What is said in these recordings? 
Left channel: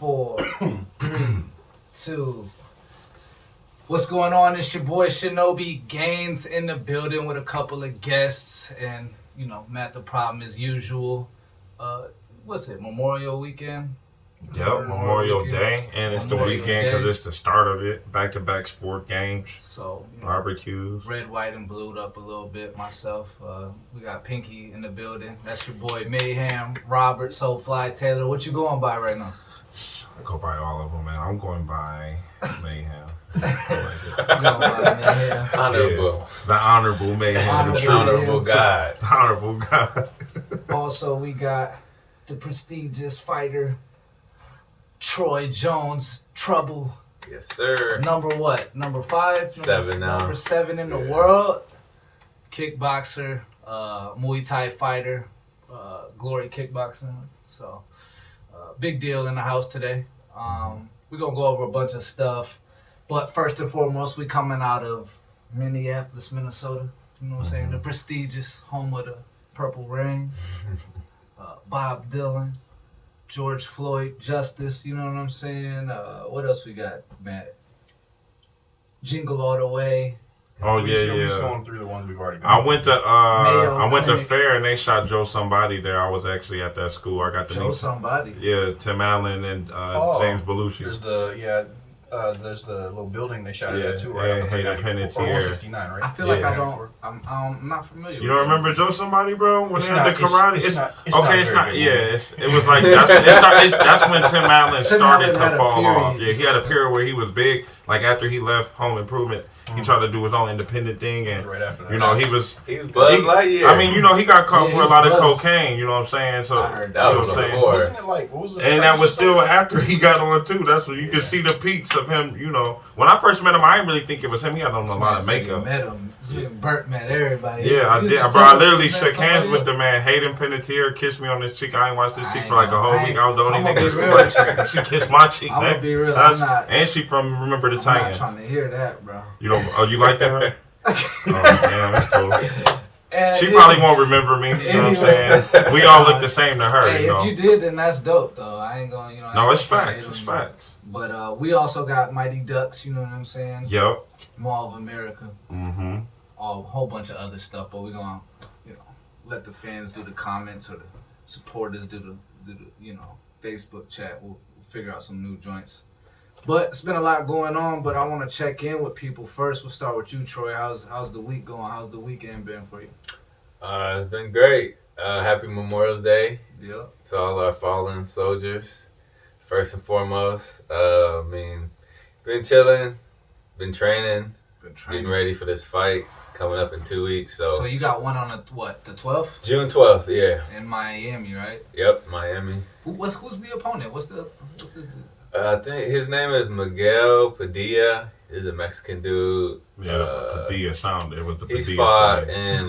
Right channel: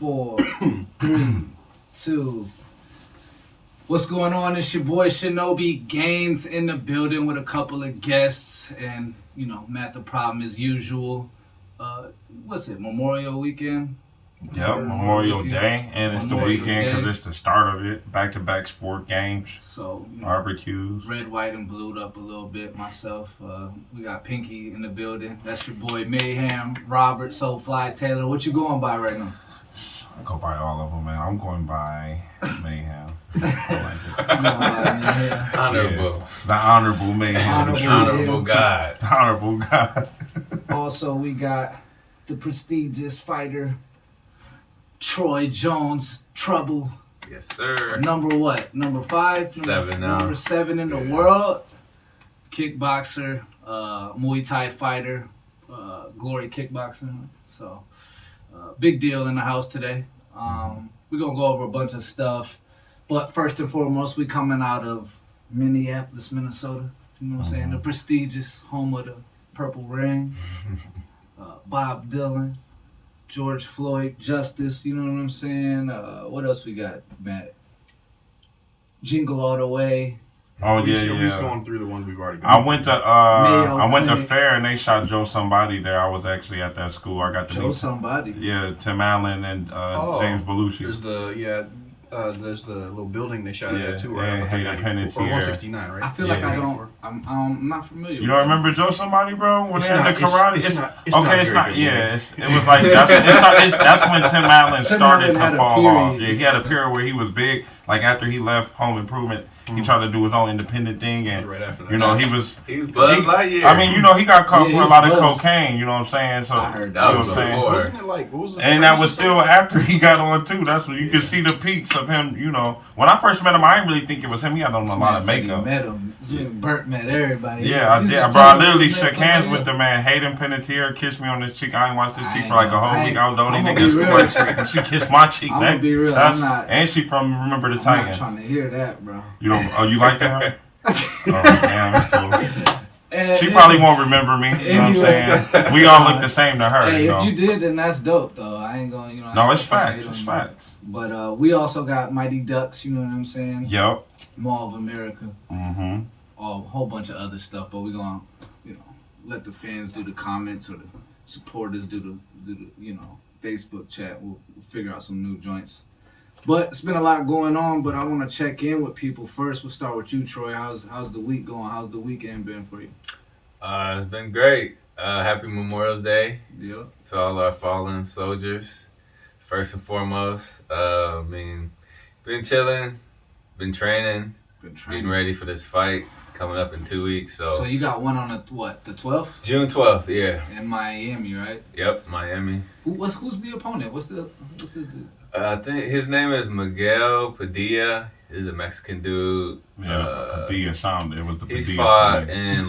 4, 3, 2. What's going on? It's your boy Shinobi Gaines in the building with a couple of guests, and Matt the Problem as usual. What's it? Memorial Weekend. Yep, Memorial Day, and it's Memorial the weekend because Day. it's the start of it. Back-to-back sport games, So barbecues. red, white, and blued up a little bit myself. We got Pinky in the building. That's your boy Mayhem, Robert, Soulfly, Taylor. What you going by right now? I go by all of them, man. I'm going by Mayhem. Honorable. Yeah, the honorable Mayhem. The Honorable God. The honorable God. Also, we got the prestigious fighter, Troy Jones, Trouble. Yes, sir. Number what? Number 5? 7 now. Number 7 in the world. Kickboxer, Muay Thai fighter, Glory Kickboxer. So, big deal in the house today. We're going to go over a bunch of stuff. But first and foremost, we coming out of Minneapolis, Minnesota. You know what I'm saying? The prestigious home of the Purple Rain. Bob Dylan. George Floyd, Justice, you know what I'm saying? What else we got, Matt? Jingle All the Way. Oh yeah, We're just yeah. going through the ones we've already I done. went to Clinic. Fair and they shot Joe Somebody there. I was actually at that school. I got the Joe name. Somebody. Yeah, Tim Allen and James Belushi. There's the little building they shot Yeah, at too, they right? hate Or penitentiary. 169, right? I feel like Yeah. I'm not familiar. You don't remember Joe Somebody, bro? When It's they had not- the karate? it's not- it's okay, not it's very not. good, Yeah, yeah. it was like that's when Tim Allen Tim started Allen had to a fall period. off. Yeah, he had a period where he was big. Like after he left Home Improvement, he tried to do his own independent thing, and Right after that. he was. He was Buzz Lightyear. I mean, he got caught Yeah, for a he's lot of Buzz. cocaine. You know what I'm saying? So I heard that you know was what I'm saying? before. Wasn't it like, what was it? And that was still after he got on too. That's when you can see the peaks of him. When I first met him, I didn't really think it was him. He had on a lot of makeup. Met him. Burt met everybody. Yeah, I He was did. just Bro, I telling literally me shook that hands somebody with the man. Hayden Panettiere kissed me on this cheek. I ain't watched this I cheek ain't for like a gonna- whole I week. I was the only I'ma nigga be who real. she kissed my cheek, I'ma man. be real, That's- I'm not- and she from Remember the I'm not Titans. trying to hear that, bro. You don't? Oh, you like that? Oh, damn, that's cool. And She probably won't remember me. You know what I'm saying? Anyway. We all look the same to her. Hey, you know. if you did, then that's dope, though. I ain't gonna, I No, ain't it's gonna facts. hate It's on you. facts. But we also got Mighty Ducks. You know what I'm saying? Yep. Mall of America. Mm-hmm. A whole bunch of other stuff, but we're gonna, let the fans do the comments or the supporters do the Facebook chat. We'll figure out some new joints. But it's been a lot going on. But I want to check in with people first. We'll start with you, Troy. How's the week going? How's the weekend been for you? It's been great. Happy Memorial Day Yeah. to all our fallen soldiers. First and foremost, been chilling, been training, Been getting training. ready for this fight coming up in 2 weeks. So you got one on the 12th June 12th, yeah. in Miami, right? Yep, Miami. Who's the opponent? What's this dude? I think his name is Miguel Padilla. He's a Mexican dude. Yeah, the Padilla sound. It was the He's Padilla fought for me. in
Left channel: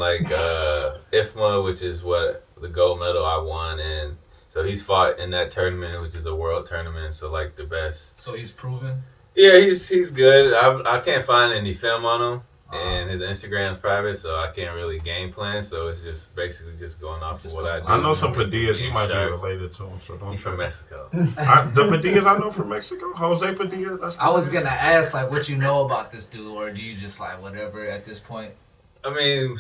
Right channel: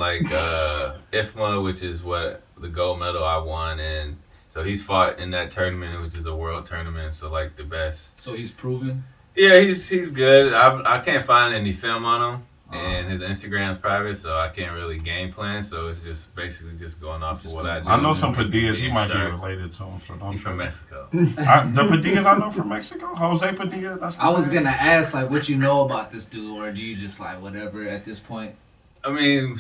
Ep12, which is what the gold medal I won in. So he's fought in that tournament, which is a world tournament. So like the best. So he's proven. Yeah, he's good. I can't find any film on him, and his Instagram's private, so I can't really game plan. So it's just basically just going off of what I do. I know some Padillas. He Being might be sharp. related to him. So don't He's from trip. Mexico. The Padillas I know from Mexico. Jose Padilla. That's the I was name. gonna ask what you know about this dude, or do you just whatever at this point? I mean,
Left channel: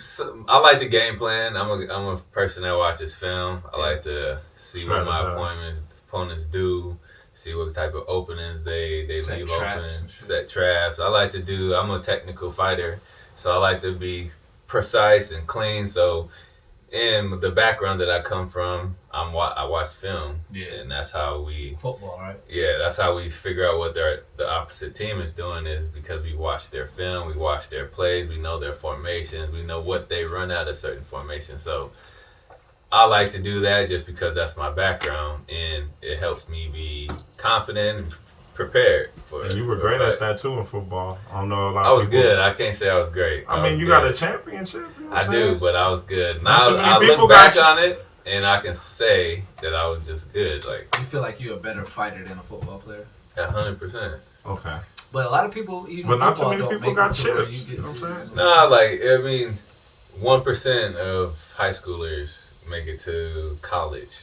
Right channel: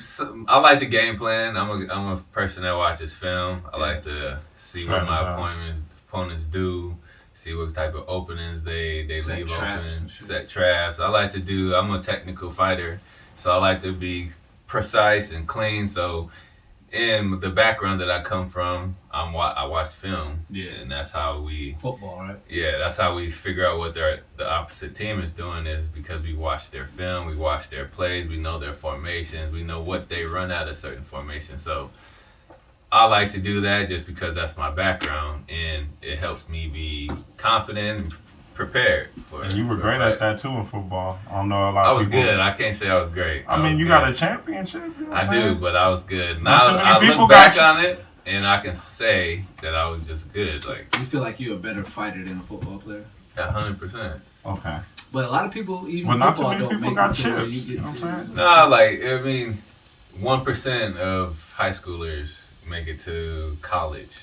I like the game plan. I'm a person that watches film. I like to see what my Strategize. opponents do, see what type of openings they Set leave traps open, and shit. set traps. I'm a technical fighter, so I like to be precise and clean. So, in the background that I come from, I watch film, Yeah. and that's how we. Football, right? Yeah, that's how we figure out what the opposite team is doing is because we watch their film, we watch their plays, we know their formations, we know what they run out of certain formations. So I like to do that just because that's my background and it helps me be confident and prepared for And you were for great a at fight. that too in football. I don't know a lot I of was people. good. I can't say I was great. I mean, was you good. got a championship. You know what I I'm do, saying? but I was good. Not Now so many I people look got back you. on it and I can say that I was just good, like You feel like you're a better fighter than a football player? 100%. Okay. But a lot of people, even But not too football, many don't people make got it to where chips, you you get know what to. I'm saying? Nah, like, I mean, 1% of high schoolers make it to college.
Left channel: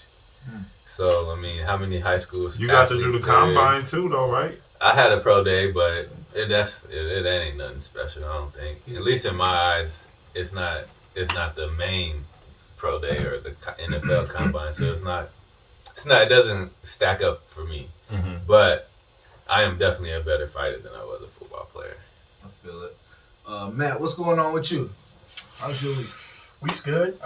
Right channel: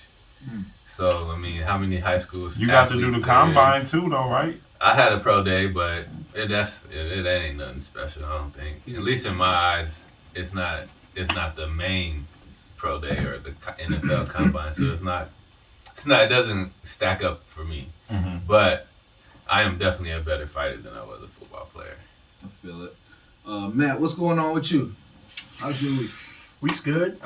So I mean, how many high schools? You got to do the combine too, though, right? I had a pro day, but it ain't nothing special. I don't think. At least in my eyes, it's not the main pro day or the NFL combine. So it's not. It doesn't stack up for me. Mm-hmm. But I am definitely a better fighter than I was a football player. I feel it. Matt, what's going on with you? How's your week? Week's good.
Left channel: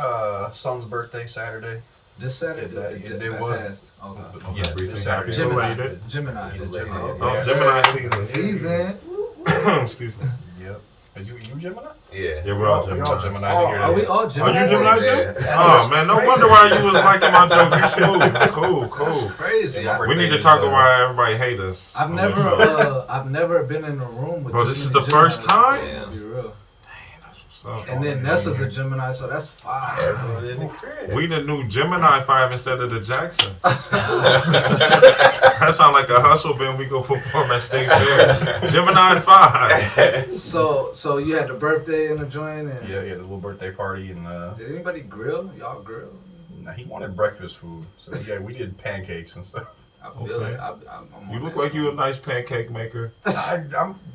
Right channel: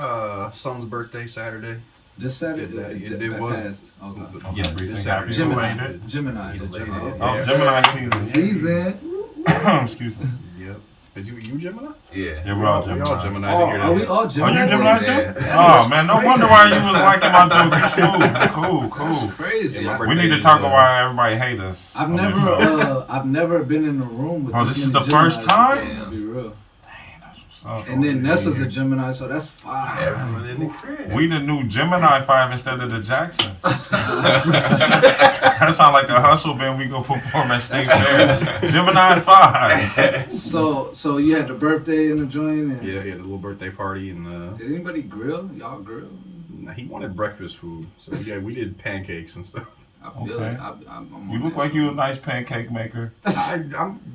Son's birthday Saturday. This Saturday? It was. Passed. Okay. Yeah, this Saturday. Gemini. He's a Gemini. Oh, Yeah. Gemini season. Season. Excuse me. Yep. Is you Gemini? Yeah. Yeah, we're all We all Gemini. Gemini. Oh, here. are we all Are Gemini? you Gemini Yeah. too? Oh man, no wonder why you was liking my jokes. Cool. That's crazy. Yeah, my We need to talk about why everybody hate us. I've on this show. never been in a room with. Bro, this is the first time? Damn. Be real. What's up? And then Nessa's a Gemini, so that's 5. Everyone in the crib. We the new Gemini 5 instead of the Jackson. That sound like a hustle band we go perform at State Fair. Gemini 5. So you had the birthday in the joint, and Yeah, he had a little birthday party, and did anybody grill? Y'all grill? he wanted breakfast food, so we did pancakes and stuff. I feel Okay. it. I'm You on look that. like you a nice pancake maker.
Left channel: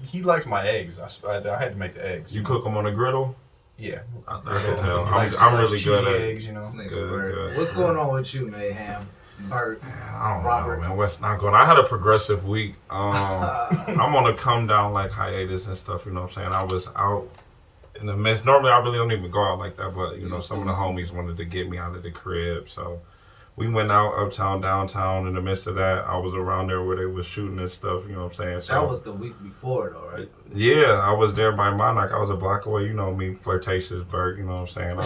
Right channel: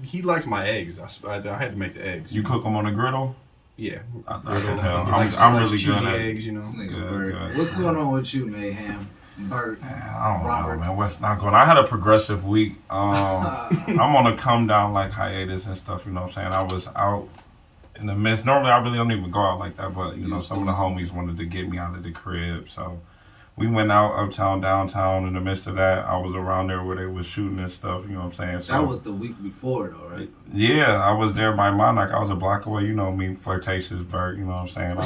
He likes my eggs. I had to make the eggs. You cook them on the griddle? Yeah. I can tell. He likes I'm really cheesy good at it. eggs, you know. This nigga Good, Bert. good. What's going on with you, Mayhem? Bert. I don't Robert. know, man. What's not going on? I had a progressive week. I'm on a come down like hiatus and stuff, you know what I'm saying? I was out in the midst. Normally, I really don't even go out like that, but, you know, some of the homies wanted to get me out of the crib, so we went out uptown, downtown. In the midst of that, I was around there where they was shooting and stuff, you know what I'm saying? So That was the week before, though, right? yeah, I was there by Monarch. I was a block away, you know me, flirtatious Bert, you know what I'm saying?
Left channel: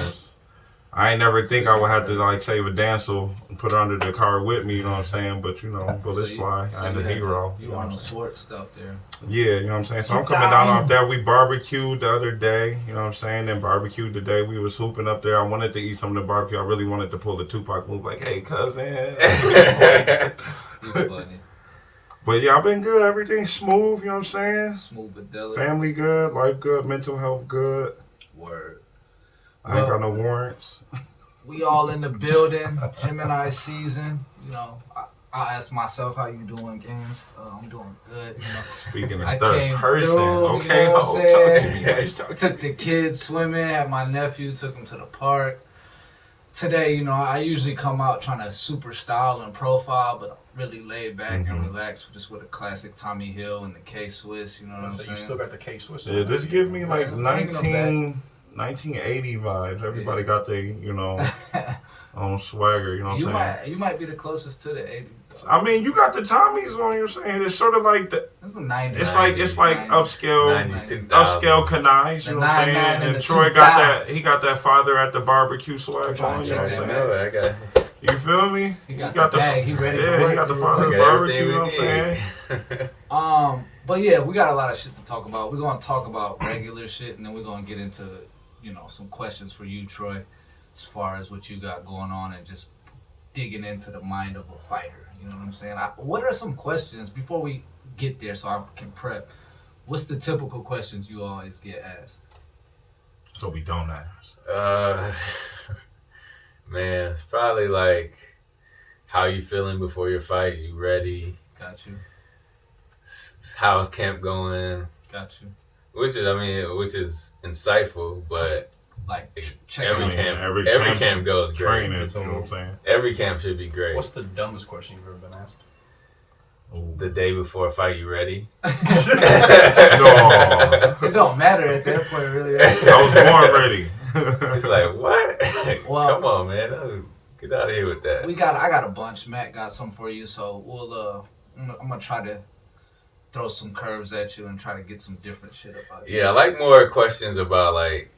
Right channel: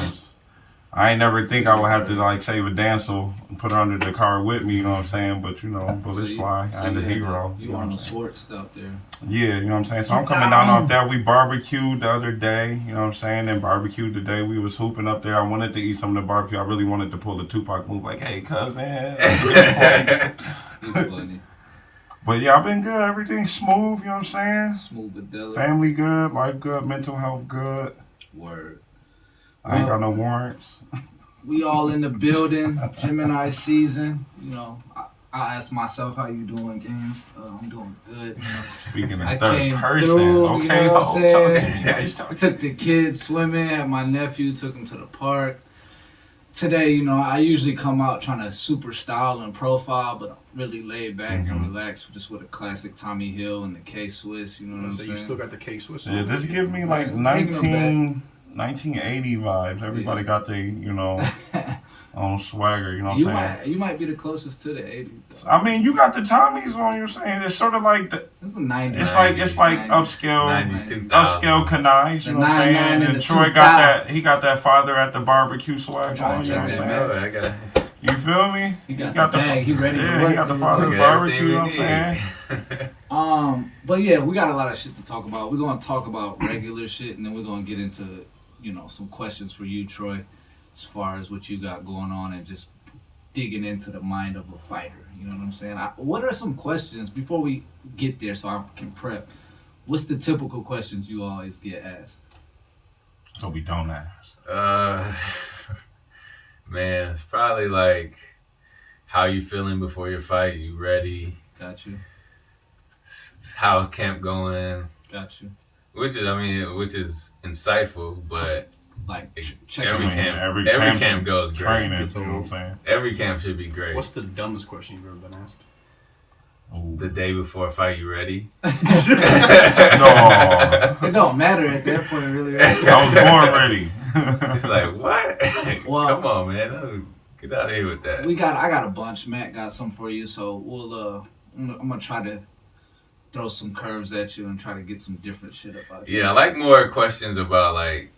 I ain't never think I would have to like save a damsel and put her under the car with me, you know what I'm saying? But you know, bullets fly. I ain't a hero. You know what on I'm the saying? short stuff there. Yeah, you know what I'm saying? So I'm coming down off that. We barbecued the other day, you know what I'm saying? Then barbecued today. We was hooping up there. I wanted to eat some of the barbecue. I really wanted to pull the Tupac move like, hey, cousin. He's funny. But yeah, I've been good. Everything's smooth, you know what I'm saying? Smooth but delicate. Family good, life good, mental health good. Word. I ain't got no warrants. We all in the building. Gemini season. You know, I asked myself, how you doing, games? I'm doing good. You know. Speaking I in third came person. through, Okay, you know what I'm ho, talk to saying? me. Guys, talk to me. Took the kids swimming, had my nephew, took him to the park. Today, you know, I usually come out trying to super style and profile, but I'm really laid back and relaxed just with a classic Tommy Hill and the K-Swiss, you know what I'm So saying? you still got the K-Swiss? Yeah, this give me like Bringing them 1980 vibes. Everybody got their, you know, swagger, you know what I'm saying? You might be the closest to the 80s, though. I mean, you got the Tommies on, you're saying. It's sort of like the, It's the 90s. it's like upscale, 90s, 2000s. upscale canines, you know what I'm saying? 99 and And the Troy 2000. he got that father at the barbecue swag on, you know what I'm saying? I got You feel me? He got the bag, he ready to Yeah, work. he got the father at the barbecue, you know what I'm saying? But yeah, we got a lot of shit to talk about. We're gonna talk about regular shit, and then we're gonna get into, you know, some questions for you, Troy, as far as what you got going on and just digging into the mind of a fighter. You know what I'm saying? What are some questions before we get there, so I can prep? What's the typical questions you always get asked? So we don't ask. Man, it's probably like, how you feeling before your fight? You ready? Got you. How's camp going? Got you. Which is insightful, but Like, check every in. camp, every every camp's camp goes great. training, you know what I'm saying? Every camp should be great. What's the dumbest question you've ever been asked? Ooh. The day before a fight, you ready? No, It don't matter at that point, really. I was born ready. It's like, what? Well- Come on, man. Get out of here with that. I got a bunch. Matt got some for you, so we'll I'm gonna try to throw some curves at you and try to get some different shit about you. Yeah, I like more questions about like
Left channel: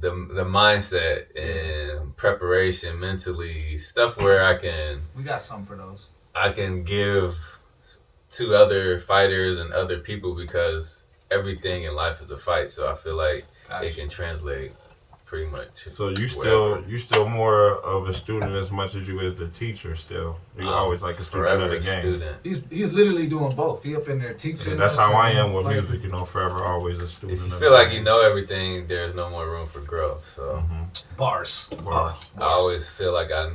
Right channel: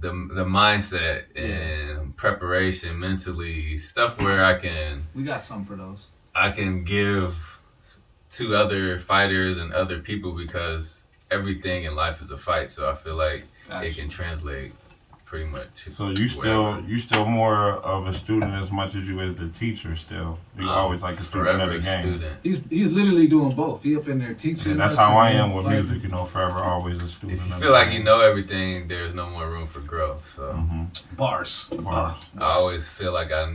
the mindset and preparation mentally, stuff where We got some for those. I can give to other fighters and other people, because everything in life is a fight. So I feel like it Gotcha. can translate pretty much. So you still more of a student as much as you is the teacher still. You're always like a student of the game. He's literally doing both. He up in there teaching. Yeah, that's how I am with playing. music. Forever always a student. If you feel like you know everything, there's no more room for growth. So Bars. I always feel like I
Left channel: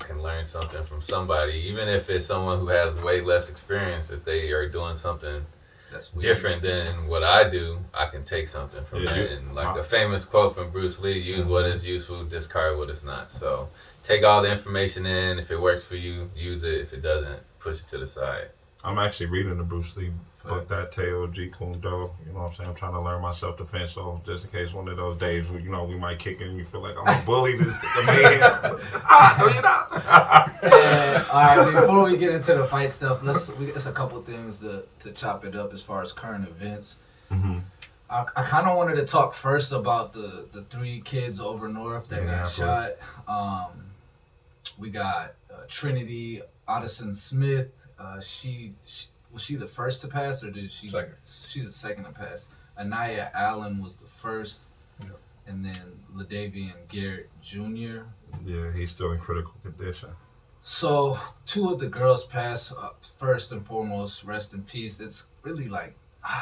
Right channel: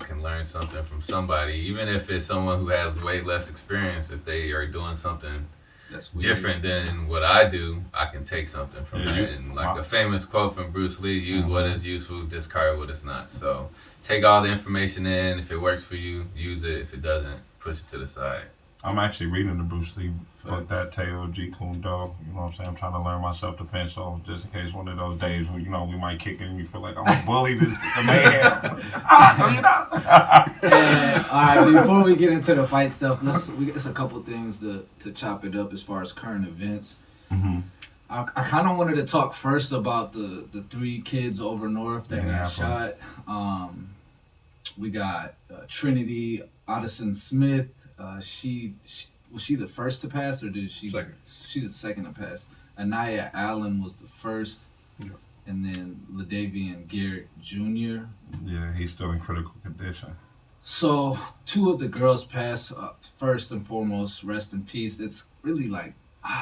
can learn something from somebody, even if it's someone who has way less experience. If they are doing something that's different than what I do, I can take something from that. And like a famous quote from Bruce Lee, use what is useful, discard what is not. So take all the information in. If it works for you, use it. If it doesn't, push it to the side. I'm actually reading the Bruce Lee book, that Teo Jeet Kune Do. You know what I'm saying? I'm trying to learn my self-defense, so just in case one of those days where, we might kick in and you feel like I'm a bully, just kick a man. No, you're not. All right, before we get into the fight stuff, it's a couple things to chop it up as far as current events. I kind of wanted to talk first about the 3 kids over north that got shot. We got Trinity Addison Smith. Was she the first to pass, or did she? Second. She's the second to pass. Anaya Allen was the first, and then LaDavian Garrett Jr. Yeah, he's still in critical condition. So 2 of the girls passed. First and foremost, rest in peace. It's really like,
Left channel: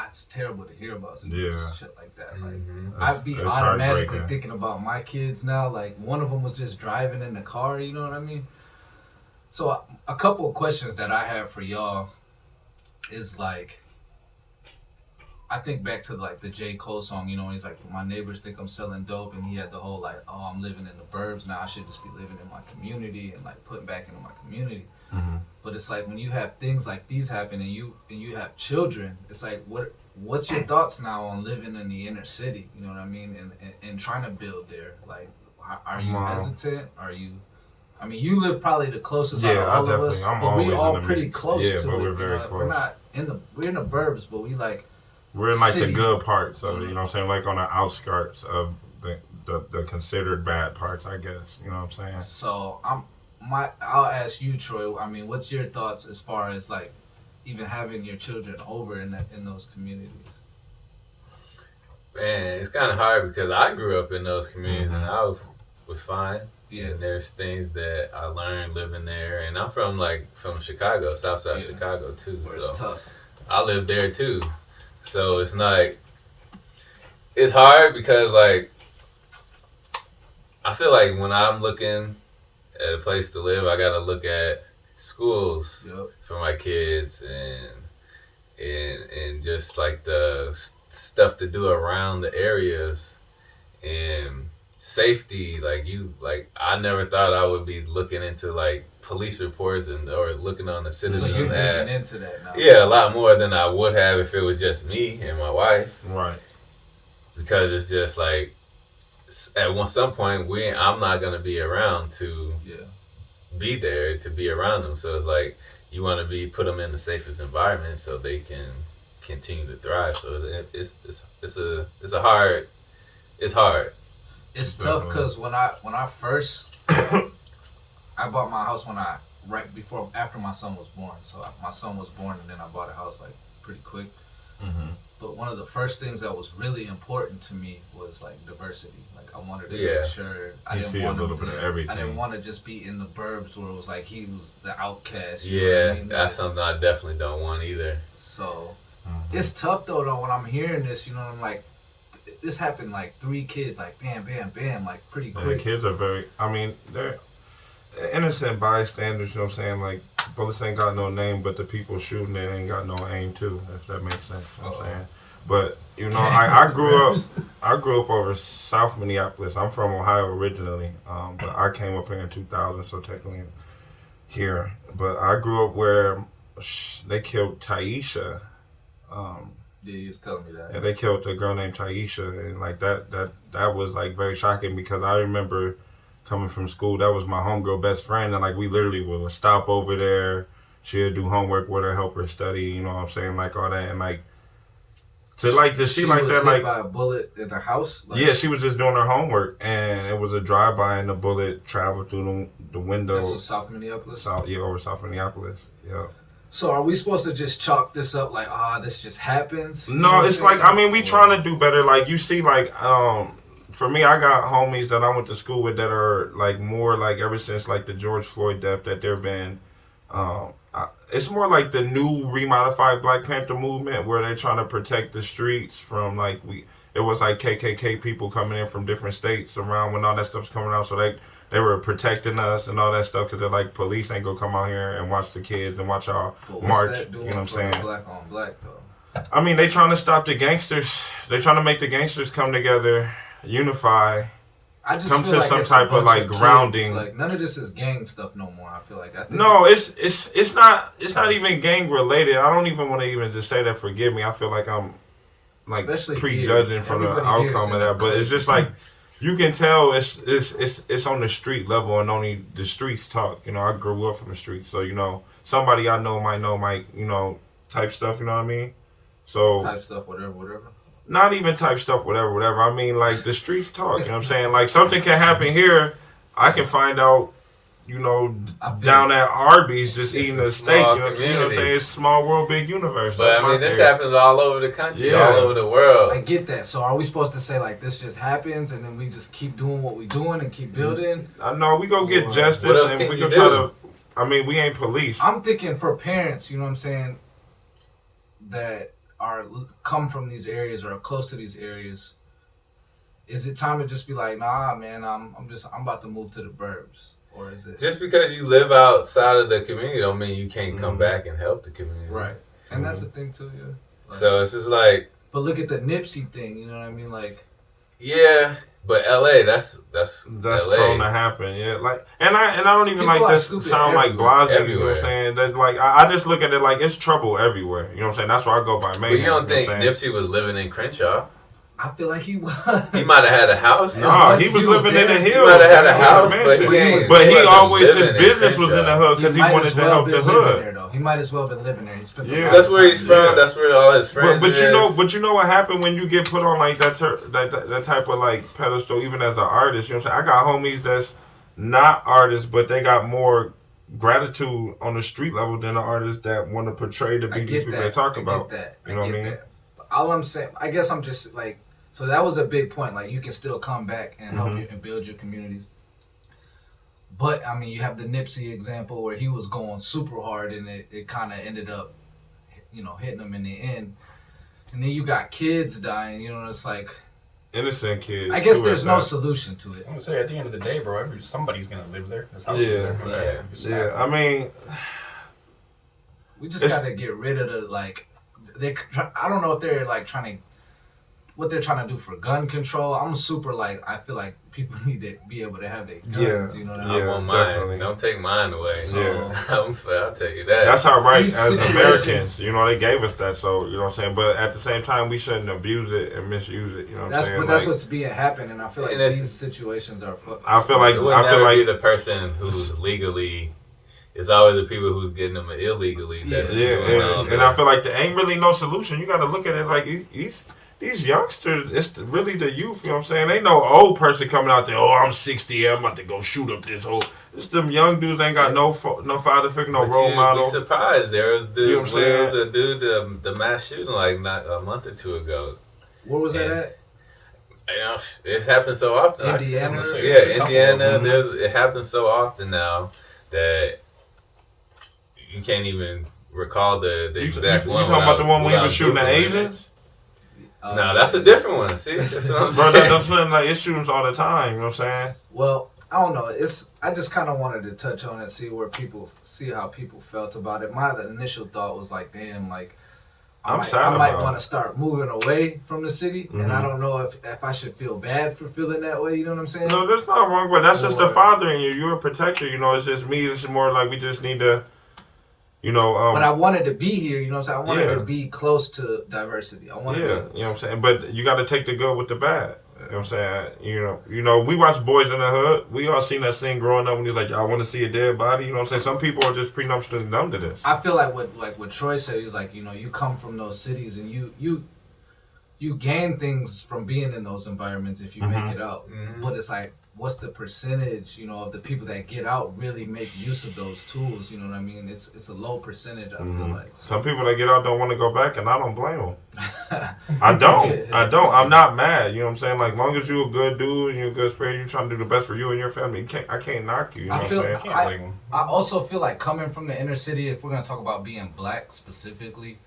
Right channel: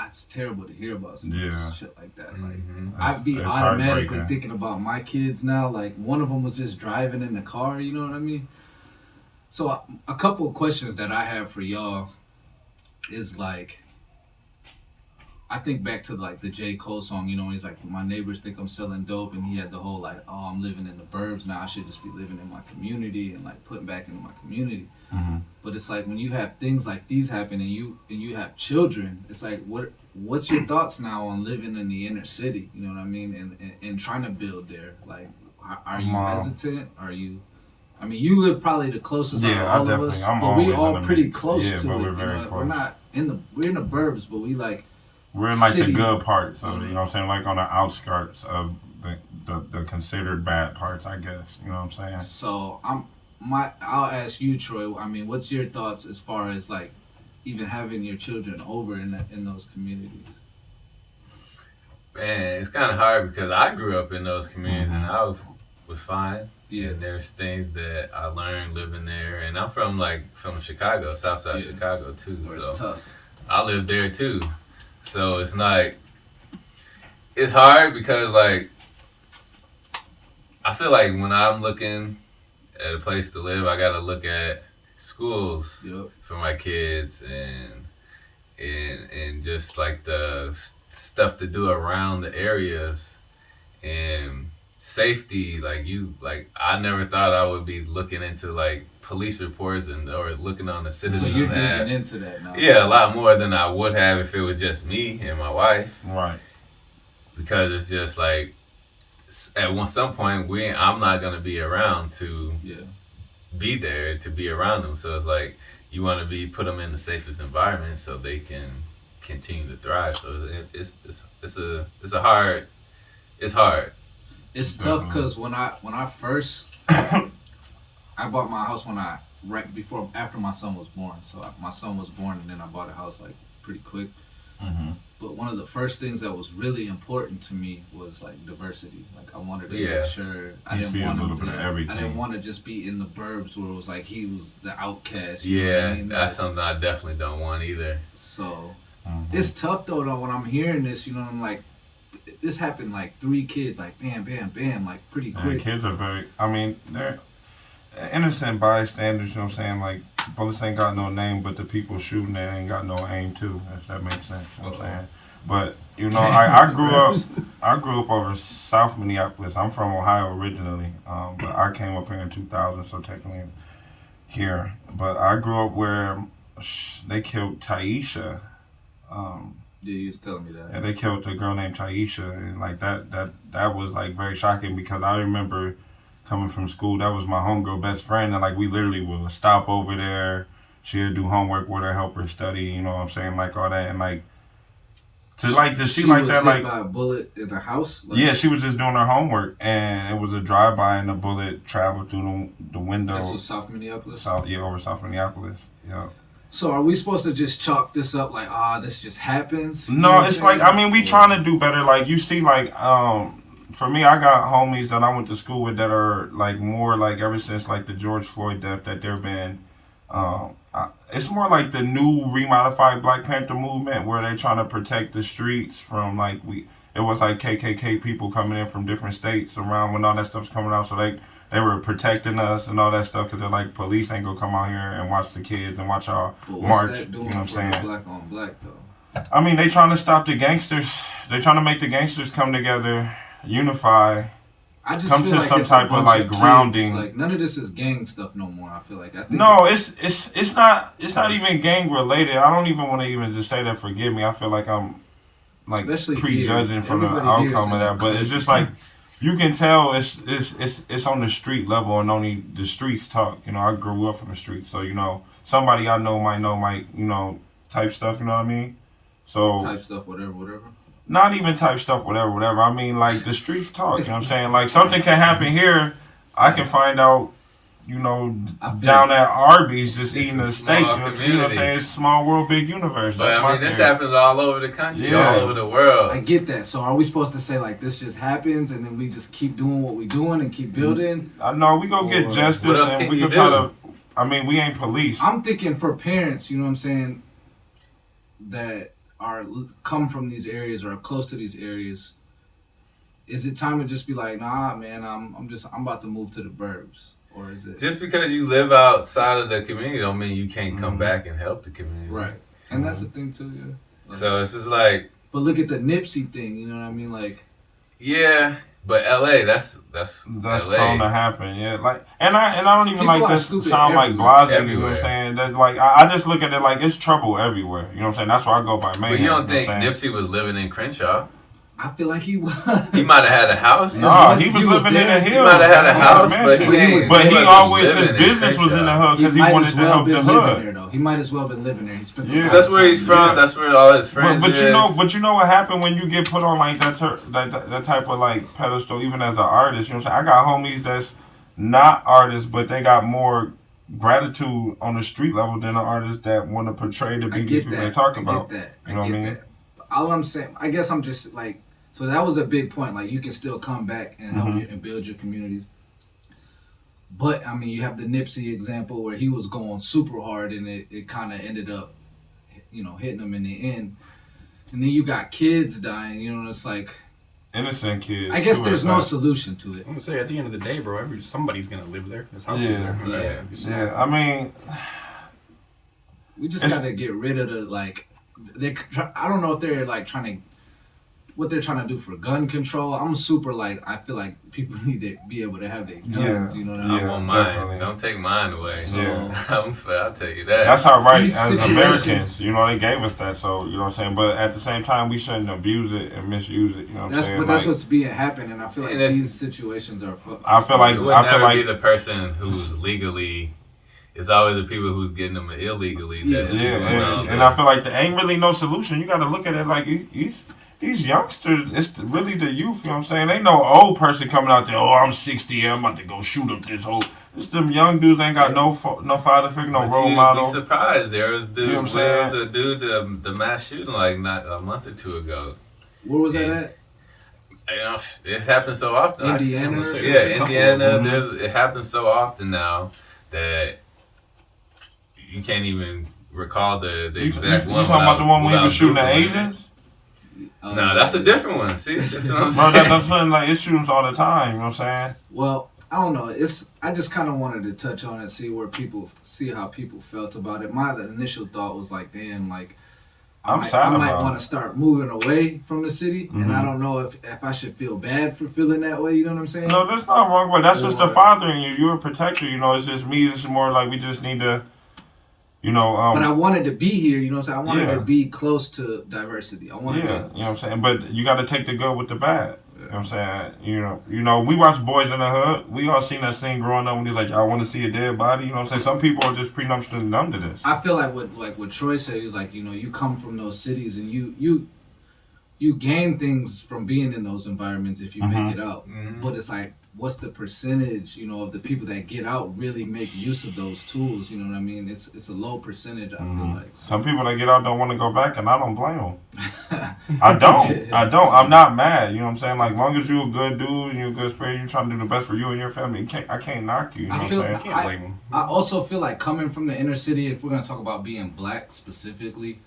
it's terrible to hear about some shit like that. Like, I'd be automatically thinking about my kids now. Like, one of them was just driving in the car. You know what I mean? So a couple of questions that I have for y'all is like, I think back to like the J. Cole song, he's like, my neighbors think I'm selling dope, and he had the whole like, oh, I'm living in the burbs now, I should just be living in my community and like putting back into my community. But it's like when you have things like these happen and you have children, it's like, what's your thoughts now on living in the inner city? You know what I mean? And trying to build there. Like, are you hesitant? Are you? I mean, you live probably the closest out of all of us, but we all pretty close to it. Yeah, but we're very close. We're not we're in the burbs, but we're in like city. the good parts of it, you know what I'm saying? Like on the outskirts of the considered bad parts, I guess. You know what I'm saying? So I'll ask you, Troy. I mean, what's your thoughts as far as like even having your children over in those communities? Man, it's kind of hard because I grew up in those communities and I was fine. Yeah, and there's things that I learned living there, and I'm from Chicago, Southside Chicago too. Where it's tough. I lived there too, so it's like it's hard because like I feel like when I'm looking at a place to live, I gotta look at schools for my kids and just like the stuff to do around the areas and safety. Like I never thought I would be looking into like police reports or looking on the Citizen. So you're digging into that now. Yeah, a lot more than I would have if it was just me and my wife. Right. Because it's just like at some point I'm not gonna be around to be there to be around them. So it's like you want to put them in the safest environment so they can continue to thrive. So it's hard. It's tough because when I first I bought my house after my son was born. So my son was born and then I bought a house like pretty quick. But one of the first things that was really important to me was like diversity. Like I wanted to make sure I didn't want to just be in the burbs where it was like he was the outcast. You know what I mean? That's something I definitely don't want either. So it's tough though when I'm hearing this, I'm like, this happened like 3 kids, like bam, bam, bam, like pretty quick. Kids are they're innocent bystanders, you know what I'm saying? Like, police ain't got no name, but the people shooting it ain't got no aim too, if that makes sense, you know what I'm saying? But, I grew up over South Minneapolis. I'm from Ohio originally, but I came up here in 2000, so technically here. But I grew up where they killed Taisha. You was telling me that. Yeah, they killed a girl named Taisha, and like that was like very shocking because I remember coming from school. That was my homegirl best friend, and like we literally would stop over there. She'd do homework with her, help her study. You know what I'm saying, like all that, and like to see like that, like by a bullet in the house. Yeah, she was just doing her homework, and it was a drive-by, and the bullet traveled through the window. This was South Minneapolis. Over South Minneapolis. Yeah. So are we supposed to just chalk this up like, this just happens? No, it's like, we trying to do better. Like, you see, like, for me, I got homies that I went to school with that are like more like ever since like the George Floyd death that there been. It's more like the new remodified Black Panther movement where they're trying to protect the streets from like it was like KKK people coming in from different states around when all that stuff's coming out, so they were protecting us and all that stuff because they're like, police ain't gonna come out here and watch the kids and watch y'all march. You know what I'm saying? Black on black though. I mean, they trying to stop the gangsters. They trying to make the gangsters come together, unify. I just come feel to like some it's type of like kids. grounding. Like none of this is gang stuff no more. I feel like. I think No, it's not even gang related. I don't even want to even just say that. Forgive me. I feel like I'm like Especially prejudging here. from the Everybody here outcome is of that, but it's just like you can tell it's on the street level and only the streets talk. You know, I grew up from the streets, so you know somebody I know might you know type stuff. You know what I mean? So type stuff, whatever. Not even type stuff, whatever. I mean, like, the streets talk, you know what I'm saying? Like, something can happen here. I can find out, you know, down at Arby's just eating a steak. You know what I'm saying? It's small world, big universe. But, I mean, this happens all over the country, all over the world. I get that. So are we supposed to say, like, this just happens and then we just keep doing what we're doing and keep building? No, we go get justice and we can try to... I mean, we ain't police. I'm thinking for parents, you know what I'm saying, that come from these areas or are close to these areas, is it time to just be like, nah, man, I'm about to move to the burbs, or is it just because you live outside of the community don't mean you can't come back and help the community, right? And that's the thing too, yeah. Like, so it's just like, but look at the Nipsey thing, you know what I mean, like, yeah. But LA, that's LA. Prone to happen, yeah. Like, and I don't even People like this sound like blasé. You know what I'm saying? That's like I just look at it like it's trouble everywhere. You know what I'm saying? That's why I go by man. But you don't think Nipsey was living in Crenshaw? I feel like he was. He might have had a house. No, he was living in the hills. He might have had a house, but he always his business was in the hood because he wanted to help the hood. He might as well been living there. He spent that's where he's from. Yeah. That's where all his friends. But you know what happened when you get put on like that type of like pedestal, even as an artist. You know what I'm saying? I got homies that's not artists, but they got more gratitude on the street level than an artist that want to portray to be these people they talk about. I get that. You know what I mean? All I'm saying, I guess I'm just like, so that was a big point. Like you can still come back and help you and build your communities. But, I mean, you have the Nipsey example where he was going super hard and it kind of ended up, you know, hitting him in the end. And then you got kids dying, you know, it's like... Innocent kids. I guess there's no solution to it. I'm going to say, at the end of the day, bro, somebody's going to live there. His house is there. Yeah, I mean... We just got to get rid of the, like... I don't know if they're, like, what they're trying to do for gun control. I'm super like, I feel like people need to be able to have their guns, you know what I mean? I want mine. Don't take mine away. So, I'll tell you that. That's our right as Americans. You know, they gave us that, so, you know what I'm saying? But at the same time, we shouldn't abuse it and misuse it, you know what I'm saying? But that's what's being happening, and I feel like these situations are fucked. I feel like be the person who's legally... It's always the people who's getting them illegally. And I feel like there ain't really no solution. You got to look at it like these youngsters, it's really the youth, you know what I'm saying? Ain't no old person coming out there, I'm 60, I'm about to go shoot up this whole... It's them young dudes ain't got no father figure, no role model. You'd be surprised. There was you know what I'm saying? a dude, the mass shooting like not a month or two ago. Where was that at? You know, it happens so often. Indiana? Indiana. It happens so often now that you can't even recall the exact one. You talking about the one when he was shooting the Asians? No, that's a different one. See, that's what I'm saying. Bro, that's when like it shoots all the time. You know what I'm saying? Well, I don't know. I just kind of wanted to touch on it, see how people felt about it. My initial thought was like, damn, like I might want to start moving away from the city, and I don't know if I should feel bad for feeling that way. You know what I'm saying? No, there's not wrong, but that's just the father in you. You're a protector. You know, it's just me. It's more like we just need to. You know, but I wanted to be here, you know what I'm saying? I wanted to be close to diversity. I wanted to, you know what I'm saying? But you got to take the good with the bad. You know what I'm saying? You know, we watch Boys in the Hood. We all seen that scene growing up when he's like, I want to see a dead body. You know what I'm saying? Some people are just prenuptially numb to this. I feel like what Troy said, he's like, you know, you come from those cities and you gain things from being in those environments if you make it out. But it's like, what's the percentage, of the people that get out really make use of those tools? You know what I mean? It's a low percentage. I feel like some people that get out don't want to go back, and I don't blame them. I don't. I'm not mad. You know what I'm saying? Like, long as you're a good dude and you're a good spirit, you're trying to do the best for you and your family. I can't knock you. You know what I'm saying? I can't blame them. I also feel like coming from the inner city, if we're gonna talk about being black specifically,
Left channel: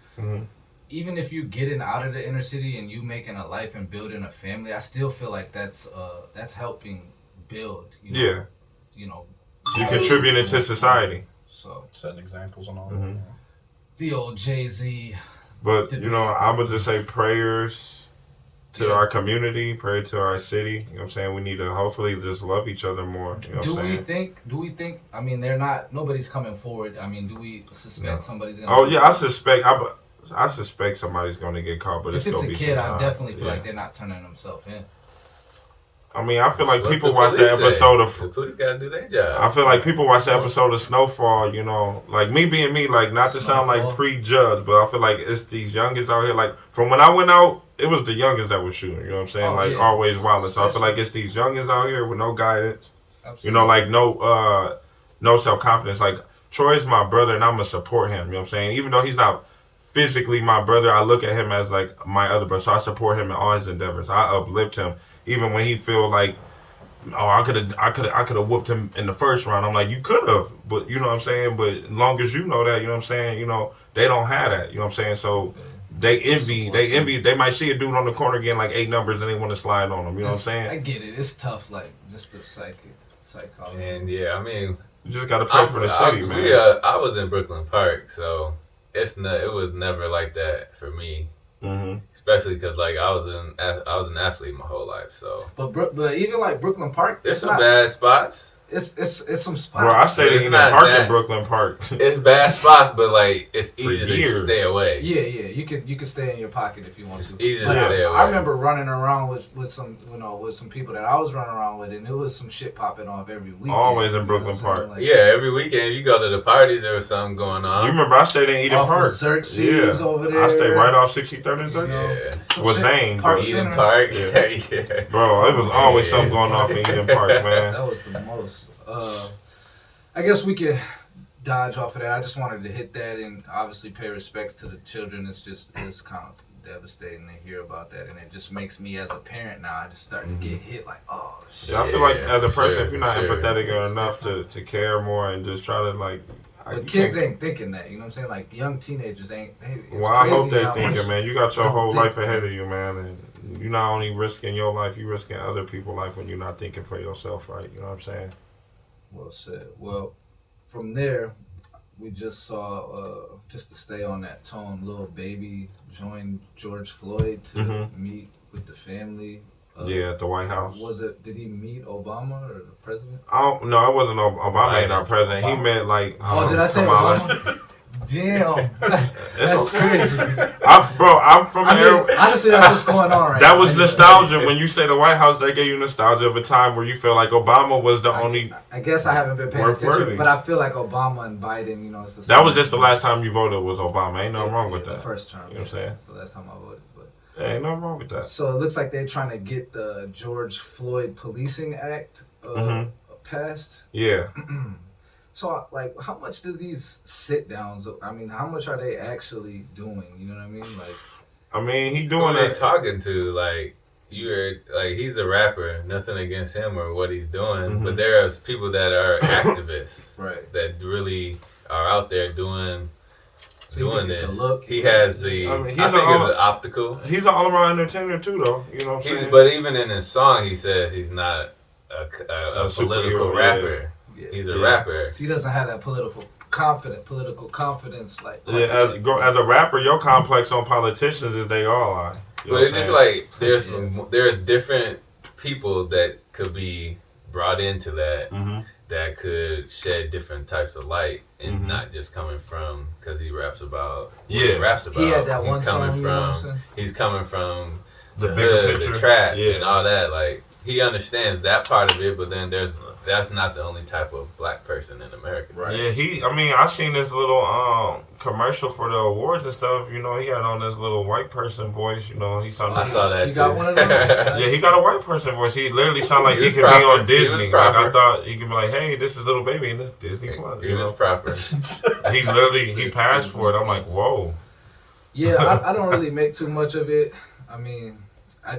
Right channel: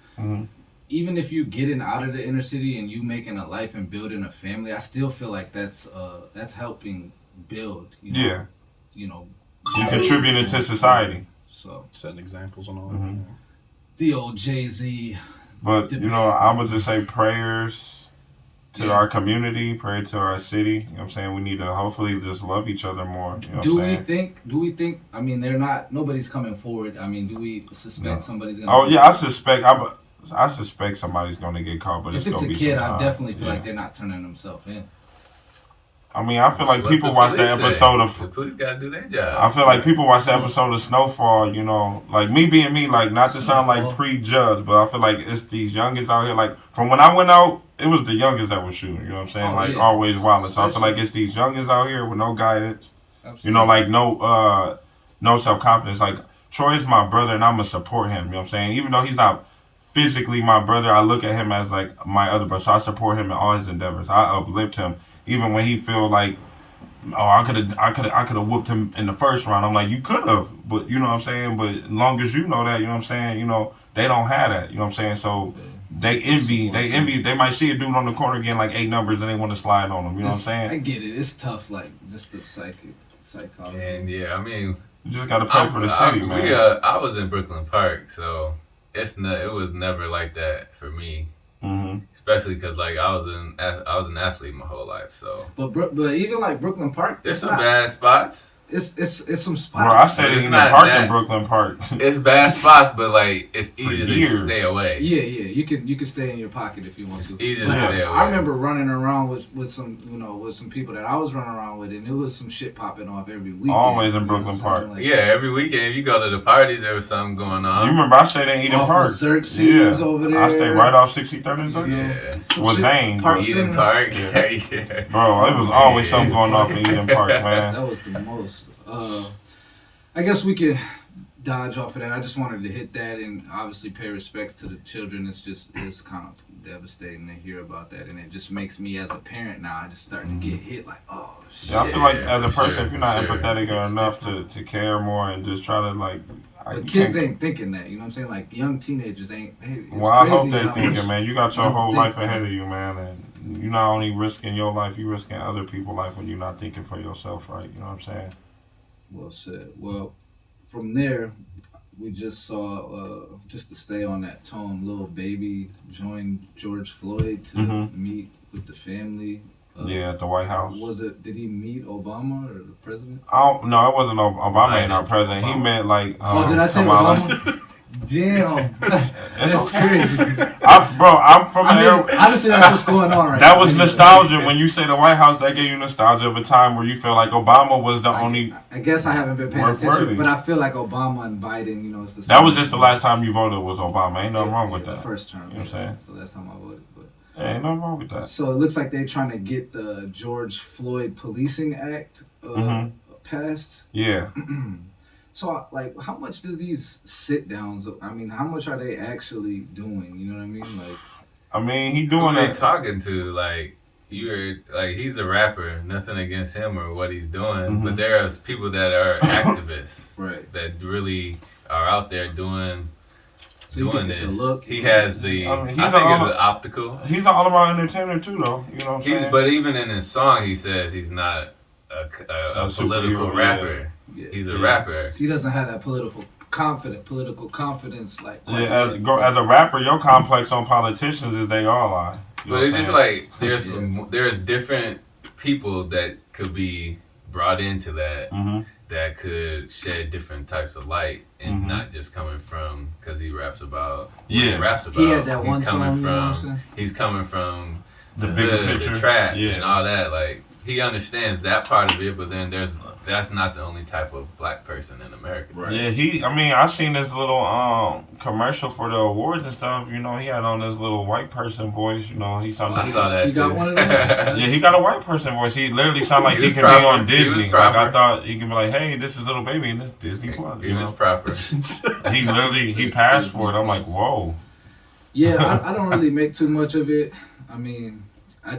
even if you getting out of the inner city and you making a life and building a family, I still feel like that's helping build. Yeah. You're contributing to society. So setting examples and all that. the old Jay-Z. But I would just say prayers to our community, pray to our city. You know what I'm saying? We need to hopefully just love each other more. You know do we think? I mean, nobody's coming forward. I mean, do we suspect somebody's gonna? Oh yeah, I suspect somebody's gonna get caught, but if it's gonna be a kid, some I time. definitely feel like they're not turning themselves in. I mean, I feel like What people the watch the police say? episode of. The police gotta do their job. I feel like people watch the episode of Snowfall, like me being me, like not to sound like prejudged, but I feel like it's these youngins out here. Like from when I went out, it was the youngins that was shooting. You know what I'm saying? Always violence. So I feel like it's these youngins out here with no guidance. Absolutely. Like no self confidence. Like Troy's my brother, and I'm gonna support him. You know what I'm saying? Even though he's not physically my brother, I look at him as like my other brother. So I support him in all his endeavors. I uplift him, even when he feel like, oh, I could have whooped him in the first round. I'm like, you could have, but you know what I'm saying. But as long as you know that, you know what I'm saying. They don't have that. You know what I'm saying. So they envy. They might see a dude on the corner getting like 8 numbers and they want to slide on him. You know what I'm saying. I get it. It's tough. Like just the psychology. And I mean, you just gotta pray for the city, man. I was in Brooklyn Park, so it was never like that for me. Mm-hmm. Especially because like I was an athlete my whole life, so. But even like Brooklyn Park, there's some bad spots. It's some spots. Bro, I stayed in the park in Brooklyn Park. It's bad spots, but like it's easy to stay away. Yeah, you can stay in your pocket if you want to. It's easy to stay away. I remember running around with some people that I was running around with, and it was some shit popping off every weekend. Always in Brooklyn Park. Yeah, every weekend you go to the parties, there was something going on. You remember I stayed in Eden Park. Xerxes over there. I stayed right off 63rd and 3rd. Yeah. With Zane. Eden Park. Yeah. Bro, it was always something going off in Eden Park, man. That was the most. I guess we could dodge off of that. I just wanted to hit that and obviously pay respects to the children. It's kind of devastating to hear about that, and it just makes me as a parent now. I just start to get hit like, oh shit. Yeah, I feel like as a person, if you're not empathetic enough to care more and just try to like. But kids ain't thinking that, you know what I'm saying? Like young teenagers ain't. Well, I hope they thinking, man. You got your whole life ahead of you, man, and you're not only risking your life, you're risking other people's life when you're not thinking for yourself, right? You know what I'm saying? Well said. Well, from there, we just saw, just to stay on that tone, Lil Baby joined George Floyd to meet with the family. At the White House. Did he meet Obama or the president? Oh, no, it wasn't Obama ain't our president. Obama. He met like. Did I say Obama? Damn, that's crazy. I'm from honestly, that's what's going on right now. That was nostalgia. When you say the White House, they gave you nostalgia of a time where you feel like Obama was the only. I guess I haven't been paying attention, but I feel like Obama and Biden, it's the same. That was just the last time you voted was Obama. Ain't nothing wrong with that. The first term. You know what I'm saying? So that's time I voted. Ain't nothing wrong with that. So it looks like they're trying to get the George Floyd Policing Act passed. Yeah. So, like, how much do these sit-downs, how much are they actually doing? You know what I mean? He doing it. Talking to, like, he's a rapper, nothing against him or what he's doing, but there's people that are activists. Right. That really are out there doing this. He has the. I think it's optical. He's an all-around entertainer too, though. You know what I'm saying? But even in his song, he says he's not a political rapper. Yeah. He's a rapper. So he doesn't have that political confidence like. As a rapper, your complex on politicians is they all are. But it's just like there's different people that could be brought into that. That could shed different types of light and not just coming from because he raps about he raps about. He had that one song. He's coming from the bigger hood, picture, the trap, and all that. Like he understands that part of it, but then there's that's not the only type of black person in America. Right. Yeah, I seen this little commercial for the awards and stuff. You know, he had on this little white person voice. You know, he sounded. I saw that You too. got one of those? Yeah, he got a white person voice. He literally sounded like He he was could be proper. on He was Disney. Like I proper. thought he could be like, hey, this is Lil Baby and this Disney Plus. It You was know, proper. he passed for it. I'm like, whoa. Yeah, I don't really make too much of it. I mean, I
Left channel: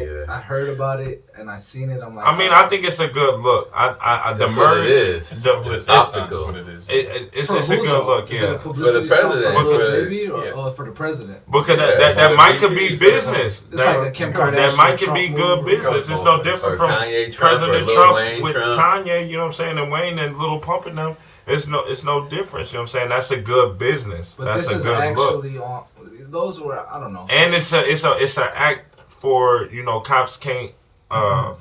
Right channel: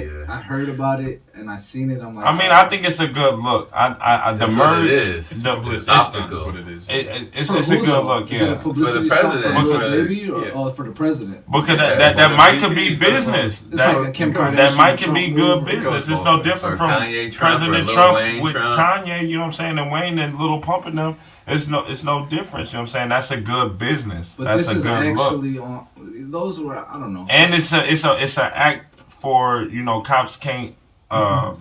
Yeah. heard about it and I seen it. I'm like, I think it's a good look. The That's what merge. it is. It's optical. what it is. It's For a who, good though? look. Is it a Yeah. publicity For the stunt president, for for Lil the- Baby or yeah. for the president? Because Yeah, that for might the could be VP, business. It's like a Kim Kardashian. That might could Trump be good move. business. It's no different Or from Kanye Trump, or President Lil Trump Wayne with Trump. Kanye. You know what I'm saying? And Wayne and Little Pump and them. It's no difference. You know what I'm saying? That's a good business. But That's this a is good look. actually on. Those were I don't know. And it's an act for, you know, cops can't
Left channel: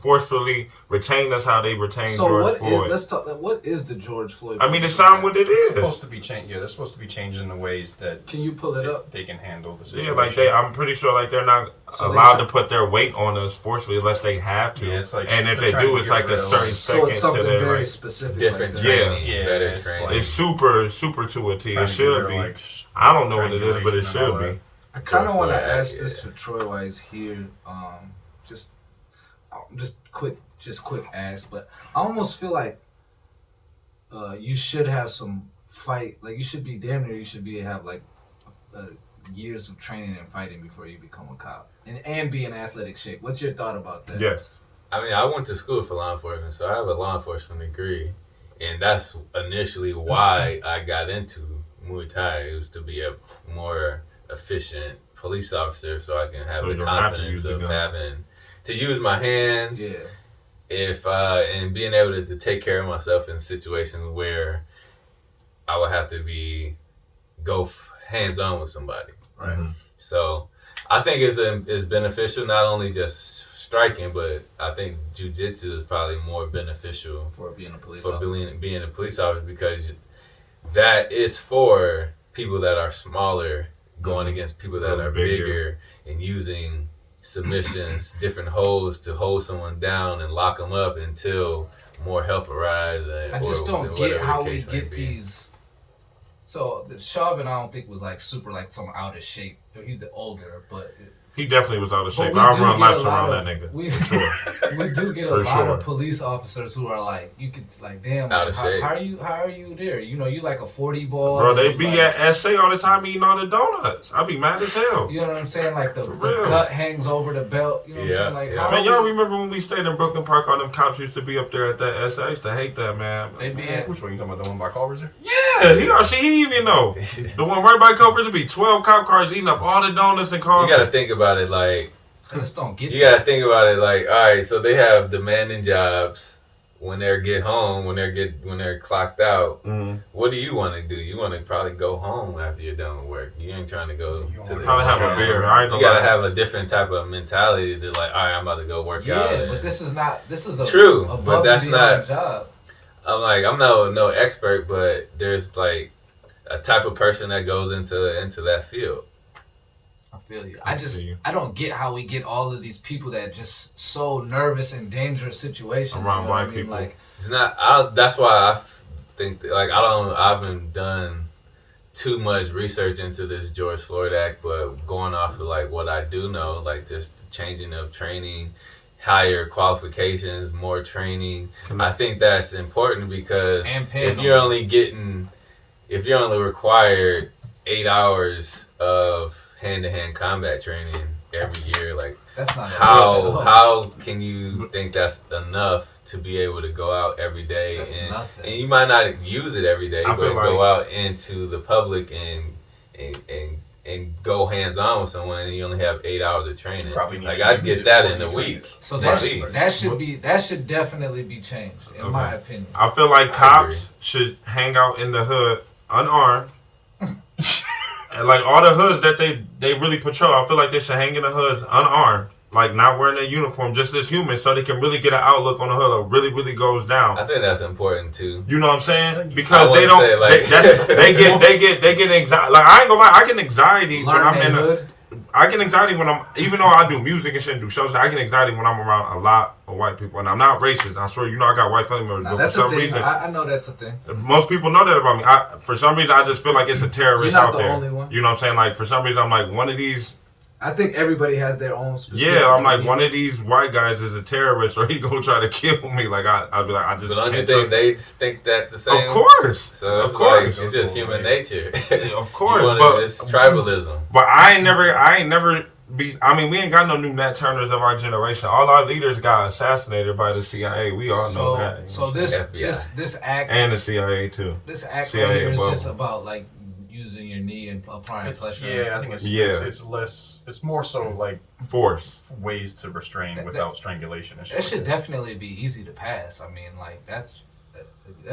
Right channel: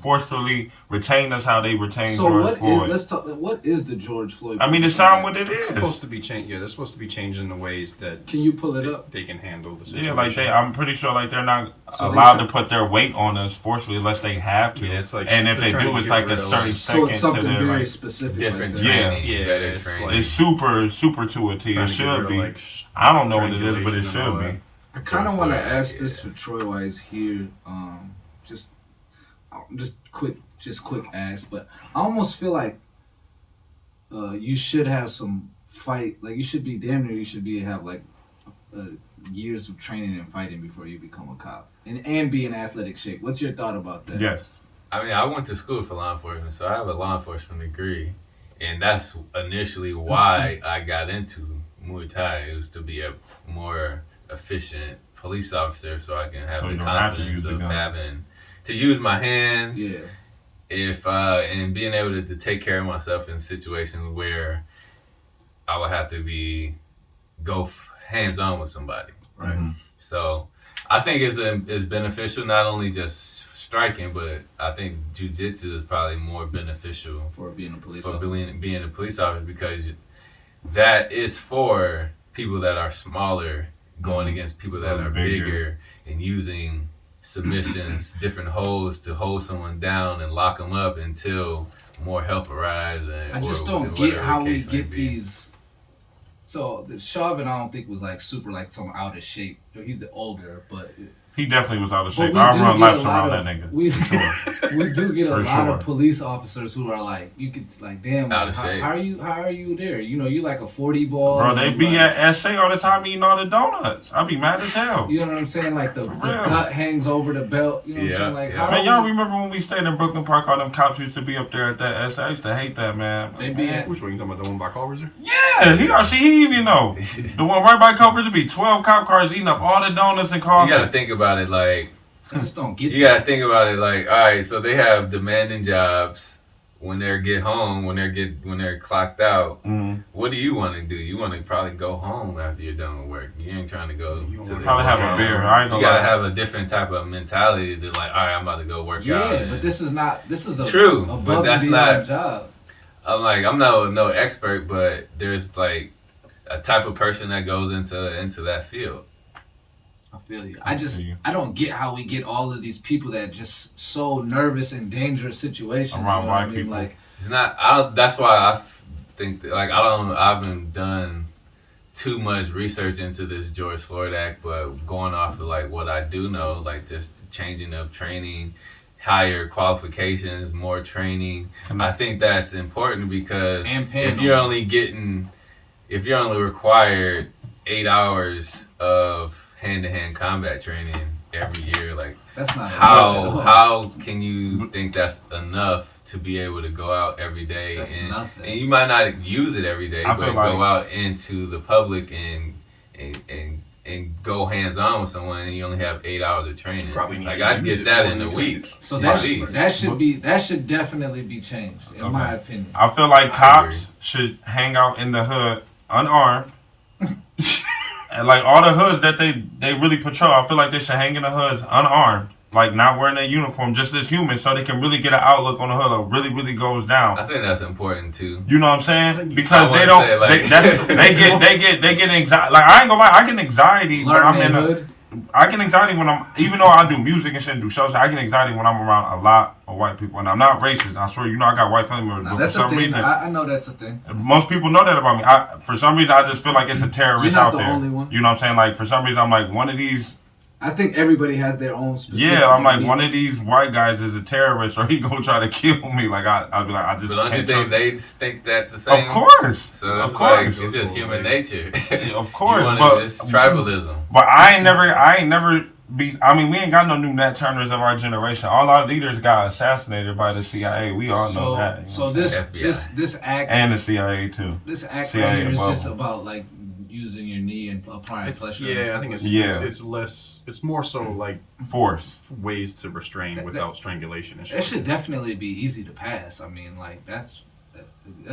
forcefully retain us how they retain So George what Floyd. is? Let's talk. What is the George Floyd? It's not what it It's supposed is. to be changed. Yeah, they're supposed to be changing the ways that Can you pull it up? they can handle the situation. Yeah, like I'm pretty sure like they're not So they allowed should- to put their weight on us forcefully unless they have to. Yeah, it's like and if they're they trying do, to it's get like a rid of- certain So second it's to something their very like. specific. Different like that. Yeah. training. Yeah, better it's training. like- It's super to a T. Trying It to get should rid of, be. like, I don't know what it is, but it strangulation and all should be. that. I kind of want to George Floyd, ask this yeah. for Troy while he's here. Just quick ask, but I almost feel like you should have some fight. Like you should be damn near. You should have like years of training and fighting before you become a cop and be in athletic shape. What's your thought about that? Yes. I mean, I went to school for law enforcement, so I have a law enforcement degree, and that's initially why I got into Muay Thai. It was to be a more efficient police officer, so I can have So the you don't have to use confidence the of gun. having to use my hands. Yeah. And being able to take care of myself in situations where I would have to go hands on with somebody. Right. Mhm. So I think it's beneficial, not only just striking, but I think jiu-jitsu is probably more beneficial For being a police for officer. being a police officer, because that is for people that are smaller going against people that are bigger and using submissions, different holds to hold someone down and lock them up until more help arrives. I just don't get how we get these. So the Chauvin, I don't think was like super like some out of shape. He's older, but He definitely was out of But shape. we I'll do run get a laps lot around of- that nigga. we- For sure. we do get a For lot sure. of police officers who are like, you could like, damn, Out like, of shape. how are you there? You know, you like a 40 ball. Bro, they and be like, at SA all the time eating all the donuts. I be mad as hell. You know what I'm saying? Like the real. gut hangs over the belt. You know what I'm Yeah, saying? Like yeah. how Man, y'all are we- remember when we stayed in Brooklyn Park? All them cops used to be up there at that SA. I used to hate that, man. They be at Which one you talking about? The one by Culver's here? Yeah, he even know. The one right by Culver's would be 12 cop cars eating up all the donuts and You coffee. gotta think about it like I just don't get you that. gotta think about it like, all right, so they have demanding jobs when they get home, when they're clocked out. Mhm. What do you want to do? You want to probably go home after you're done with work. You ain't trying to go. You don't to wanna the Probably have a restaurant. beer. I ain't You gonna gotta lie. have a different type of mentality to like, all right, I'm about to go work out. Yeah, and- but this is the True, but above that's and beyond not- job. I'm no expert, but there's like a type of person that goes into that field. I feel you. I feel you. I don't get how we get all of these people that are just so nervous in dangerous situations. Around you know white what I mean? people. Like, It's not. I don't. That's why I think that, like I haven't done too much research into this George Floyd Act, but going off of like what I do know, like just the changing of training, higher qualifications, more training. I think that's important because And paying if them. you're only required 8 hours of hand-to-hand combat training every year, like that's not a lot at all. how can you think that's enough to be able to go out every day That's and nothing. you might not use it every day, I but feel go like- out into the public and go hands on with someone, and you only have 8 hours of training. Probably need Like to I'd use get it that more in a than week. So at that least. that should definitely be changed, in my opinion. I feel like I cops should hang out in the hood unarmed. And like all the hoods that they really patrol, I feel like they should hang in the hoods unarmed. Like not wearing their uniform, just as humans, so they can really get an outlook on the hood. Like really goes down. I think that's important too. You know what I'm saying? Because I they wouldn't don't. say, like- They get anxiety. Like I ain't gonna lie, I get anxiety, but Learn I'm that in the hood. I get anxiety when I'm, even though I do music and shit and do shows, I get anxiety when I'm around a lot of white people. And I'm not racist. I swear, I got white family members. Nah, But that's for a some thing. reason, I know that's a thing. most people know that about me. For some reason, I just feel like it's a terrorist You're not out the there. only one. You know what I'm saying? Like, for some reason, I'm like, one of these. I think everybody has their own specific. Yeah, I'm like, one of these white guys is a terrorist, or he gonna try to kill me. Like, I'd be like, I just So don't can't you think trust- they think that the same? Of course. So Of it's course. like, it's just human nature. Of course, It's tribalism. But I ain't never be. I mean, we ain't got no new Nat Turners of our generation. All our leaders got assassinated by the CIA. We all know that. You know So what I'm saying? this act And the CIA too. this act CIA right here is above just them. about like using your knee and applying pressure. I think it's Yeah. it's less. It's more so like Force. ways to restrain without strangulation and shit. That should definitely be easy to pass. I mean, like that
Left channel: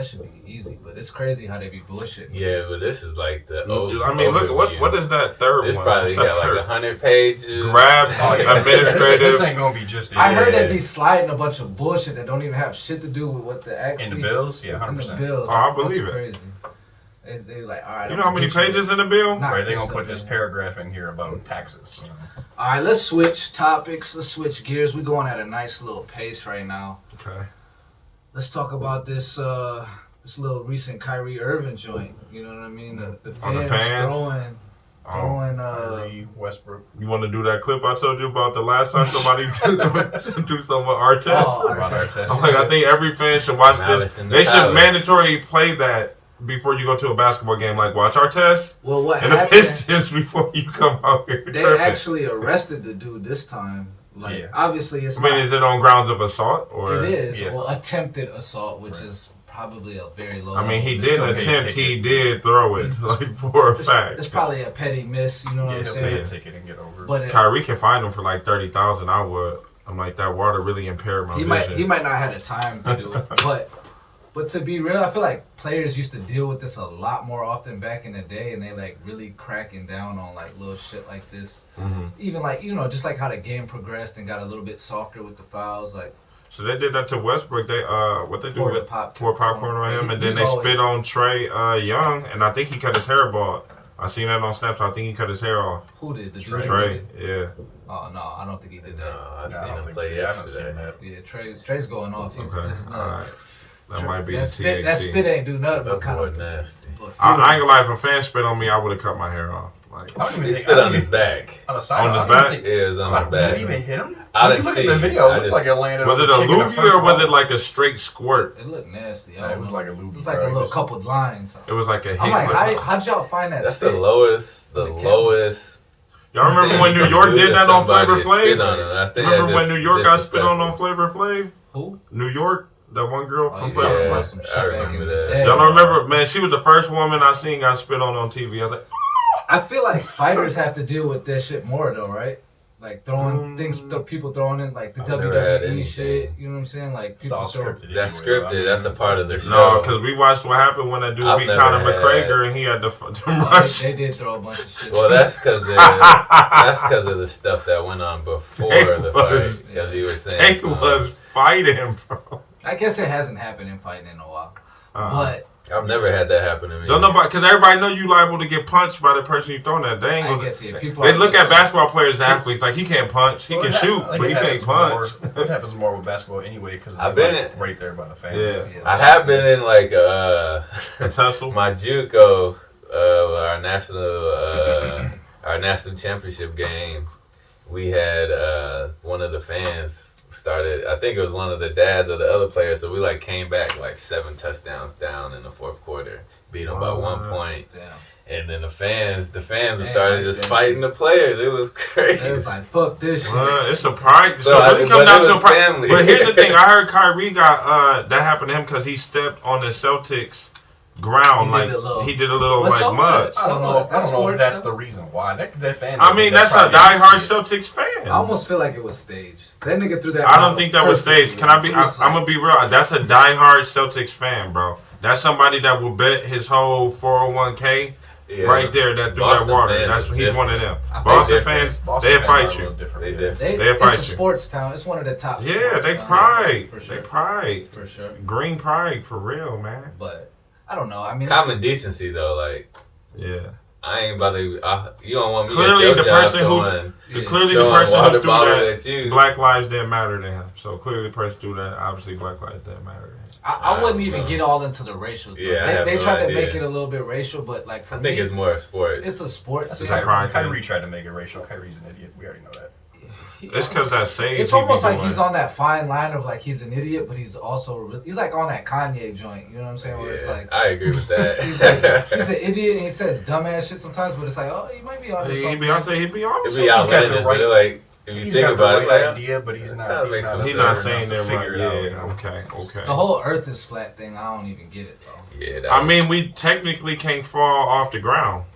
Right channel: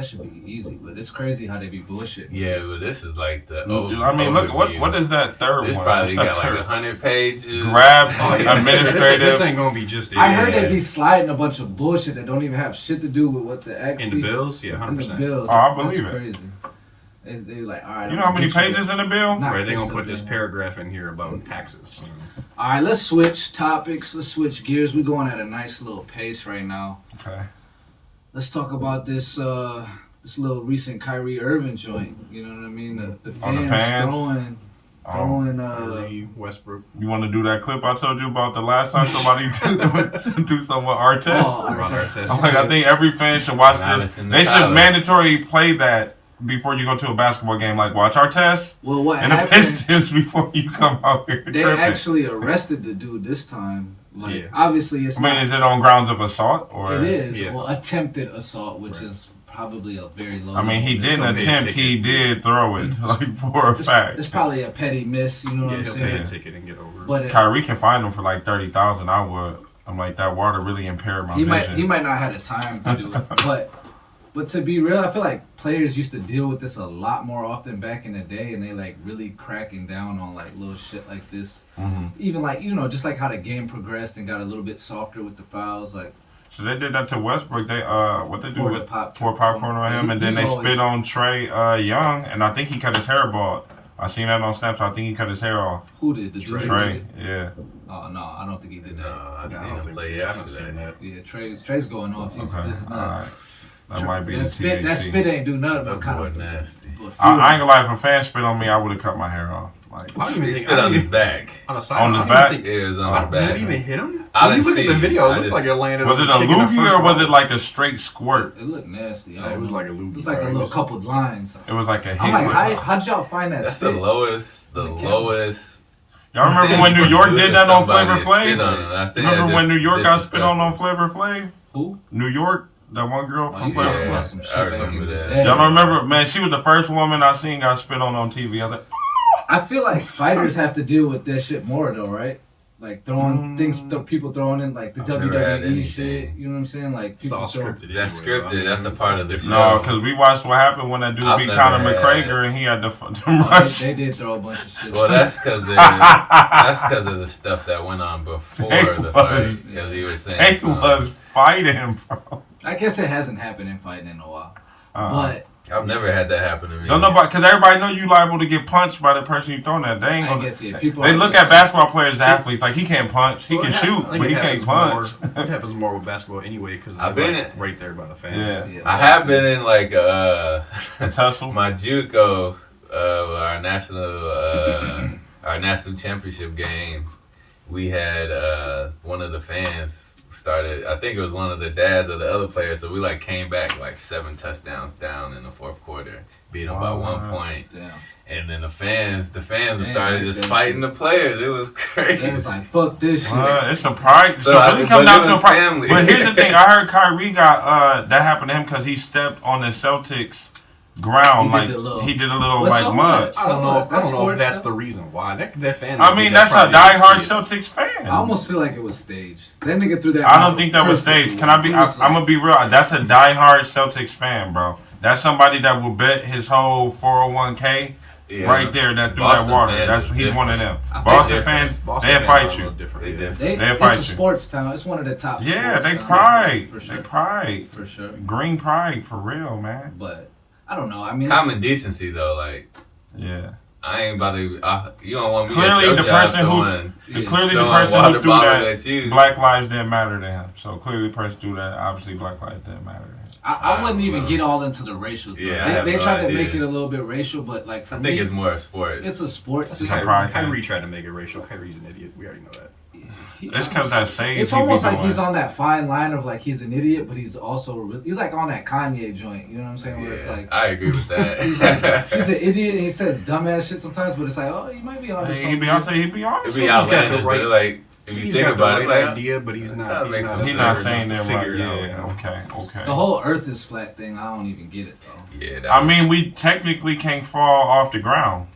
should be easy. But it's crazy how they be bullshit. Yeah, but this is like the old. I mean, look, overview. what is that third It's one? probably What's that got like third? 100 pages. Grab This administrative. ain't gonna be just it. I heard Yeah. they be sliding a bunch of bullshit that don't even have shit to do with what the act in the bills. Yeah, in the 100%. bills. Oh, I That's believe it. Crazy. They like, all right. You know how many pages in the bill? Not Right, they're gonna this put up this here. paragraph in here about taxes. All right, let's switch topics. Let's switch gears. We're going at a nice little pace right now. Okay. Let's talk about this little recent Kyrie Irving joint. You know what I mean? The Oh, the fans, fans? throwing Kyrie, Westbrook. You want to do that clip I told you about the last time somebody do something with our test? Oh, About our test. I'm like, I think every fan should watch Now this. it's in the They should palace. mandatory play that before you go to a basketball game. Like, watch our test well, what and the happened? Pistons before you come out here They tripping. actually arrested the dude this time. Like, Yeah. obviously, it's I mean, not. is it on grounds of assault or? It is Yeah. well, attempted assault, which Right. is probably a very low. I mean, he level. didn't still paid attempt. ticket. He did throw it, like for a It's fact. probably a petty miss. You know what Yeah, I'm he'll pay saying? a ticket and get over it. But Kyrie can find him for like 30,000. I would. I'm like, that water really impaired my he vision. might not have the time to do it, but to be real, I feel like players used to deal with this a lot more often back in the day, and they like really cracking down on like little shit like this. Mhm. Even like just like how the game progressed and got a little bit softer with the fouls, like So they did that to Westbrook. They what they do Pour the with popcorn. pour popcorn on him, and then He's they always- spit on Trey Young, and I think he cut his hair bald. I seen that on Snap. So I think he cut his hair off. who did the dude? who did Trey, it? yeah. Oh no, I don't think he did No, that. I Nah, seen I don't him think play so. I haven't yesterday. seen that. Yeah, Trey's going off. He's, Okay, this is all not- right. That might be the that THC. spit ain't do nothing That but kind boy of. nasty. I ain't gonna lie. If a fan spit on me, I would have cut my hair off. Like I don't even He think spit on his back. on a side On note, his I don't back? even think- Yeah, it was I on his don't- Did it back. even hit him? I When you didn't look see at the video, it. it I looks just- like it landed was on it the a chicken the loogie first or was row. it like a straight squirt? It looked nasty. I Yeah, it don't was know. like a loogie. It was like a bro. It little was- couple lines. It was like a I'm like, hick. how'd y'all find that That's spit? the lowest. The On the camera. lowest. Y'all remember when New York did that on Flavor Flav? Flav? Remember when New York got spit on Flavor Flav? Who? New York, that one girl Oh, from you Flavor talking Yeah, about Flav. some I shit back in remember the that. day. Y'all don't remember, man? She was the first woman I seen got spit on TV. I was like, I feel like fighters have to deal with that shit more though, right? Like throwing things, people throwing in like the I've never had WWE shit. anything. You know what I'm saying? Like It's people all throw. scripted. That's anyway, scripted. I mean, That's a part of the show. no, because we watched what happened when that dude I've beat never Conor had- McGregor and he had to Oh, rush. they did throw a bunch of shit. Well, that's because of the stuff that went on before They the was- fight. Because he was saying They something. was fighting, bro. I guess it hasn't happened in fighting in a while, but I've never had that happen to me. Don't nobody, because everybody know you liable to get punched by the person you throwing at. They ain't I gonna. guess yeah, people. They are look just at basketball players as athletes like he can't punch, he Well, can it shoot, hap- I think but he it can't happens punch. more- It happens more with basketball anyway because I've they're been like in- right there by the fans. Yeah. Yeah. I have been in like A tussle. my JUCO, our national championship game. We had one of the fans started. I think it was one of the dads of the other players. So we like came back like 7 touchdowns down in the fourth quarter, beat them by Wow. 1 point. Damn. And then the fans Damn, started just damn. fighting the players. It was crazy. It was like fuck this shit. It's a pride. So, So I- really come but down it to a was pride. family. But here's the thing: I heard Kyrie got that happened to him because he stepped on the Celtics ground, He like did a little- he did a little What's like so mud. much? I don't know. I don't know if that's stuff. the reason why. That fan. I mean, did that's a that probably diehard didn't see it. Celtics fan. I almost feel like it was staged. That nigga threw that. I don't think that was staged. Can I be? He I'm was like- gonna be real. That's a diehard Celtics fan, bro. That's somebody that will bet his whole 401k Yeah. right there that threw Boston that water. fans That's are he's one of them. I think Boston different. fans, Boston they'll fans fight are a you. little different, They yeah. different. They'll It's fight a you. sports town. It's one of the top. Yeah, sports they towns. pride. For sure. They pride. For sure. Green pride for real, man. But I don't know. I mean, it's- Common decency though, like Yeah. I ain't about to. You don't want me Clearly, at your the job person who throwing threw at that, you. Black lives didn't matter to him. So clearly, the person who threw that, obviously, Black lives didn't matter to him. I wouldn't even get all into the racial thing. Yeah, they no tried to idea. make it a little bit racial, but like for I me, think it's more a sport. it's a sports That's thing. Kyrie tried to make it racial. Kyrie's an idiot. We already know that. It's because that sage. It's almost like he's on that fine line of like he's an idiot, but he's also he's like on that Kanye joint. You know what I'm saying? Where it's like I agree with that. he's an idiot. And he says dumbass shit sometimes, but it's like, oh, you might be honest. He be honest. It'd be He's outlandish, but like if you He's think got the about right it, like, idea, but he's not. He's not saying that right. figure it out. Yeah. Okay. The whole Earth is flat thing, I don't even get it though. Yeah. I mean, we technically can't fall off the ground.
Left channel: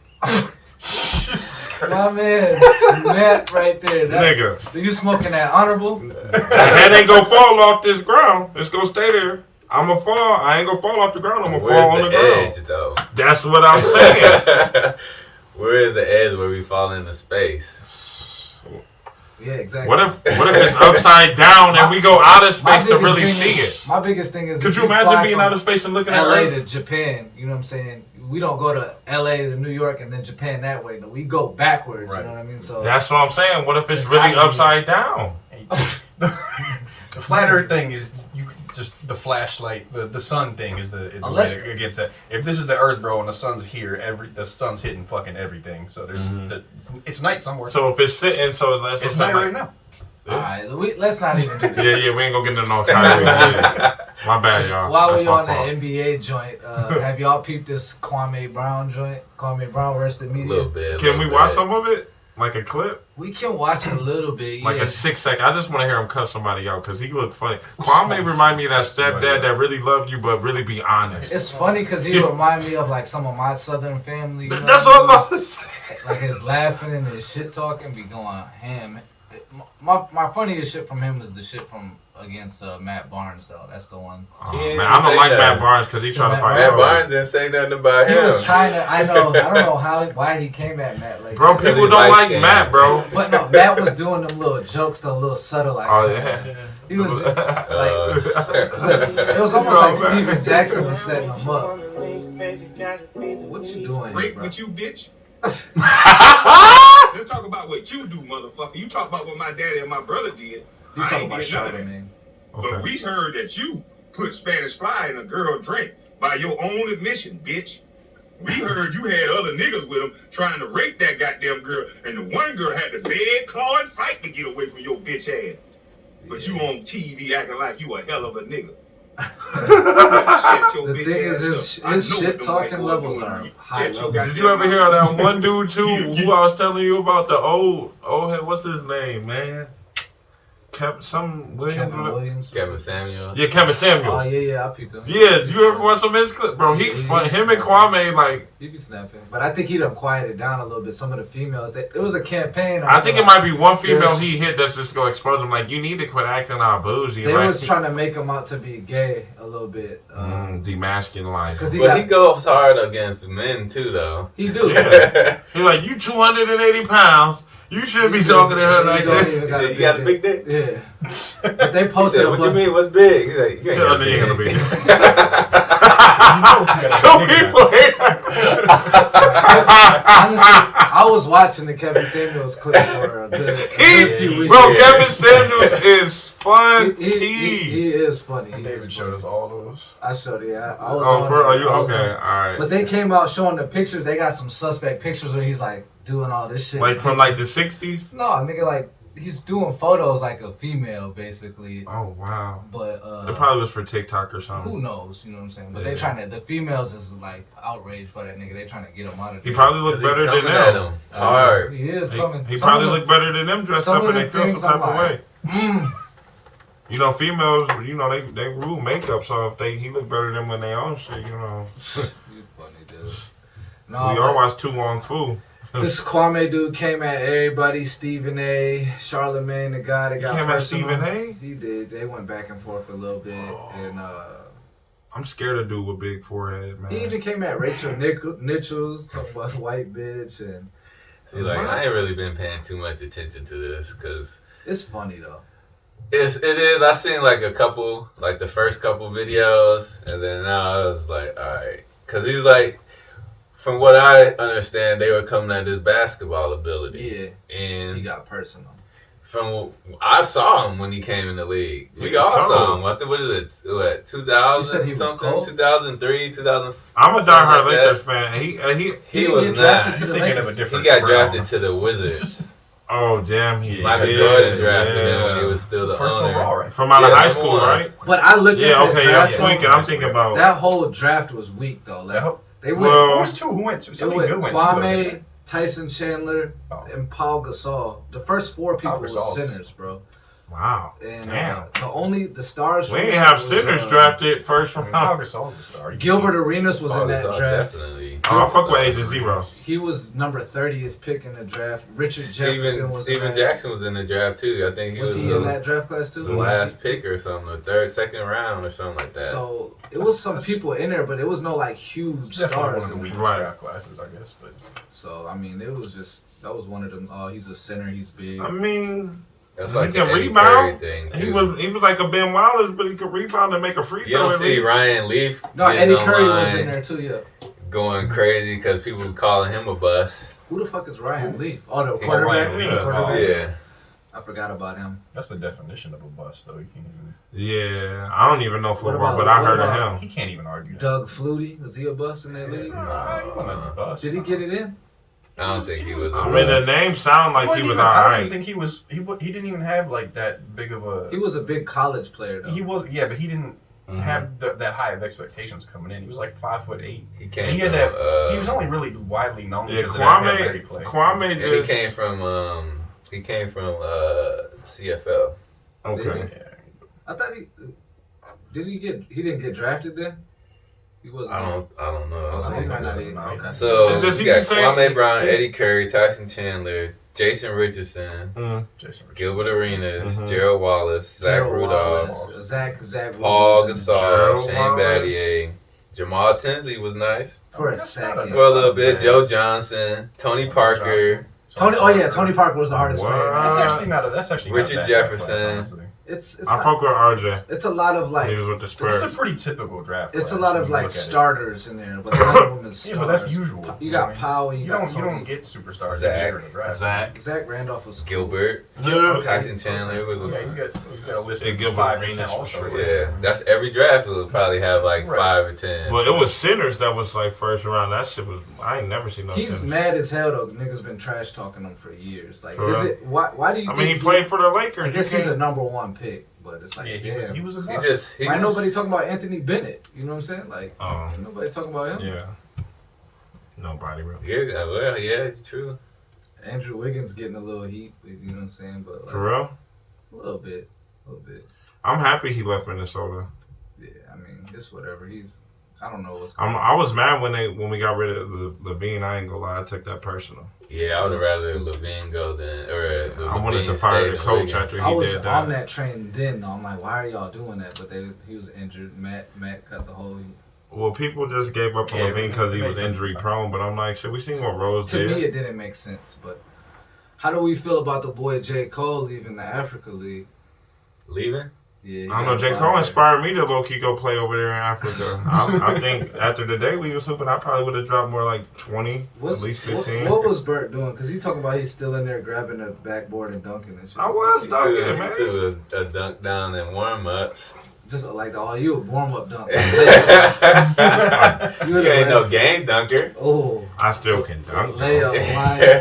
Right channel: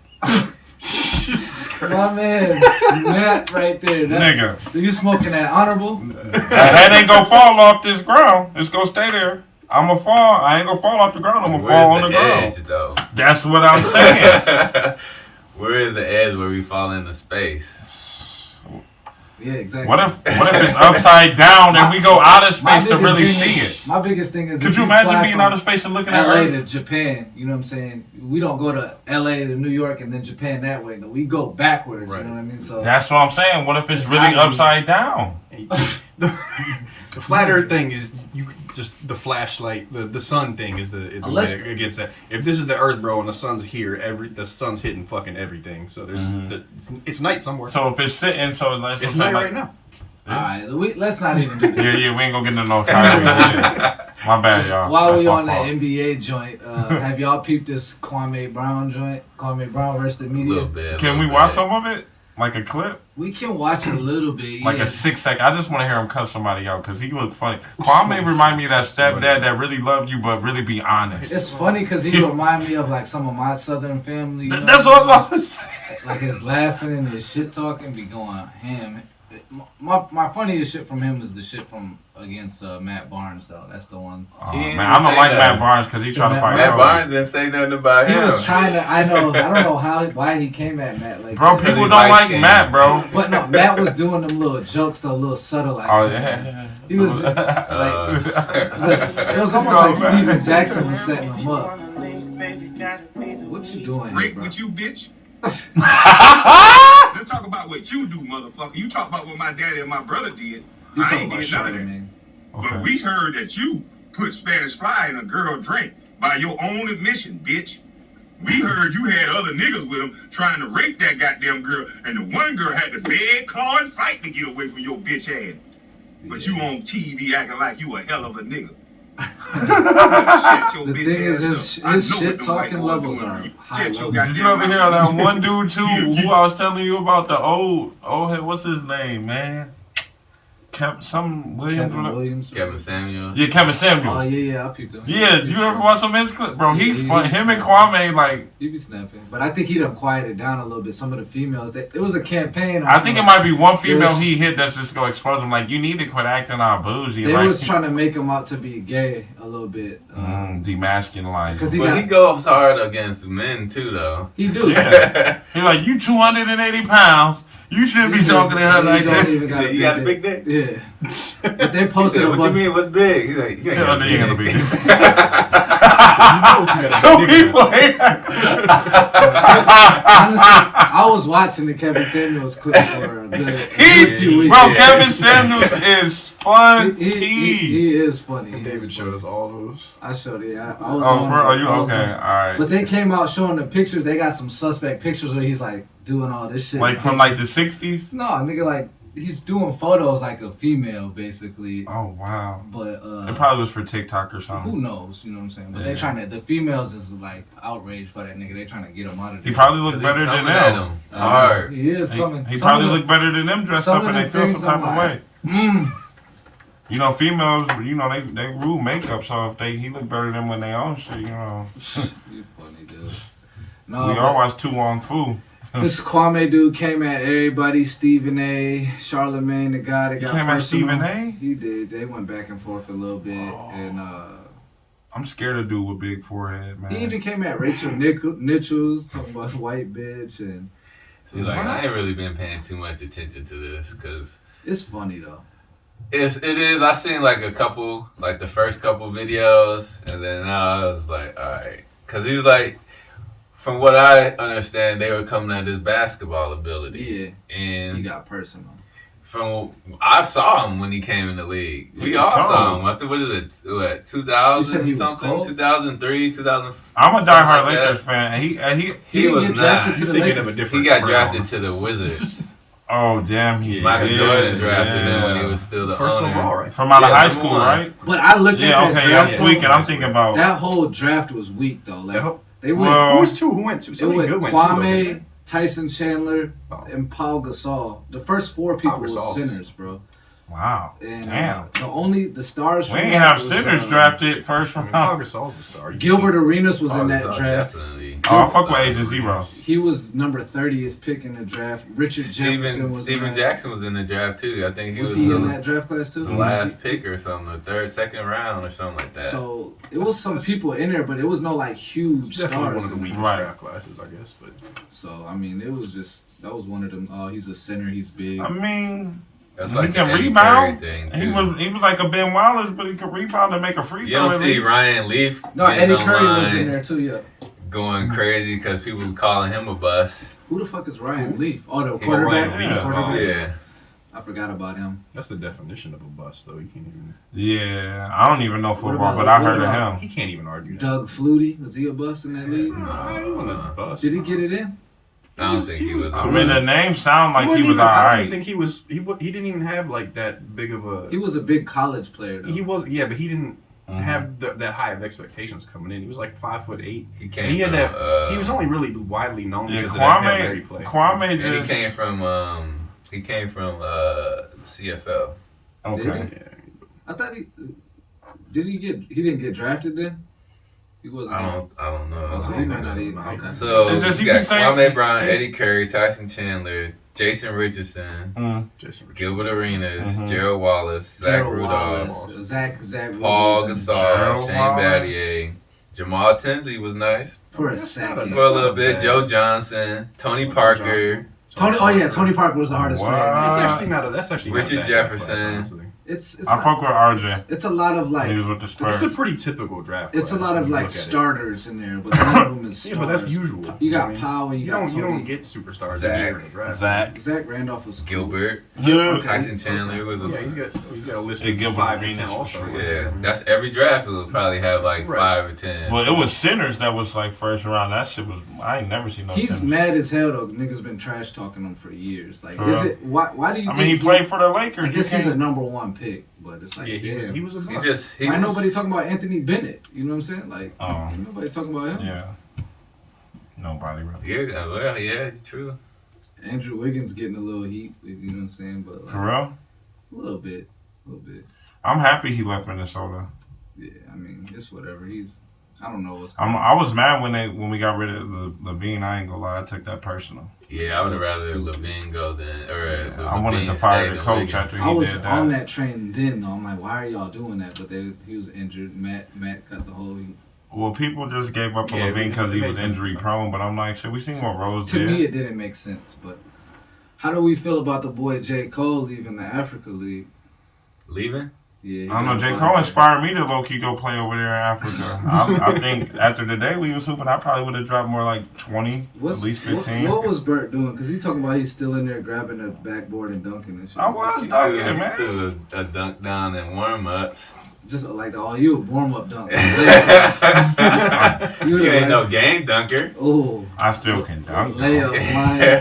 My man, snap right there. Nigga. You smoking that honorable? That head ain't gonna fall off this ground. It's gonna stay there. I'm gonna fall. I ain't gonna fall off the ground. I'm gonna fall on the ground. Though? That's what I'm saying. Where is the edge where we fall into space? Yeah, exactly. What if it's upside down and we go out of space to really see it? My biggest thing is, could you imagine being out of space and looking at LA Earth? to Japan? You know what I'm saying? We don't go to LA to New York and then Japan that way. No, we go backwards. Right. You know what I mean? So that's what I'm saying. What if it's really upside down? The flat Earth thing is just the flashlight. The sun thing is the way against that. If this is the Earth, bro, and the sun's here, the sun's hitting fucking everything. So there's it's night somewhere. So if it's sitting, it's night right now. Yeah. All right, let's not even do this. Yeah, we ain't gonna get into no Kyrie. My bad, y'all. While that's we my on fault. the NBA joint, have y'all peeped this Kwame Brown joint? Kwame Brown versus the media? A little bit. Can we watch some of it? Like a clip? We can watch a little bit. Like a 6 second. I just want to hear him cuss somebody out because he look funny. Kwame remind me of that stepdad that really loved you but really be honest. It's funny because he remind me of like some of my Southern family. You know That's what I'm about to say. Like his laughing and his shit talking be going ham. My funniest shit from him is the shit from against Matt Barnes though. That's the one. Oh, man, I don't like Matt Barnes because he tried to fight. Matt Barnes didn't say nothing about He him. was trying to. I don't know why he came at Matt like. Bro, people don't like Matt, bro. But no, Matt was doing them little jokes, though, little subtle like. Oh yeah. He was like, it was almost like Steven Jackson was setting him up. What you doing? Break with you, bitch. Let's talk about what you do, motherfucker. You talk about what my daddy and my brother did. You I talking ain't about did none of that. Charlemagne? But we heard that you put Spanish fly in a girl drink by your own admission, bitch. We heard you had other niggas with him trying to rape that goddamn girl, and the one girl had to beg, claw, and fight to get away from your bitch ass. But you on TV acting like you a hell of a nigga. The thing is, his shit talking levels are high. Did you ever hear that one dude too who I was telling you about the old what's his name, man? Kevin Williams. Kevin Samuels. Yeah, Kevin Samuels. Oh yeah, I peeped him. Yeah, you ever watch some of his clips? Bro, him and Kwame, like... He be snapping. But I think he done quieted down a little bit. Some of the females, it was a campaign. I think it might be one female he hit that's just going to expose him. Like, you need to quit acting all bougie. They like, was trying to make him out to be gay a little bit. Demasculinized. But he goes hard against men, too, though. He do. Yeah. He like, you 280 pounds. You shouldn't be talking to her like that. You got a big dick? Yeah. But they posted what you mean, what's big? He's like, you ain't got a big dick. Honestly, I was watching the Kevin Samuels clips for a good few weeks. Bro, Kevin Samuels is funny. He is funny. David showed us all those. I showed it. I Oh, was on bro, there. are you okay? All right. But they came out showing the pictures. They got some suspect pictures where he's like doing all this shit. Like from like the 60s? No, nigga, like he's doing photos like a female, basically. Oh wow. But it probably was for TikTok or something. Who knows? You know what I'm saying? But they trying to. The females is like outraged by that nigga. They trying to get him out of there. He probably looked better than them. Hard. He is coming. He probably looked better than them dressed up, and they feel some type of way. You know, females, you know, they rule makeup, so if he look better than when they own shit, you know. You funny, dude. No, we all watch Tu Wong Fu. This Kwame dude came at everybody. Stephen A, Charlemagne, the guy that got came at personal. Stephen A? He did. They went back and forth a little bit, and I'm scared of dude with big forehead, man. he even came at Rachel Nichols, talking about white bitch, and See, like, I ain't really been paying too much attention to this because it's funny though. It is. I seen like a couple, like the first couple videos, and then now I was like, all right, because he's like, From what I understand, they were coming at his basketball ability. Yeah. And He got personal. From I saw him when he came in the league. He We was all cold. saw him. I think what is it? What You said he 2000 was something? cold? 2003, 2000. I'm a diehard Something like Lakers that. fan. He He didn't was get drafted not. to You're the thinking of a Lakers. different. He got Brown. drafted to the Wizards. oh damn, he Michael did. Jordan drafted him Yeah. when he was still the First owner. overall, right? From out of Yeah, high number school, one. right? But I looked Yeah, at that okay, draft. I'm tweaking. I'm thinking about. That whole draft was weak though. Like they went. Well, Who was two? Who went two? It Somebody good went went two. Kwame, Tyson Chandler, Oh. and Paul Gasol. The first four people Paul were Gasol's- centers, bro. Wow. And Damn. the stars. We from ain't that have was, centers drafted first I mean, Pau round. Gasol's a star. Gilbert Arenas was Oh, in that draft. Definitely. Oh, I fuck with Agent Zero. He was number 30th pick in the draft. Richard Jefferson was in Steven that. Jackson was in the draft too. I think he Was was, he the, in that draft class too? the last pick or something, the second round or something like that. So it was some people in there, but it was no like It's huge definitely stars. one of the in weakest there. Right. draft classes, I guess. But So I mean, it was just that was one of them. Oh, he's a center. He's big. I mean, That's he like can the Eddie rebound. Curry thing He too. was like a Ben Wallace, but he could rebound and make a free You throw. don't at see least. Ryan Leaf No, getting Eddie Curry was in online there too. Yeah. going crazy because people were calling him a bust. Who the fuck is Ryan Leaf? Oh, the Yeah, quarterback. Ryan Leaf. Yeah. Quarterback? Yeah. I forgot about him. that's the definition of a bust, though. He can't even. Yeah, I don't even know football, about- but I what heard of about- him. He can't even argue that. Doug Flutie, was he a bust in that league? Nah, he wasn't a bust. Did he get it in? I don't think he was. I mean, the name sound like he was I don't alright. even think he was. He didn't even have like that big of a. He was a big college player though. He was, yeah, but he didn't Mhm. have that high of expectations coming in. He was like 5'8". He came. He had from, that. He was only really widely known Yeah, because of that Hail Mary play. Kwame And he just. came from. He came from CFL. Okay. Yeah. I thought he didn't get drafted then? He wasn't. I don't know. Oh, so I he don't might think not so. even. No, Okay. So It's just you you got can say- Kwame Brown, Eddie Curry, Tyson Chandler, Jason Richardson, Mm. Jason Richardson. Gilbert Arenas, Mhm. Gerald Wallace, Zach Gerald Rudolph, Wallace, Zach Paul Williams, Gasol, Gerald Shane Wallace. Battier, Jamal Tinsley was nice for a That's not second. for a little bit. bad. Joe Johnson, Tony Parker, Tony. Oh yeah, Tony Parker was the hardest What? player. That's Uh, actually not. That's actually Richard not a bad draft Jefferson. class, honestly. It's I fuck with RJ. it's a lot of when he like was with the This is a Spurs. pretty typical draft. it's a class lot when of you like look at it. starters in there, but none of them is Yeah, but that's stars. usual. You got I mean, Powell. You don't Tony. get superstars Zach. every year in the draft. Zach. Randolph was Gilbert, Yeah. Tyson Chandler was Yeah, a. he's got a list Hey, of Gilbert 5 and Arenas 10 for all-stars. sure. Yeah, that's every draft will probably have like Right. 5 or 10. Well, it was centers that was like first round. That shit was. I ain't never seen no He's centers. mad as hell though. Niggas been trash talking him for years. Like, For is real? it why do you? I think mean, he played for the Lakers. I guess You he's a can't- number one pick, but it's like, Yeah, damn. he was a bust. He's Why nobody talking about Anthony Bennett? You know what I'm saying? Like, Oh. nobody talking about him. Yeah. Nobody really. Yeah, well, yeah, true. Andrew Wiggins getting a little heat. You know what I'm saying? But like, For real? a little bit. I'm happy he left Minnesota. Yeah, I mean, it's whatever. I don't know what's. I was mad when we got rid of Levine. I ain't gonna lie, I took that personal. Yeah, I would have rather Levine go than I wanted to fire the coach after I he was did on that. that train then though. I'm like, why are y'all doing that? But he was injured. Matt got the whole. Well, people just gave up on Yeah, Levine because he it was makes sense. injury prone. But I'm like, shit, we seen what Rose To did. me, it didn't make sense. But how do we feel about the boy J. Cole leaving the Africa League? Leaving? Yeah, I don't know. J. Cole inspired me to low key go play over there in Africa. I think after the day we was hooping, I probably would have dropped more like 20, at least 15. What was Bert doing? Because he's talking about he's still in there grabbing the backboard and dunking and shit. I was dunking, He man. threw a dunk down in warm ups. Just like, oh, you a warm up dunk. You ain't no game dunker. Oh, I still can dunk. though. layup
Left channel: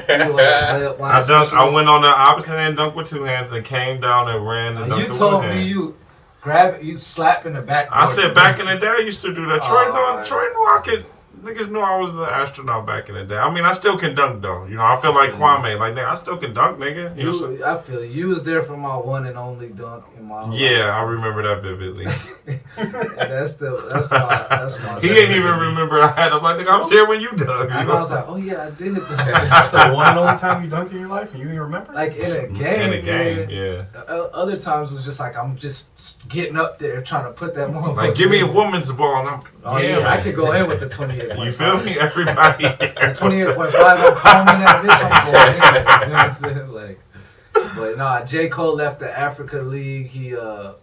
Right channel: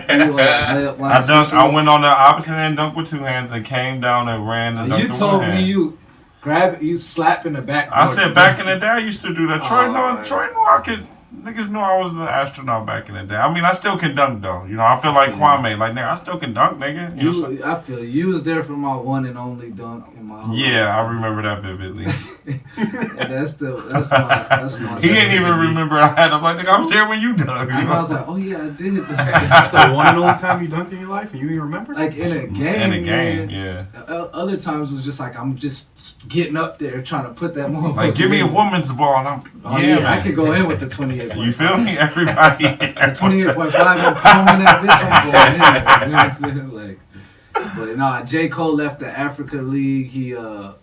line. You a layup line I dunked. I specialist. went on the opposite end, dunked with two hands, and came down and ran the Now, dunk you with told one me hand. you grab it, you slap in the back. I said back in the day, I used to do that. Troy Oh. knew I could. Niggas knew I was the astronaut back in the day. I mean, I still can dunk though. You know, I feel like Kwame. Like, nigga, I still can dunk, nigga. You know what I'm saying? I feel you was there for my one and only dunk in my whole Yeah, I life. remember that vividly. And that's my. He didn't even remember I had him. Like, nigga, I was there when you dunk. I was like, oh yeah, I did. That's the one and only time you dunked in your life, and you even remember? Like in a game. in the game, yeah. Other times was just like I'm just getting up there trying to put that motherfucker. Like, give me a in. woman's ball. And I'm, Oh yeah, I man. could go in with the 28. You feel me? Everybody. 28.5, I'm palming that bitch. I'm going in. You know what I'm saying? Like, but nah, J. Cole left the Africa League.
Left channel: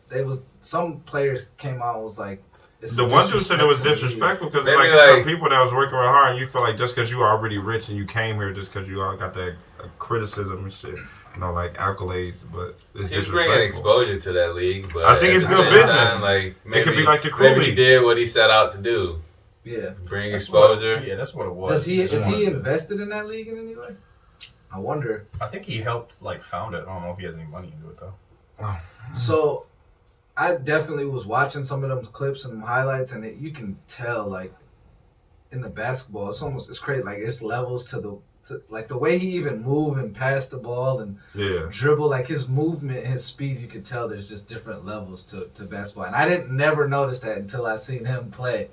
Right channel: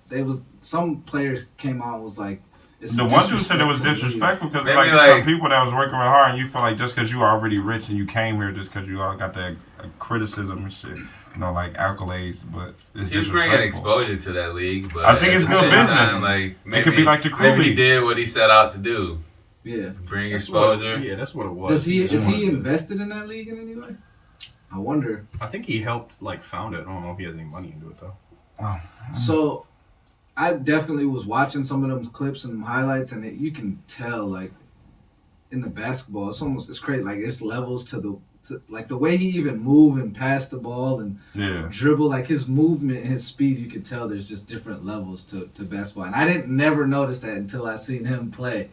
They was some players came out and was like, It's The one dude said it was disrespectful because Maybe like like- some people that was working real hard, and you feel like just because you already rich and you came here just because you all got that criticism and shit, like accolades, but it's He's bringing disrespectful. exposure to that league, but I think it's at the good same business. time, like, maybe, It could be like the crew maybe he league. did what he set out to do, Yeah. bring That's exposure. Yeah, that's what it was. Is just he wanted to- invested in that league in any way? I wonder. I think he helped found it. I don't know if he has any money into it though. So, I definitely was watching some of them clips and highlights, and you can tell like in the basketball, it's crazy. Like it's levels to like the way he even move and pass the ball and Yeah. dribble, like his movement and his speed, you could tell there's just different levels to basketball. And I didn't never notice that until I seen him play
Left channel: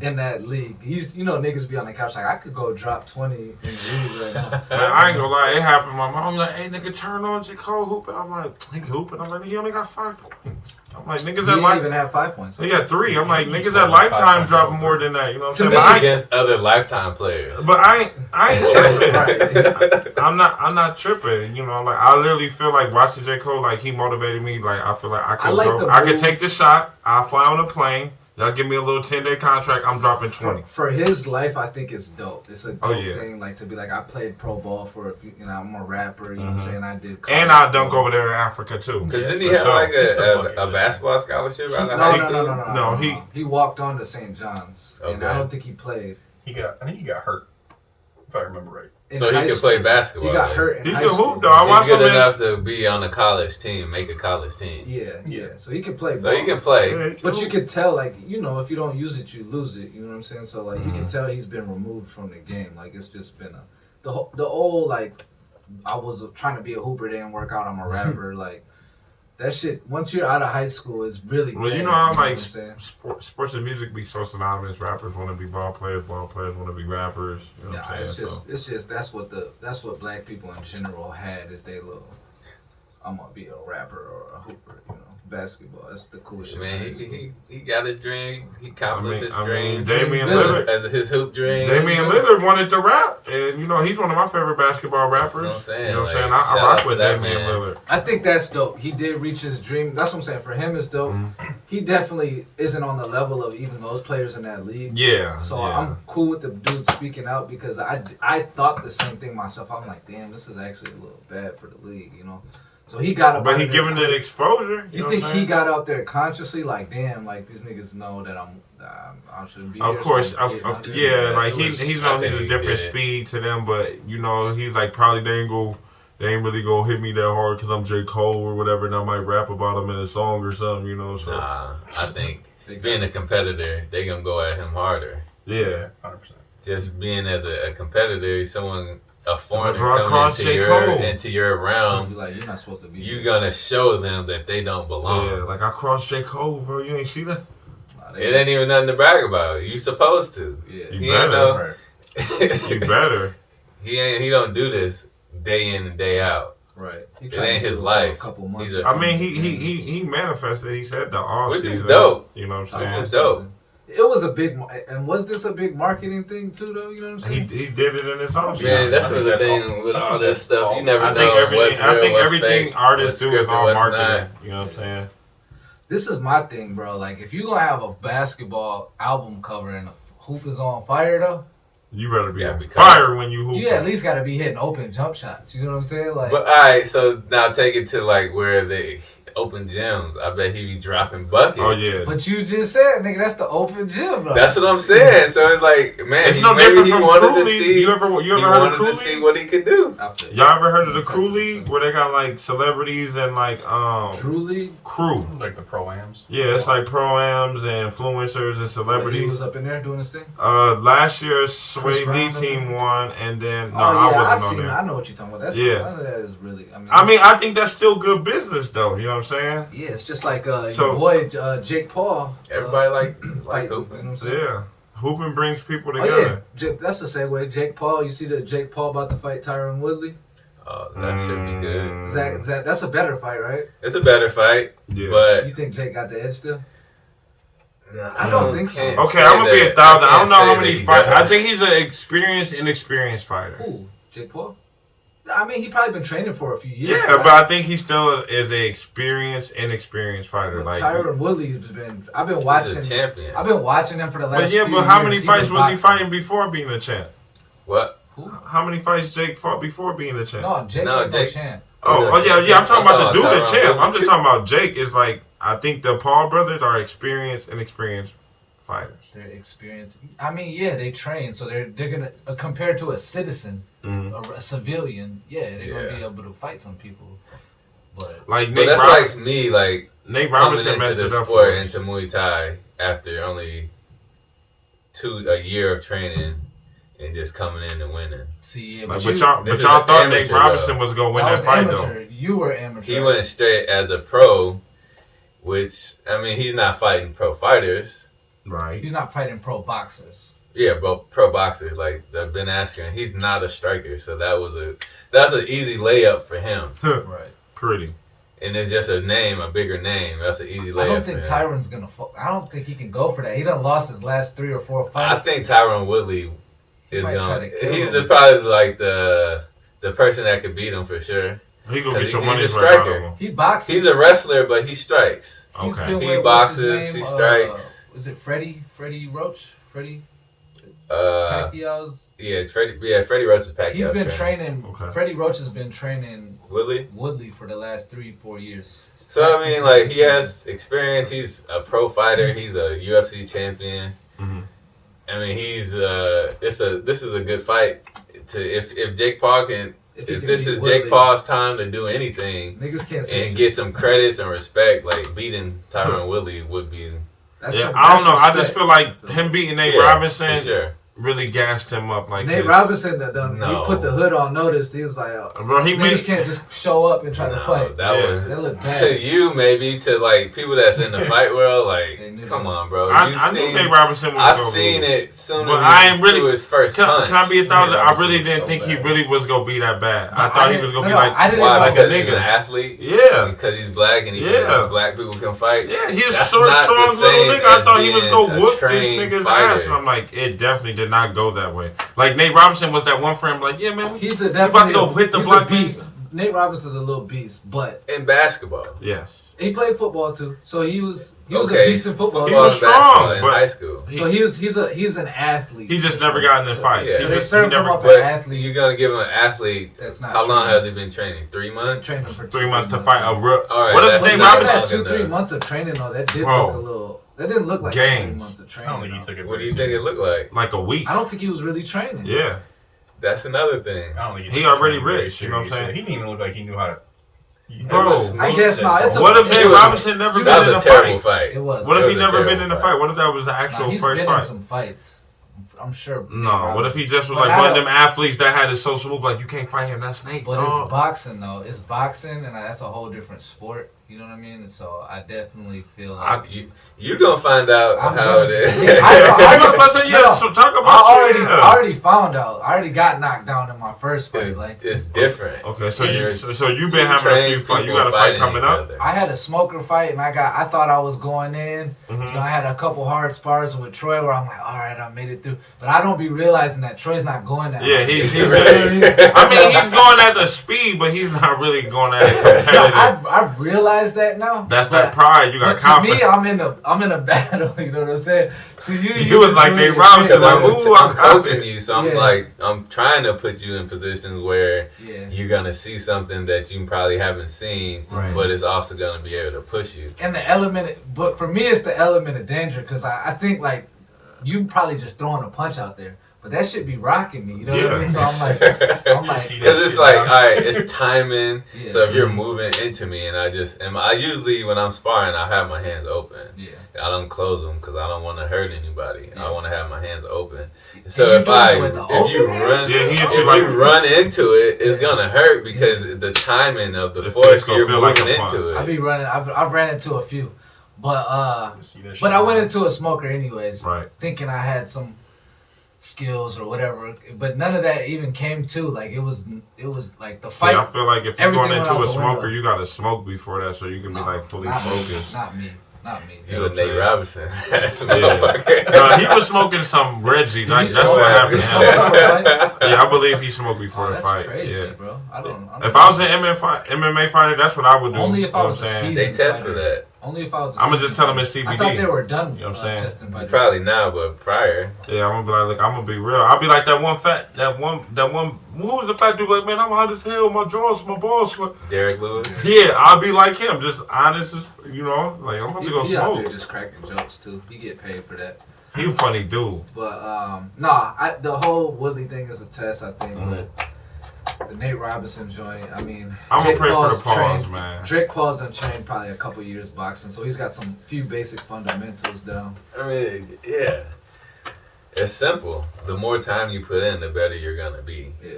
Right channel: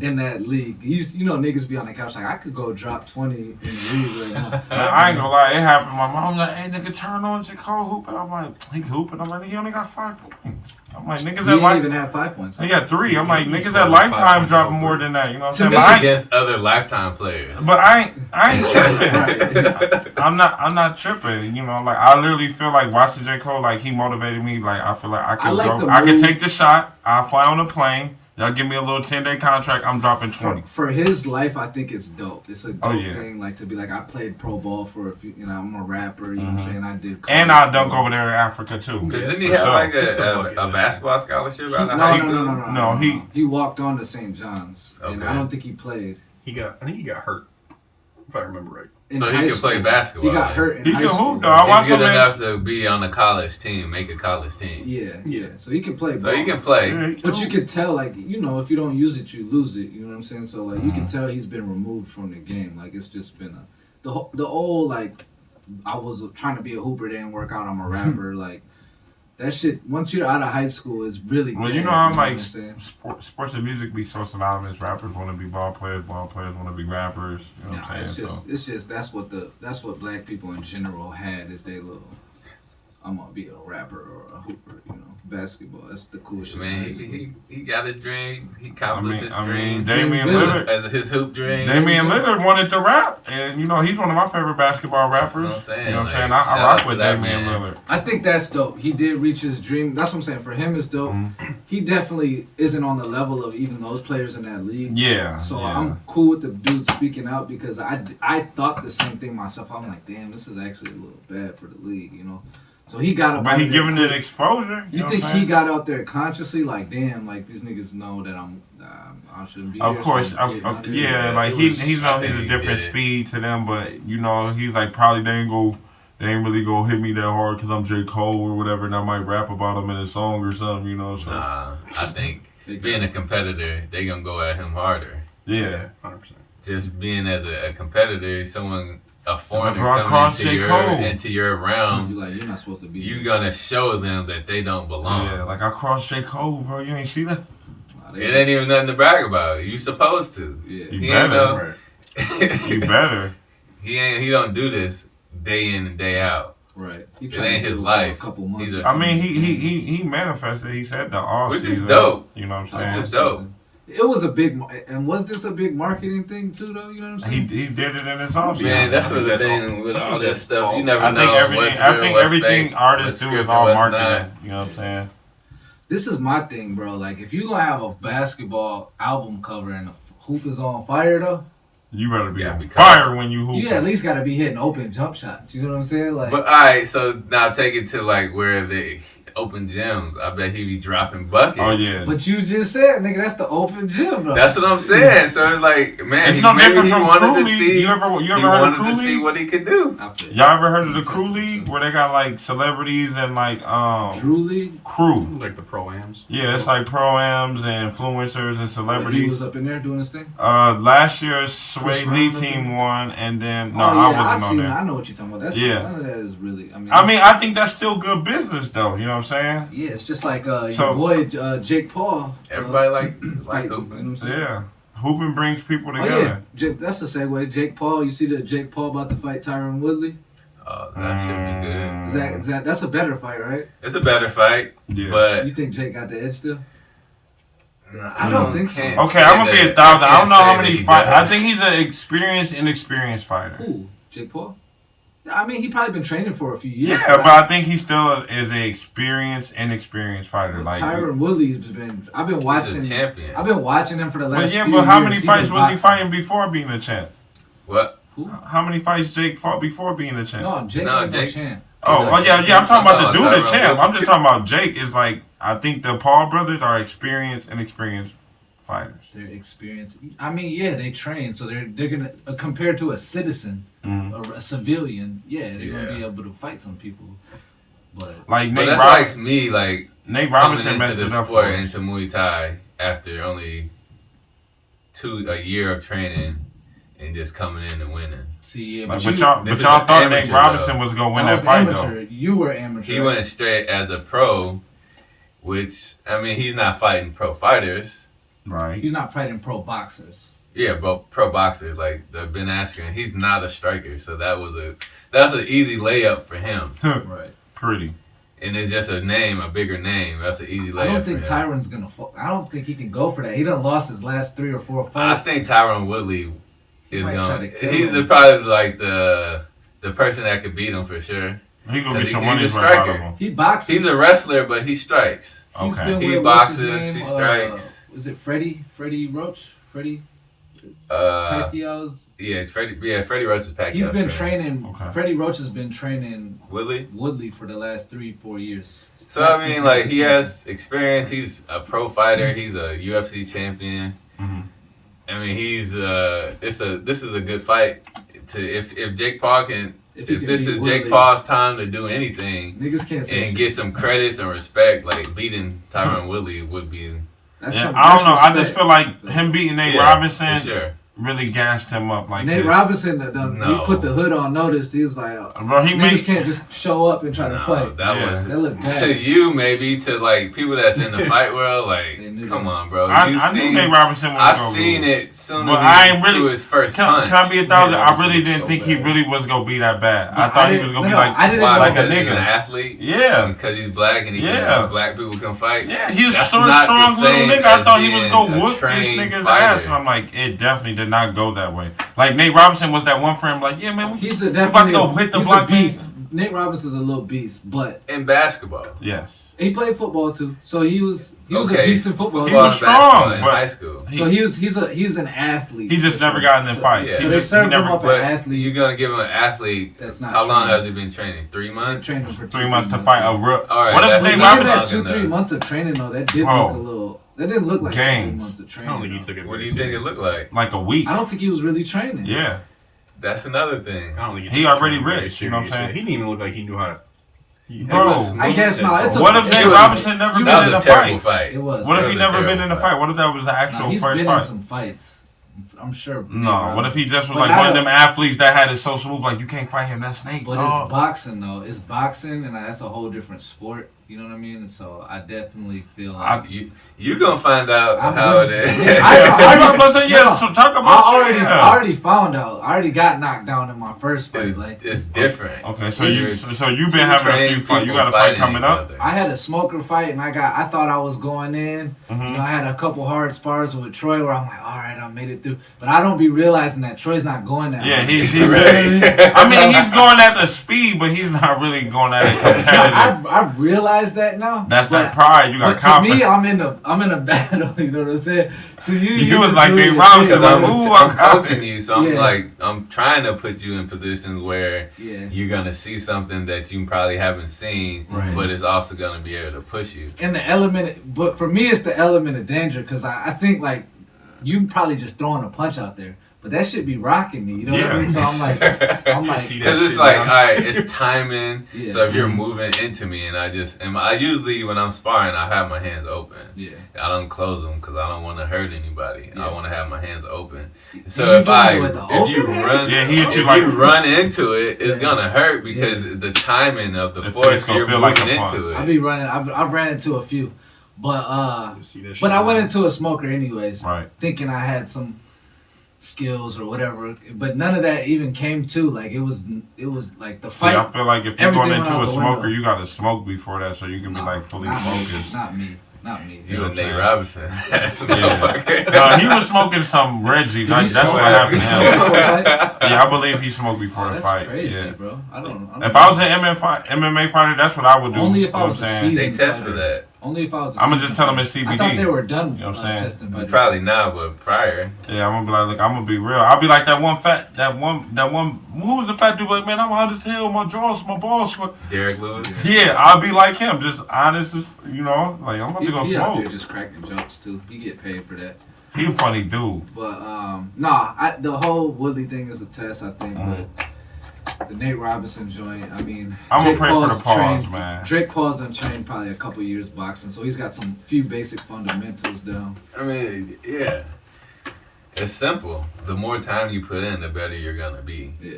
in that league. Niggas be on the couch like, I could go drop 20 in the league right now. I ain't gonna lie, it happened. My mom like, hey nigga, turn on J. Cole hooping. I'm like, he hooping. I'm like, he only got 5 points. I'm like, niggas He at didn't even have 5 points. He got 3. I'm like, He's niggas probably at Lifetime 5 dropping points more over. than that. You know what To I'm saying? me, But Against other Lifetime players. I ain't tripping. Right. I'm not tripping. Like I literally feel like watching J. Cole, like he motivated me. Like I feel like I could I could take the shot. I'll fly on a plane. Y'all give me a little 10-day contract. I'm dropping 20. For his life, I think it's dope. It's a dope yeah. thing, like to be like, I played pro ball for a few. I'm a rapper. You know what I'm saying? I did. And I'll dunk college over there in Africa too. Because didn't he For have sure. like It's a bucket a list. basketball scholarship out of No, high no, school? no, no, no, No, no, he- no. He walked on to St. John's, and Okay. I don't think he played. I think he got hurt, if I remember right. In So he high can play school. basketball. He got right? hurt in He high can school. hoop, though. I watched He's some good of his- enough to be on a college team, make a college team. Yeah. So he can play. So he ball. can play. Yeah, he But can you hoop. can tell, like, if you don't use it, you lose it. You know what I'm saying? So, like, you can tell he's been removed from the game. Like, it's just been the old, like, I was trying to be a hooper, didn't work out, I'm a rapper. Like, that shit, once you're out of high school, is really Well, bad, you know how what like I'm saying? sports and music be so synonymous. Rappers want to be ball players want to be rappers. You know what Yeah, I'm saying? it's just that's what black people in general had is they little, I'm gonna be a rapper or a hooper, basketball. That's the cool shit. Man, he got his dream. He accomplished his dream. Damian Yeah. Lillard. As his hoop dream. Damian Lillard wanted to rap, and he's one of my favorite basketball rappers. That's what I'm saying. You know what I'm saying? Like, I shout rock out to with that Damian man. Lillard. I think that's dope. He did reach his dream. That's what I'm saying. For him, it's dope. He definitely isn't on the level of even those players in that league. Yeah. So yeah. I'm cool with the dude speaking out because I thought the same thing myself. I'm like, damn, this is actually a little bad for the league, So he got up. But out he of there giving it quick. exposure. You think he got out there consciously, like, damn, like these niggas know that I shouldn't be. Of here, course, so I'm getting out there. yeah. Like It he was- he's I he's think a he different did it. speed to them, but he's like probably they ain't really gonna hit me that hard because I'm J. Cole or whatever, and I might rap about him in a song or something, So Nah, I think being a competitor, they gonna go at him harder. yeah. 100%. Just being as a competitor, a foreigner LeBron crossed coming J. Cole. into your realm, You like, you're not supposed to be. you gonna show them that they don't belong. Yeah, like I crossed J. Cole, bro. You ain't see that? Nah, It ain't even nothing to brag about. You supposed to. Yeah. You He ain't better. Right. You better. He don't do this day in and day out. Right. He It tried ain't to do his it for life. A couple months. He's a- I mean, he manifested. He said the off Which is season. dope. You know what I'm Which saying? is dope. It was a big, and was this a big marketing thing too, though? You know what I'm saying? He did it in his off season. Man, that's I what think the that's thing with all that stuff. You never I think know what's real, what's everything fake, artists what's do is scripted, all what's marketing. not. You know what I'm saying? This is my thing, bro. Like, if you gonna have a basketball album cover and the hoop is on fire, though, You better be Yeah, on because- fire when you hoop. you at least gotta be hitting open jump shots. You know what I'm saying? Like, But all right, so now take it to like where they open gyms. I bet he be dropping buckets. Oh yeah. but you just said, nigga, that's the open gym, though. That's what I'm saying. So it's like, man, It's he, no maybe different he from wanted Crew to League. see. You ever he heard of wanted Crew to see League? what he could do. I feel Y'all ever heard of the Test Crew it, League so. where they got like celebrities and like Drew League? crew? Like the pro-ams. Yeah, it's like pro-ams and influencers and He celebrities. was up in there doing his thing? Last year Sway Chris Lee Brown was team there? won, and then Oh, yeah, I wasn't on seen it. there. I know what you're talking about. That's, Yeah. none of that is really, I think that's still good business though. You know what I'm saying? yeah, it's just like So- your boy Jake Paul. Everybody like fight, you know what open. I'm saying? Yeah. Hooping brings people Oh together. yeah, that's a segue. Jake Paul. You see that Jake Paul about to fight Tyron Woodley? Oh, that should be good. Is that that's a better fight, right? It's a better fight, Yeah. but You think Jake got the edge still? I don't think so. can't Okay, say I'm gonna be that. 1,000. I can't don't know how say many that he fights. I does. think he's an inexperienced fighter. Who? Jake Paul? I mean, he probably been training for a few years. Yeah, but I think he still is a inexperienced fighter. Like Tyron Woodley's been. I've been watching. He's a champion. I've been watching him for the last. but how many years. fights was he fighting before being a champ? What? How many fights Jake fought before being a champ? No, Jake No, ain't no Jake- champ. Yeah. I'm talking about the dude, the Tyron champ. I'm Woodley. just talking about Jake. Is like I think the Paul brothers are inexperienced fighters. They're experienced. I mean, yeah, they train, so they're gonna compared to a citizen, a civilian. Yeah, they're gonna be able to fight some people. But Like But Nate that's Robinson. like me, like Nate coming Robinson into messed the it up for sport, us. into Muay Thai after only a year of training and just coming in and winning. see, yeah, Like, but but y'all this is thought amateur, Nate Robinson though. was gonna win I that was fight amateur. You were amateur. He went straight as a pro, which I mean he's not fighting pro fighters. though. Right. He's not fighting pro boxers. Yeah, but pro boxers like the Ben Askren, he's not a striker, so that's an easy layup for him. Right. Pretty. And it's just a bigger name. That's an easy layup. I don't think for him. Tyron's gonna. I don't think he can go for that. He done lost his last 3 or 4 I fights. think Tyron Woodley is might try going. to kill He's him. probably like the person that could beat him for sure. He gonna 'Cause get your he's a money right out striker. of him. he boxes. He's a wrestler, but he strikes. He's Okay. been He with, what's his boxes, name? he strikes. Was it Freddie Roach? Freddie Uh, Pacquiao's. yeah, Freddie Roach is Pacquiao. He's been training. Okay. Freddie Roach has been training Woodley. Woodley for the last 3-4 years. So I mean, like he has experience. He's a pro fighter. He's a UFC champion. Mhm. I mean, he's this is a good fight. If Jake Paul can, he if can this beat is Woodley, Jake Paul's time to do anything niggas can't say and shit. get some credits and respect, like beating Tyron Woodley would be. That's Yeah, some- I don't know. that's I just respect. feel like him beating Nate Yeah, Robinson for sure. really gassed him up. Like Nate his- Robinson, No. he put the hood on notice. He was like, oh, Bro, he niggas made can't just show up and try to No, fight. that Yeah. was That looked to bad. you maybe to like people that's in the fight world. Like, They knew come that. on, bro. I You've knew seen. Nate Robinson was I've gonna seen lose. it soon But as I he ain't really- threw his first Can punch. I be a thousand? I Robinson really was didn't so think he bad. really was gonna be that bad. I No, thought he didn't- was gonna no, be no, like, I didn't Why? know like a Because he's an nigga. athlete. Yeah. Because he's black and he Yeah. thinks black people can fight. Yeah, he's That's so not strong the little same nigga. I as thought he was being gonna a whoop this trained nigga's fighter. ass, and I'm like, it definitely did not go that way. Like Nate Robinson was that one for him. Like, yeah, man, He's a you about to definitely go hit the he's a block, man? beast. Nate Robinson's a little beast, but In basketball. Yes, he played football too. So he was a Okay. beast in football. He Football was and basketball strong, in but- high school. So he's an athlete. he just never got in the fights. yeah. So He they just he served him never. up But an athlete. you're gonna give him an athlete. That's not How long training. has he been training? 3 months. Trained him for 3 months to fight a real. All right, What if that's Nate not Even Robinson? that long 2-3 enough. months of training though, that did Bro. look a little. That didn't look like 2-3 Games. months of I training. don't think he though. took it. What do very you think it serious. looked like? Like a week. I don't think he was really training. Yeah, That's another thing. I don't think He took it already very rich, you know what I'm serious. saying? He didn't even look like he knew how to. He had Bro. this I guess mindset, not. bro. It's a- What if it Nate was- Robinson never you been That in a was a terrible fight? fight. It was. What if That he was a never been terrible in a fight. fight? What if that was the Nah, actual he's first been fight? in some fights. I'm sure. No, what if he just was But like I one of don't- them athletes that had his social move, like you can't fight him, that's Nate. But Oh. it's boxing though. It's boxing, and that's a whole different sport. You know what I mean? And so I definitely feel like You gonna find out I'm how good. it is. Yeah, Yeah, so talk I about already, yeah. I already found out. I already got knocked down in my first fight. Like It's different. Okay, so It's you've been two having a few trained fights. You people got a fight fighting coming each up? other. I had a smoker fight, and I thought I was going in. Mm-hmm. You know, I had a couple hard spars with Troy where I'm like, all right, I made it through. But I don't be realizing that Troy's not going that. Yeah, hard. he's Right. I mean, he's going at the speed, but he's not really going at it competitive. I realize that now. That's but, that pride. You got But to confidence. me, I'm in a battle. You know what I'm saying? To you, You was just like doing Nate your Robinson, thing. like, Because ooh, I'm I'm coaching you, so I'm Yeah. like, I'm trying to put you in positions where Yeah. you're gonna see something that you probably haven't seen, Right. but it's also gonna be able to push you. And the element, but for me, it's the element of danger because I think like you probably just throwing a punch out there, but that should be rocking me. You know what I Yeah. mean? So I'm like, See that Because it's shit like, now? all right, it's timing. Yeah. So if you're moving into me, and I usually when I'm sparring, I have my hands open. yeah. I don't close them because I don't want to hurt anybody. Yeah. I want to have my hands open. So And you if doing it with the if you open hands? run, Yeah, he hit you if like- you run into it, it's Yeah. gonna hurt because the timing of the The force fist gonna you're feel moving like a punch. into I it. be running. I've ran into a few, but You see that shit but I now? went into a smoker anyways, Right. thinking I had some skills or whatever. But none of that even came to like it was like the See, fight. I feel like if you're everything going went into out a the smoker, window. you got to smoke before that so you can be No, like fully not focused. Me, not me. Not me. You the know what I'm Nate saying? Robinson. That's Yeah. motherfucker. No, he was smoking some Reggie. Did Like, he that's smoke what happened to him. Right? Yeah, I believe he smoked before the That's fight. crazy, Yeah. bro. I don't If I was an MMA fighter, that's what I would do. Only if you I know was what a I'm saying? seasoned They test fighter. for that. Only if I was. I'ma just tell him it's I CBD. thought they were done. You know what I'm saying? Testing fighters. Probably not, but prior. Yeah, I'm gonna be like, look, I'm gonna be real. I'll be like that one. Who was the fat dude? Like, man, I'm hot as hell. My jaws, my balls. Derek Lewis. Yeah, I'll be like him, just honest as you know. Like I'm about to go He out smoke. there just cracking jokes too. He get paid for that. He a funny dude. But the whole Woodley thing is a test. I think. But the Nate Robinson joint. I mean, I'm gonna Jake pray for Paul's the pause, trained- man. Jake Paul's done trained probably a couple years boxing, so he's got some few basic fundamentals down. I mean, yeah. It's simple. The more time you put in, the better you're gonna be. Yeah,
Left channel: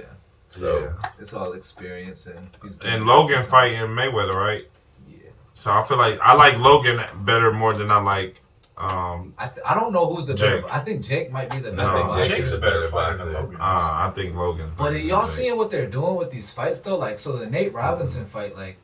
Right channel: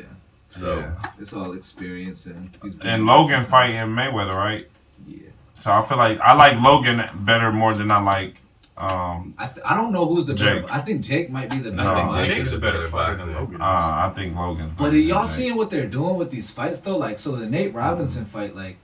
So Yeah. it's all experience and. He's been- And Logan fighting Mayweather, right? Yeah. So I feel like I like Logan better more than I like. I don't know who's the Jake. better. I think Jake might be the better. No, I think boxer. Jake's a better fighter boxer. than Logan. I think Logan. But y'all seeing what they're doing with these fights though? Like, so the Nate Robinson fight, like,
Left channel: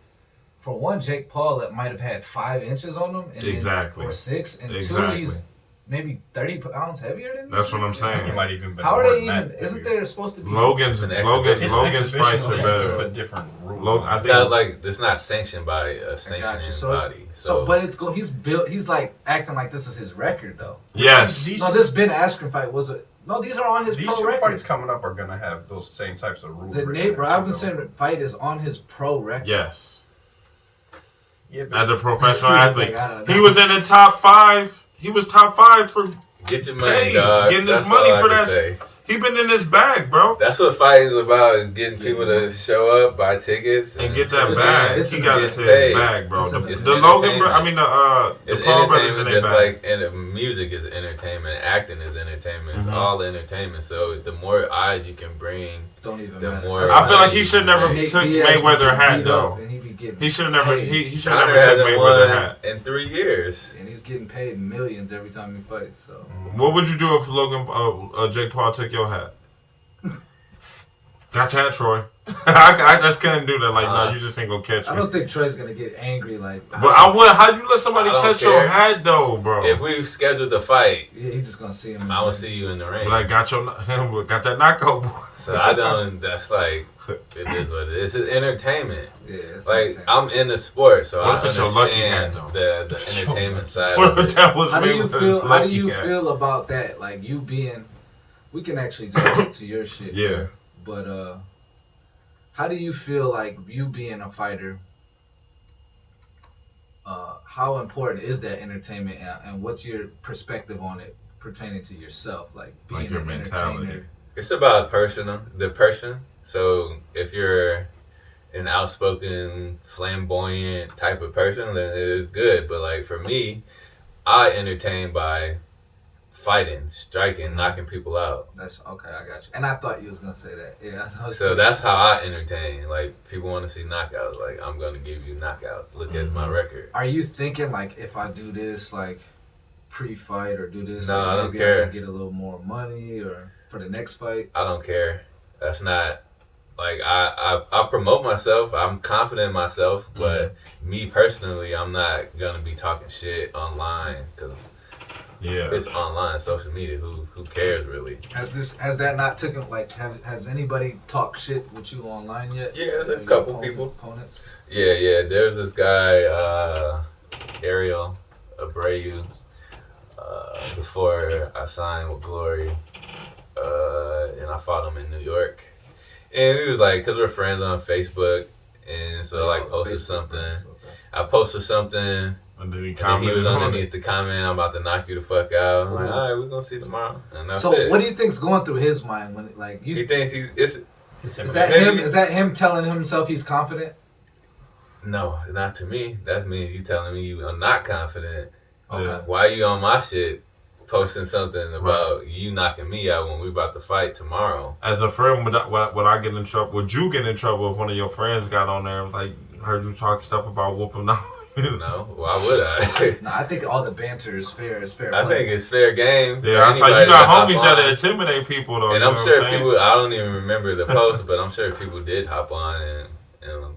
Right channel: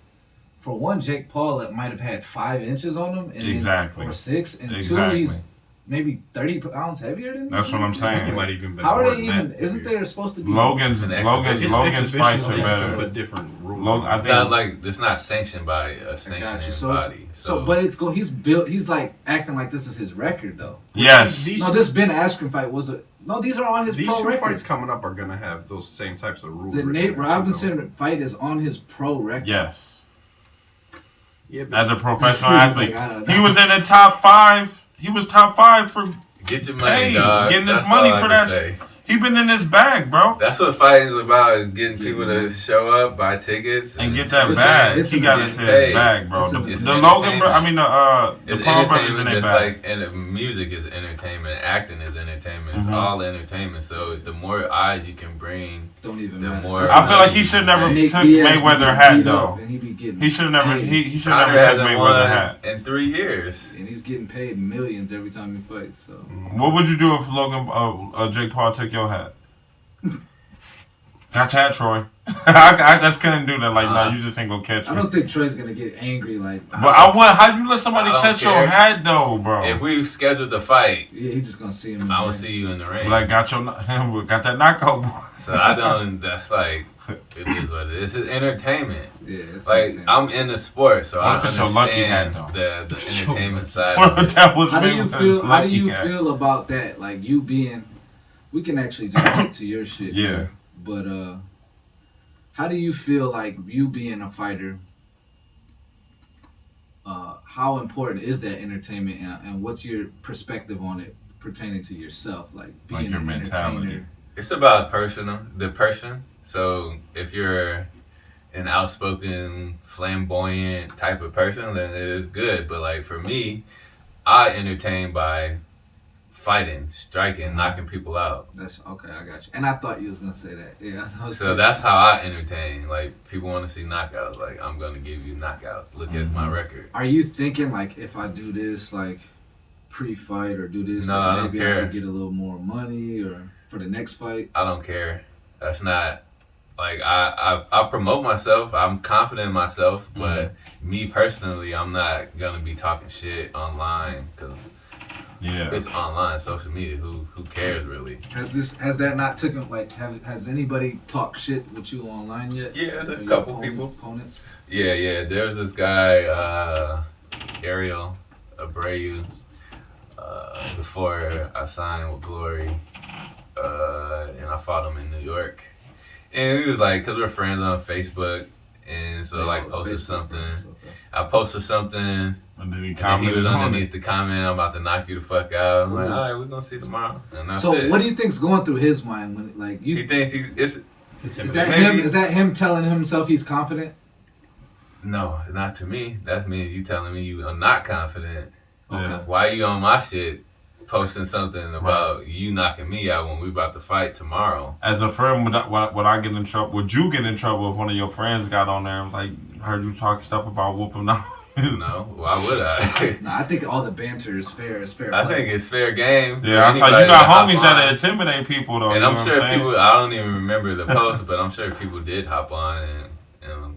for one, Jake Paul that might have had 5 inches on him, and Exactly. or 6, and Exactly. 2, he's maybe 30 pounds heavier than. That's what I'm saying. He might even been How are more they than even? that. Isn't there supposed to be Logan's It's an Logan's exhibition. Logan's fights are leagues better. put different rules. Logan- on I it. it's think- not like it's not sanctioned by a I got sanctioning you. So, body. so, but it's go. He's built. He's like acting like this is his record though. Yes. These No, two- this Ben Askren fight was a. No, these are on his These pro two record. fights coming up are gonna have those same types of rules. The written Nate in it, Robinson fight is on his pro record. Yes. Yeah, As a professional He's athlete, like, I don't he know. was in the top 5. He was top 5 for. Get your money, Hey, dog. getting this That's money all I for can that- say. He been in his bag, bro. That's what fighting is about: is getting people to show up, buy tickets, And get that it's- bag. it's He an got it to his hey, bag, bro. it's an- The, it's the an Logan, bro. I entertainment. mean the It's Paul brothers in entertainment, their just bag. like and music is entertainment, acting is entertainment. It's Mhm. all entertainment. So the more eyes you can bring, Don't even the matter. more- I feel like he should never Nick took Diaz Mayweather be hat beat though. up and he be getting He should never. paid. He should Conor never took hasn't Mayweather won hat. in 3 years. and he's getting paid millions every time he fights. So What would you do if Logan, Jake Paul took your hat? Got your hat, Troy. I just couldn't do that. Like, no, you just ain't gonna catch I me. don't think Troy's gonna get angry. Like, But I would. How'd you let somebody I don't catch your care. hat though, bro? If we scheduled the fight, yeah, he's just gonna see him. I will see you in the ring. Like, got that knockout, boy. So I don't. That's like it is what it is. It's entertainment. Yeah, it's Like entertaining. I'm in the sport, so What I if it's your lucky understand hat, the entertainment side. What Of if it. that was How do you Mayweather's feel? How do lucky you hat? feel about that? Like you being, we can actually just get to your shit. Yeah. But how do you feel like you being a fighter? How important is that entertainment, and what's your perspective on it pertaining to yourself, like being Like your an mentality. entertainer? It's about the person. So if you're an outspoken, flamboyant type of person, then it is good. But like for me, I entertain by fighting, striking, knocking people out. That's okay. I got you. And I thought you was gonna say that. Yeah. I was So that's how I entertain. Like people want to see knockouts. Like I'm gonna give you knockouts. Look at my record. Are you thinking like if I do this like pre-fight or do this, No, like, I don't maybe care. I could get a little more money or for the next fight? I don't care. That's not like I promote myself. I'm confident in myself, but me personally, I'm not gonna be talking shit online because Yeah. it's online, social media. Who cares really? Has that not taken like has anybody talked shit with you online yet? Yeah, there's a Your couple people. opponents. Yeah. There's this guy, Ariel Abreu. Before I signed with Glory, and I fought him in New York, and he was like, cause we're friends on Facebook, and so I like posted something. I posted something, And then he and then he commented was on underneath it. the comment, I'm about to knock you the fuck out. I'm like, all right, we're gonna see tomorrow, and that's So it. what do you think's going through his mind when like He you? thinks it's Is that Maybe- him? Is that him telling himself he's confident? no, not to me. That means you telling me you are not confident. Okay. Yeah. Why you on my shit posting something about you knocking me out when we about to fight tomorrow? As a friend, would I get in trouble? Would you get in trouble if one of your friends got on there and like heard you talking stuff about whooping them? No, why would I? No, I think all the banter is fair. It's fair. I play. think it's fair game. Yeah, I for saw you anybody got to hop homies that on. intimidate people though. And you know I'm what sure saying? people, I don't even remember the post, but I'm sure people did hop on and,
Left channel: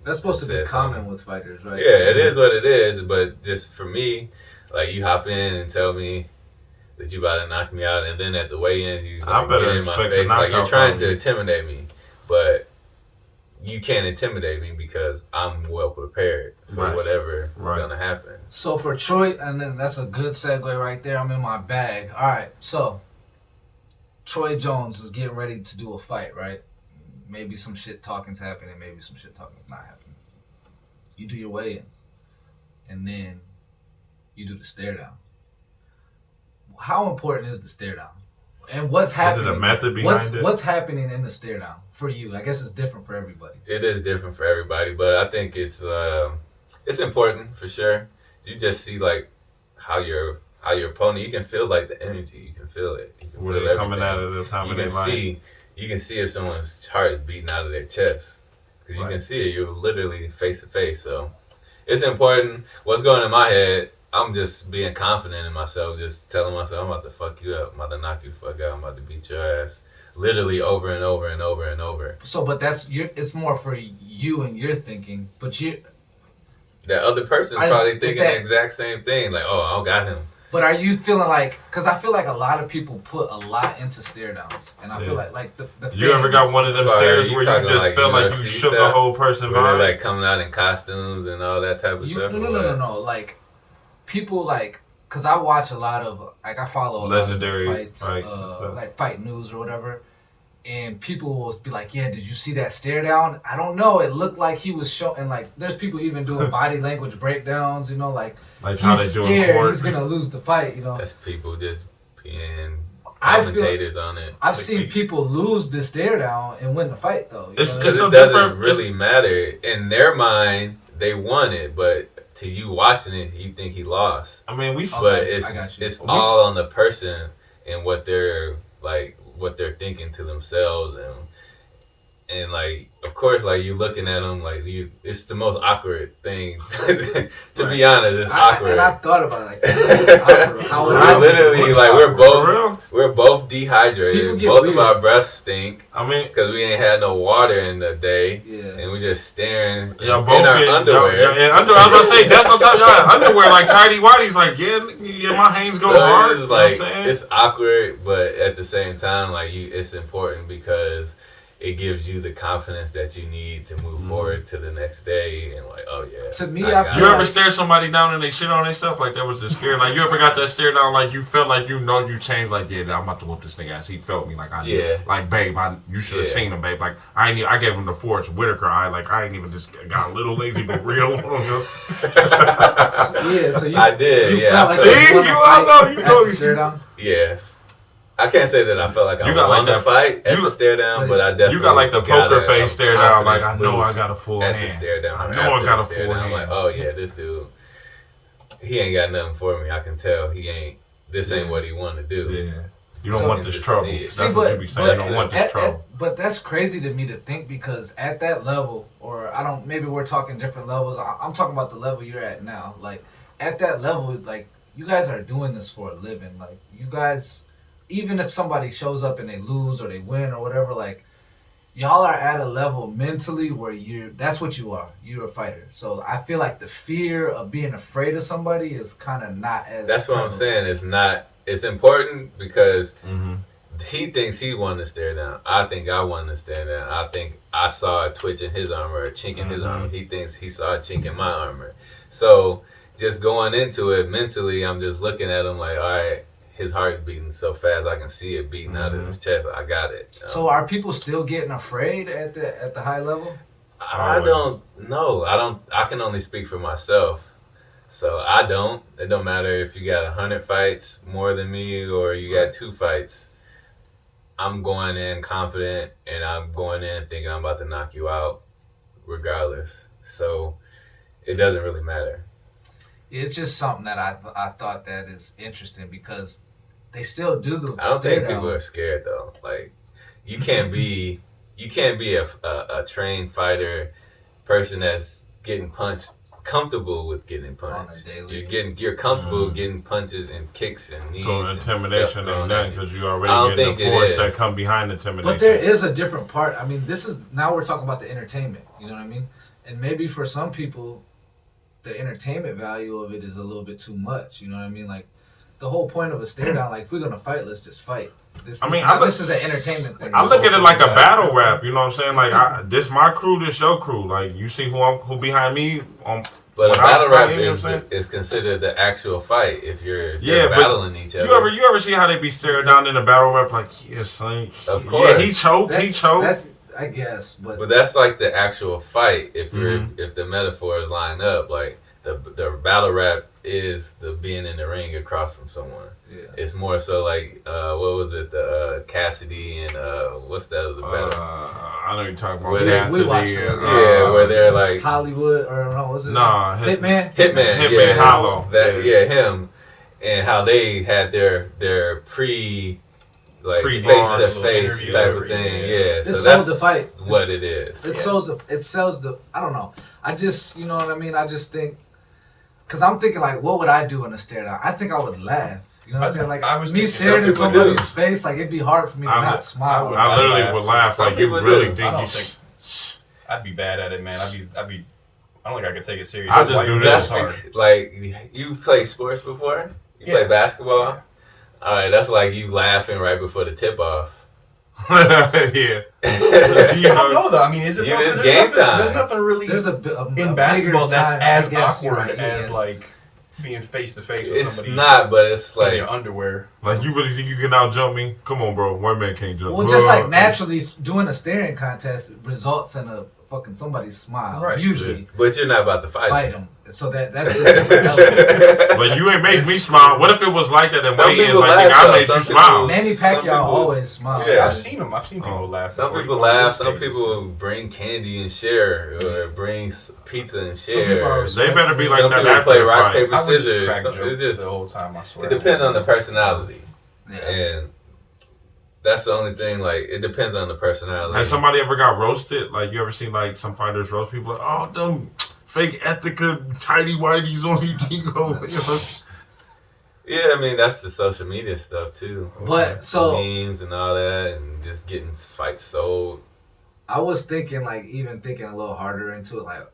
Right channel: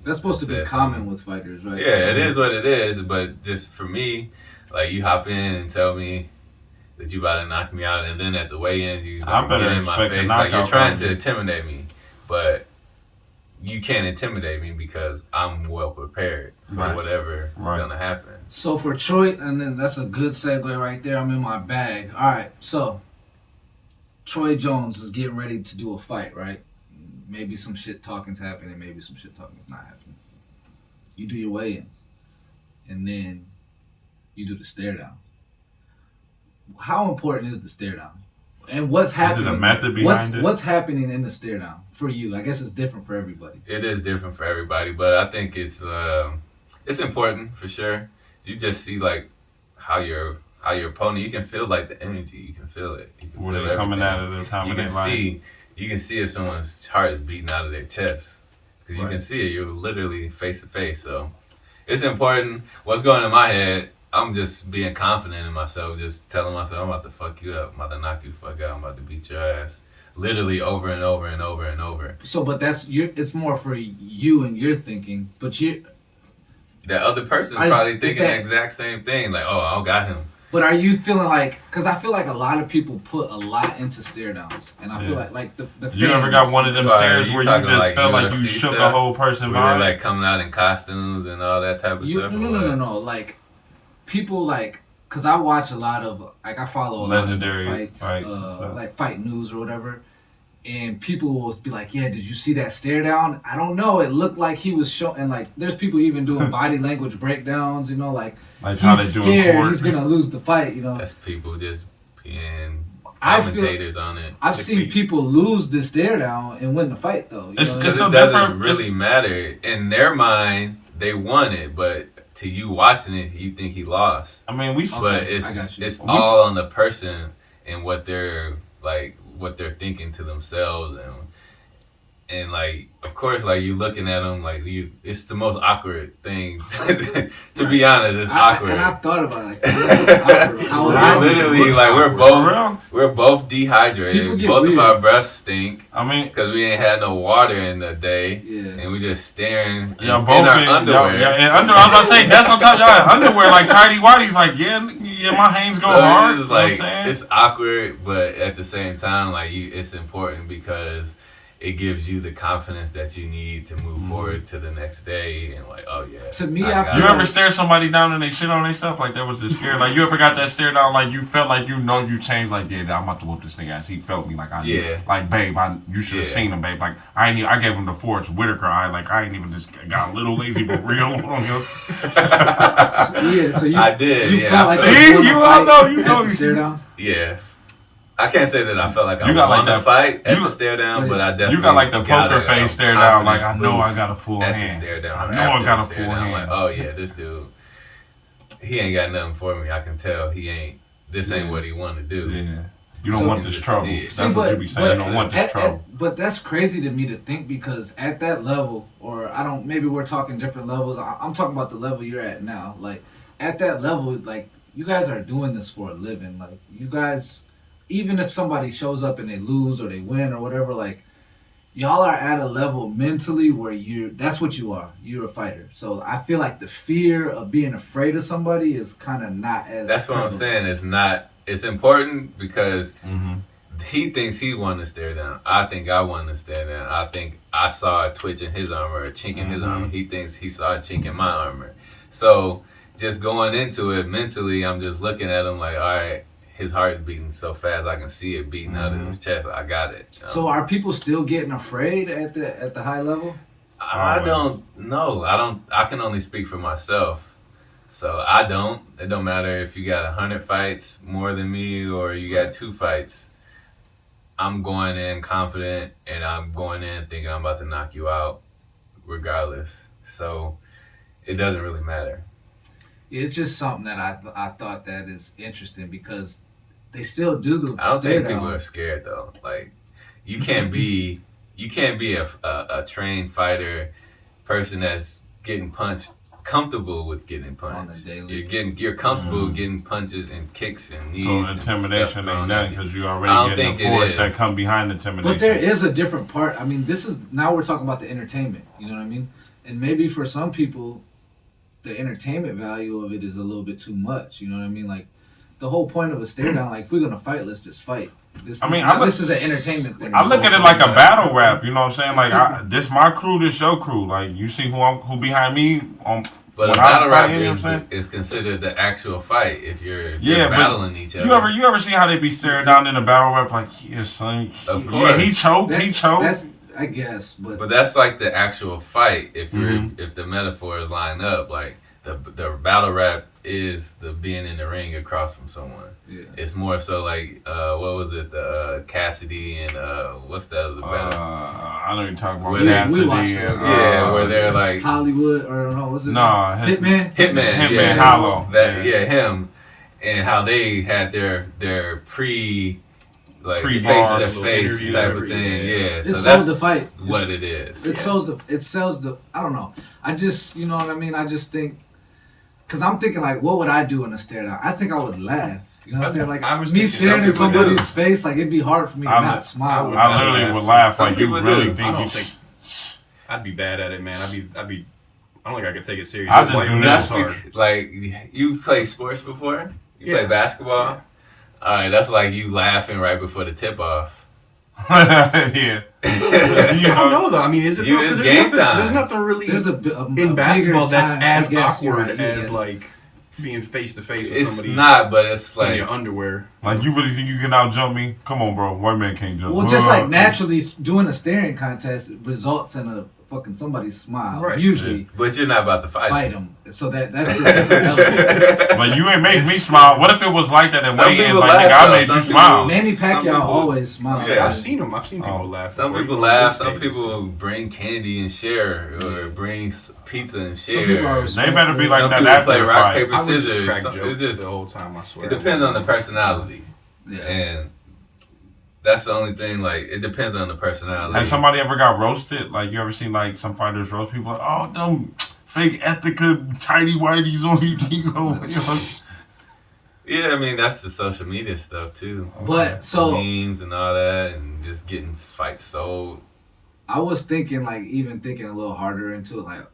that's supposed to be say common something. with fighters, right? Yeah, it is what it is, but just for me, Like, you hop in and tell me that you about to knock me out, and then at the weigh-ins, you I better get in my expect a face. Like, you're knockout trying from to you. intimidate me, but you can't intimidate me because I'm well prepared for Right. whatever is Right. going to happen. So for Troy, and then that's a good segue right there. I'm in my bag. All right, so Troy Jones is getting ready to do a fight, right? Maybe some shit talking's happening, maybe some shit talking's not happening. You do your weigh-ins, and then you do the stare down. How important is the stare down? And what's happening? Is it a method behind it? What's happening in the stare down for you? I guess it's different for everybody. It is different for everybody, but I think it's important for sure. You just see like how your opponent, you can feel like the energy, you can feel it. You can Were feel they coming everything. at it at the time You of their can fight? you can see if someone's heart is beating out of their chest. Because you Right. can see it. You're literally face to face. So it's important. What's going in my head, I'm just being confident in myself, just telling myself, I'm about to fuck you up. I'm about to knock you the fuck out. I'm about to beat your ass. Literally over and over and over and over. So, but it's more for you and your thinking. But That other person I- probably is thinking that- the exact same thing. Like, oh, I got him. But are you feeling like? Because I feel like a lot of people put a lot into stare downs, and I feel like the You ever got fans- one of them Sorry, stares you where you talking just like felt like you UFC shook a stuff? whole person Where vibe? they're like coming out in costumes and all that type of stuff. No. Like people like, because I watch a lot of I follow a Legendary lot of fights and stuff. like fight news or whatever. And people will be like, yeah, did you see that stare down? I don't know. It looked like he was showing, and like, there's people even doing body language breakdowns, like how they he's do in scared court. he's going to lose the fight, That's people just being I feel- commentators on it. I've seen people lose this stare down and win the fight, though. It's Because no it doesn't different. really matter. In their mind, they won it, but to you watching it, you think he lost. I mean, we Okay, But I got you. it's all on the person and what they're thinking to themselves and like, of course, like, you looking at them like it's the most awkward thing to be honest. It's awkward. And I've thought about it. Like, awkward. How We're awkward. literally looks like awkward. we're both People dehydrated. get Both weird. of our breaths stink I mean, because we ain't had no water in the day, Yeah. and we just staring y'all in both our in underwear. I was about to say that's what I'm talking about. Underwear like tidy whitey's like my hands go So hard. it's You know what I'm like saying? it's awkward, but at the same time, like, it's important because it gives you the confidence that you need to move forward to the next day and like, oh yeah. To me, I I got feel You it. ever like- stare somebody down and they shit on themselves like that was the scare? Like you ever got that stare down like you felt like you changed like I'm about to whoop this nigga ass. He felt me like I knew. Yeah. Like babe, you should have Yeah. seen him, babe. Like I gave him the Forrest Whitaker eye. Like I ain't even just got a little lazy but real. Yeah, so I did, You yeah. felt like See, you won the you- I fight know, you at know the you- stare down. Yeah. I can't say that I felt like I You got won like the that- fight at you- the stare down, but I definitely You got like the got poker a face stare down. Like I confidence know I boost got a full at the hand. stare down. I or know I after got the a stare full down. I'm hand. like, oh yeah, this dude, he ain't got nothing for me. I can tell he ain't. This ain't Yeah. what he want to do. Yeah. You don't So- want this You trouble. see it. That's See, what but- you be saying. You but- don't want this trouble. But that's crazy to me to think because at that level, or maybe we're talking different levels. I'm talking about the level you're at now. Like at that level, like you guys are doing this for a living. Like you guys, even if somebody shows up and they lose or they win or whatever, like y'all are at a level mentally where that's what you are. You're a fighter. So I feel like the fear of being afraid of somebody is kind of not as. That's what I'm prevalent. saying. It's not. It's important because Mm-hmm. he thinks he won the stare down. I think I won the stare down. I think I saw a twitch in his armor, a chink in his armor. He thinks he saw a chink in my armor. So just going into it mentally, I'm just looking at him like, all right, his heart's beating so fast, I can see it beating out of his chest. I got it. So are people still getting afraid at the high level? I Always. don't know. I can only speak for myself. So I don't. It don't matter if you got 100 fights more than me or you got 2 fights. I'm going in confident and I'm going in thinking I'm about to knock you out regardless. So it doesn't really matter. It's just something that I thought that is interesting because they still do the I don't stare think people down. are scared though. Like you can't be a trained fighter person that's getting punched comfortable with getting punched. You're comfortable getting punches and kicks and knees. So and intimidation stuff ain't thrown nothing at you. because you I already don't getting the think it force is. that come behind intimidation. But there is a different part. I mean, now we're talking about the entertainment. You know what I mean? And maybe for some people, the entertainment value of it is a little bit too much. You know what I mean? Like the whole point of a stare down, like if we're gonna fight, let's just fight. This is an entertainment thing. I look at it like a battle rap. You know what I'm saying? Like this my crew, this your crew. Like you see who behind me on. But a battle rap is considered the actual fight if you're battling each other. You ever see how they be staring down in a battle rap like, yeah, son, of course. Yeah, he choked. That's, I guess, but that's like the actual fight. If if the metaphors line up, like the battle rap is the being in the ring across from someone. Yeah. It's more so like what was it? The Cassidy and what's that other battle? I know you're talking about Cassidy. Where they're like Hollywood or no, was it? No, Hitman, Hollow. Him, and how they had their pre face to face type of thing. Yeah, so that's the fight. What it is. It sells the. I don't know. I just, you know what I mean. I just think, cause I'm thinking like, what would I do in a stare down? I think I would laugh. You know what I'm saying? Like I was me staring in somebody's face, like it'd be hard for me to not smile. I literally would laugh. Like you really think I'd be bad at it, man. I'd be. I don't think I could take it serious. I just do this. Like you play sports before? You play basketball? Yeah. All right, that's like you laughing right before the tip off. Yeah. I don't know though. I mean, is it? It's game time. There's nothing really in basketball that's as awkward as like being face to face with somebody. It's not, but it's like in your underwear. Like you really think you can out jump me? Come on, bro. White man can't jump. Well, just like naturally doing a staring contest results in a fucking somebody's smile, right? Usually, but you're not about to fight him. So that's the difference. But you ain't make me smile. What if it was like that and weigh-ins like nigga, I made you smile? Manny Pacquiao always smiles. Yeah, I've seen him. I've seen people laugh. Some people laugh. Some people bring candy and share, or bring pizza and share. They better be like that. That play rock paper scissors. It's just the whole time. I swear. It depends on the personality, and that's the only thing. Like it depends on the personality. Has somebody ever got roasted? Like you ever seen like some fighters roast people? Like, oh, them fake Ethica tidy whities on you. Yeah, I mean that's the social media stuff too. But so memes and all that, and just getting fights sold. I was thinking thinking a little harder into it. Like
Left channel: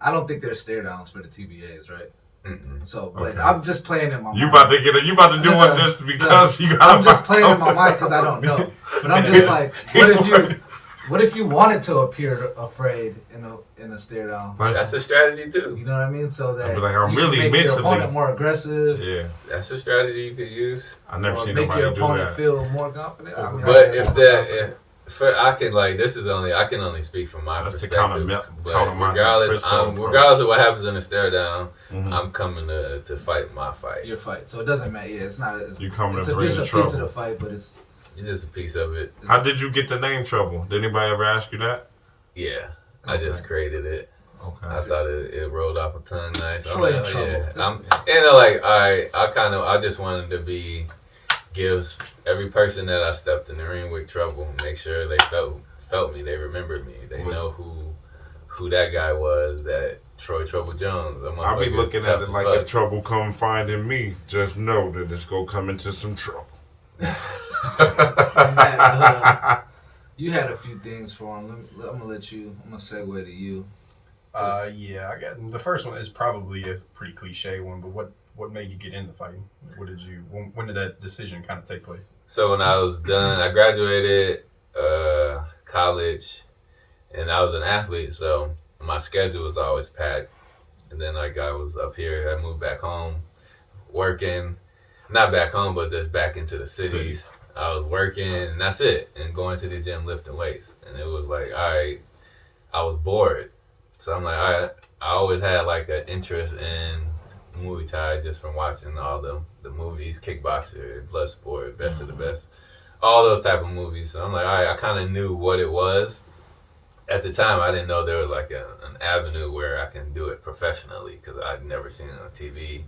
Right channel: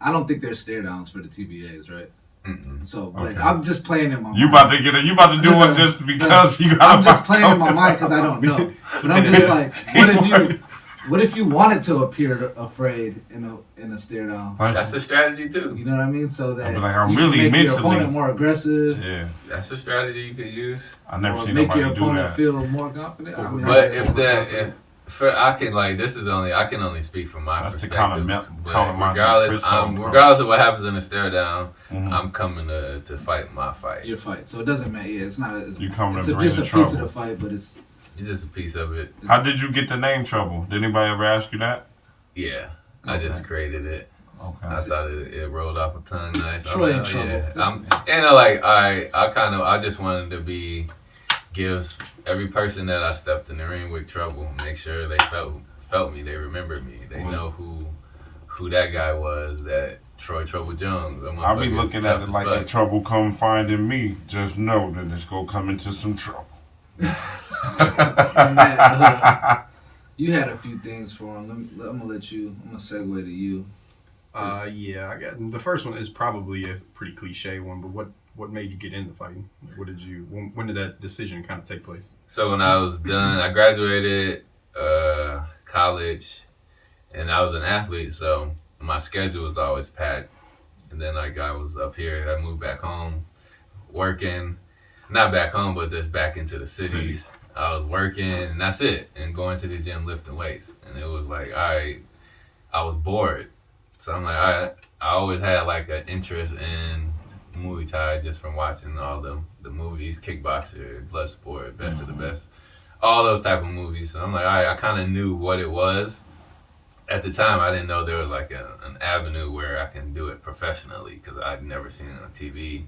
I don't think there's stare downs for the TBAs, right? So like I'm just playing in my mind. You about to do one just because you got. I'm just playing in my mind because I don't know. But I'm just like, what if you wanted to appear afraid in a stare down? That's a strategy too. You know what I mean? So that I'm you really can make mentally your opponent more aggressive. Yeah, that's a strategy you could use. I never seen make nobody your do opponent that. feel more confident. I mean, but I can only speak from my perspective. Regardless of what happens in the stare down, I'm coming to fight my fight. Your fight. So it doesn't matter. Yeah, it's not. You coming it's to bring just the a piece of the fight, but it's just a piece of it. How did you get the name Trouble? Did anybody ever ask you that? Yeah, I just created it. Okay. I thought it rolled off a tongue nice. Trouble. I just wanted to give every person that I stepped in the ring with trouble, make sure they felt me, they remembered me, they know who that guy was, that Troy Trouble Jones. I'll be looking at it like if trouble come finding me, just know that it's gonna come into some trouble. You had a few things for him. I'm gonna segue to you. Yeah, I got the first one is probably a pretty cliche one, but what made you get into fighting? When did that decision kind of take place? So when I was done, I graduated college, and I was an athlete, so my schedule was always packed. And then I was up here, I moved back home, working, not back home, but just back into the cities. I was working, and that's it, and going to the gym, lifting weights. And it was like, I was bored. So I'm like, I always had like an interest in Muay Thai just from watching all the movies, Kickboxer, Bloodsport, Best of the Best, all those type of movies. So I'm like, I kind of knew what it was. At the time, I didn't know there was like an avenue where I can do it professionally because I'd never seen it on TV.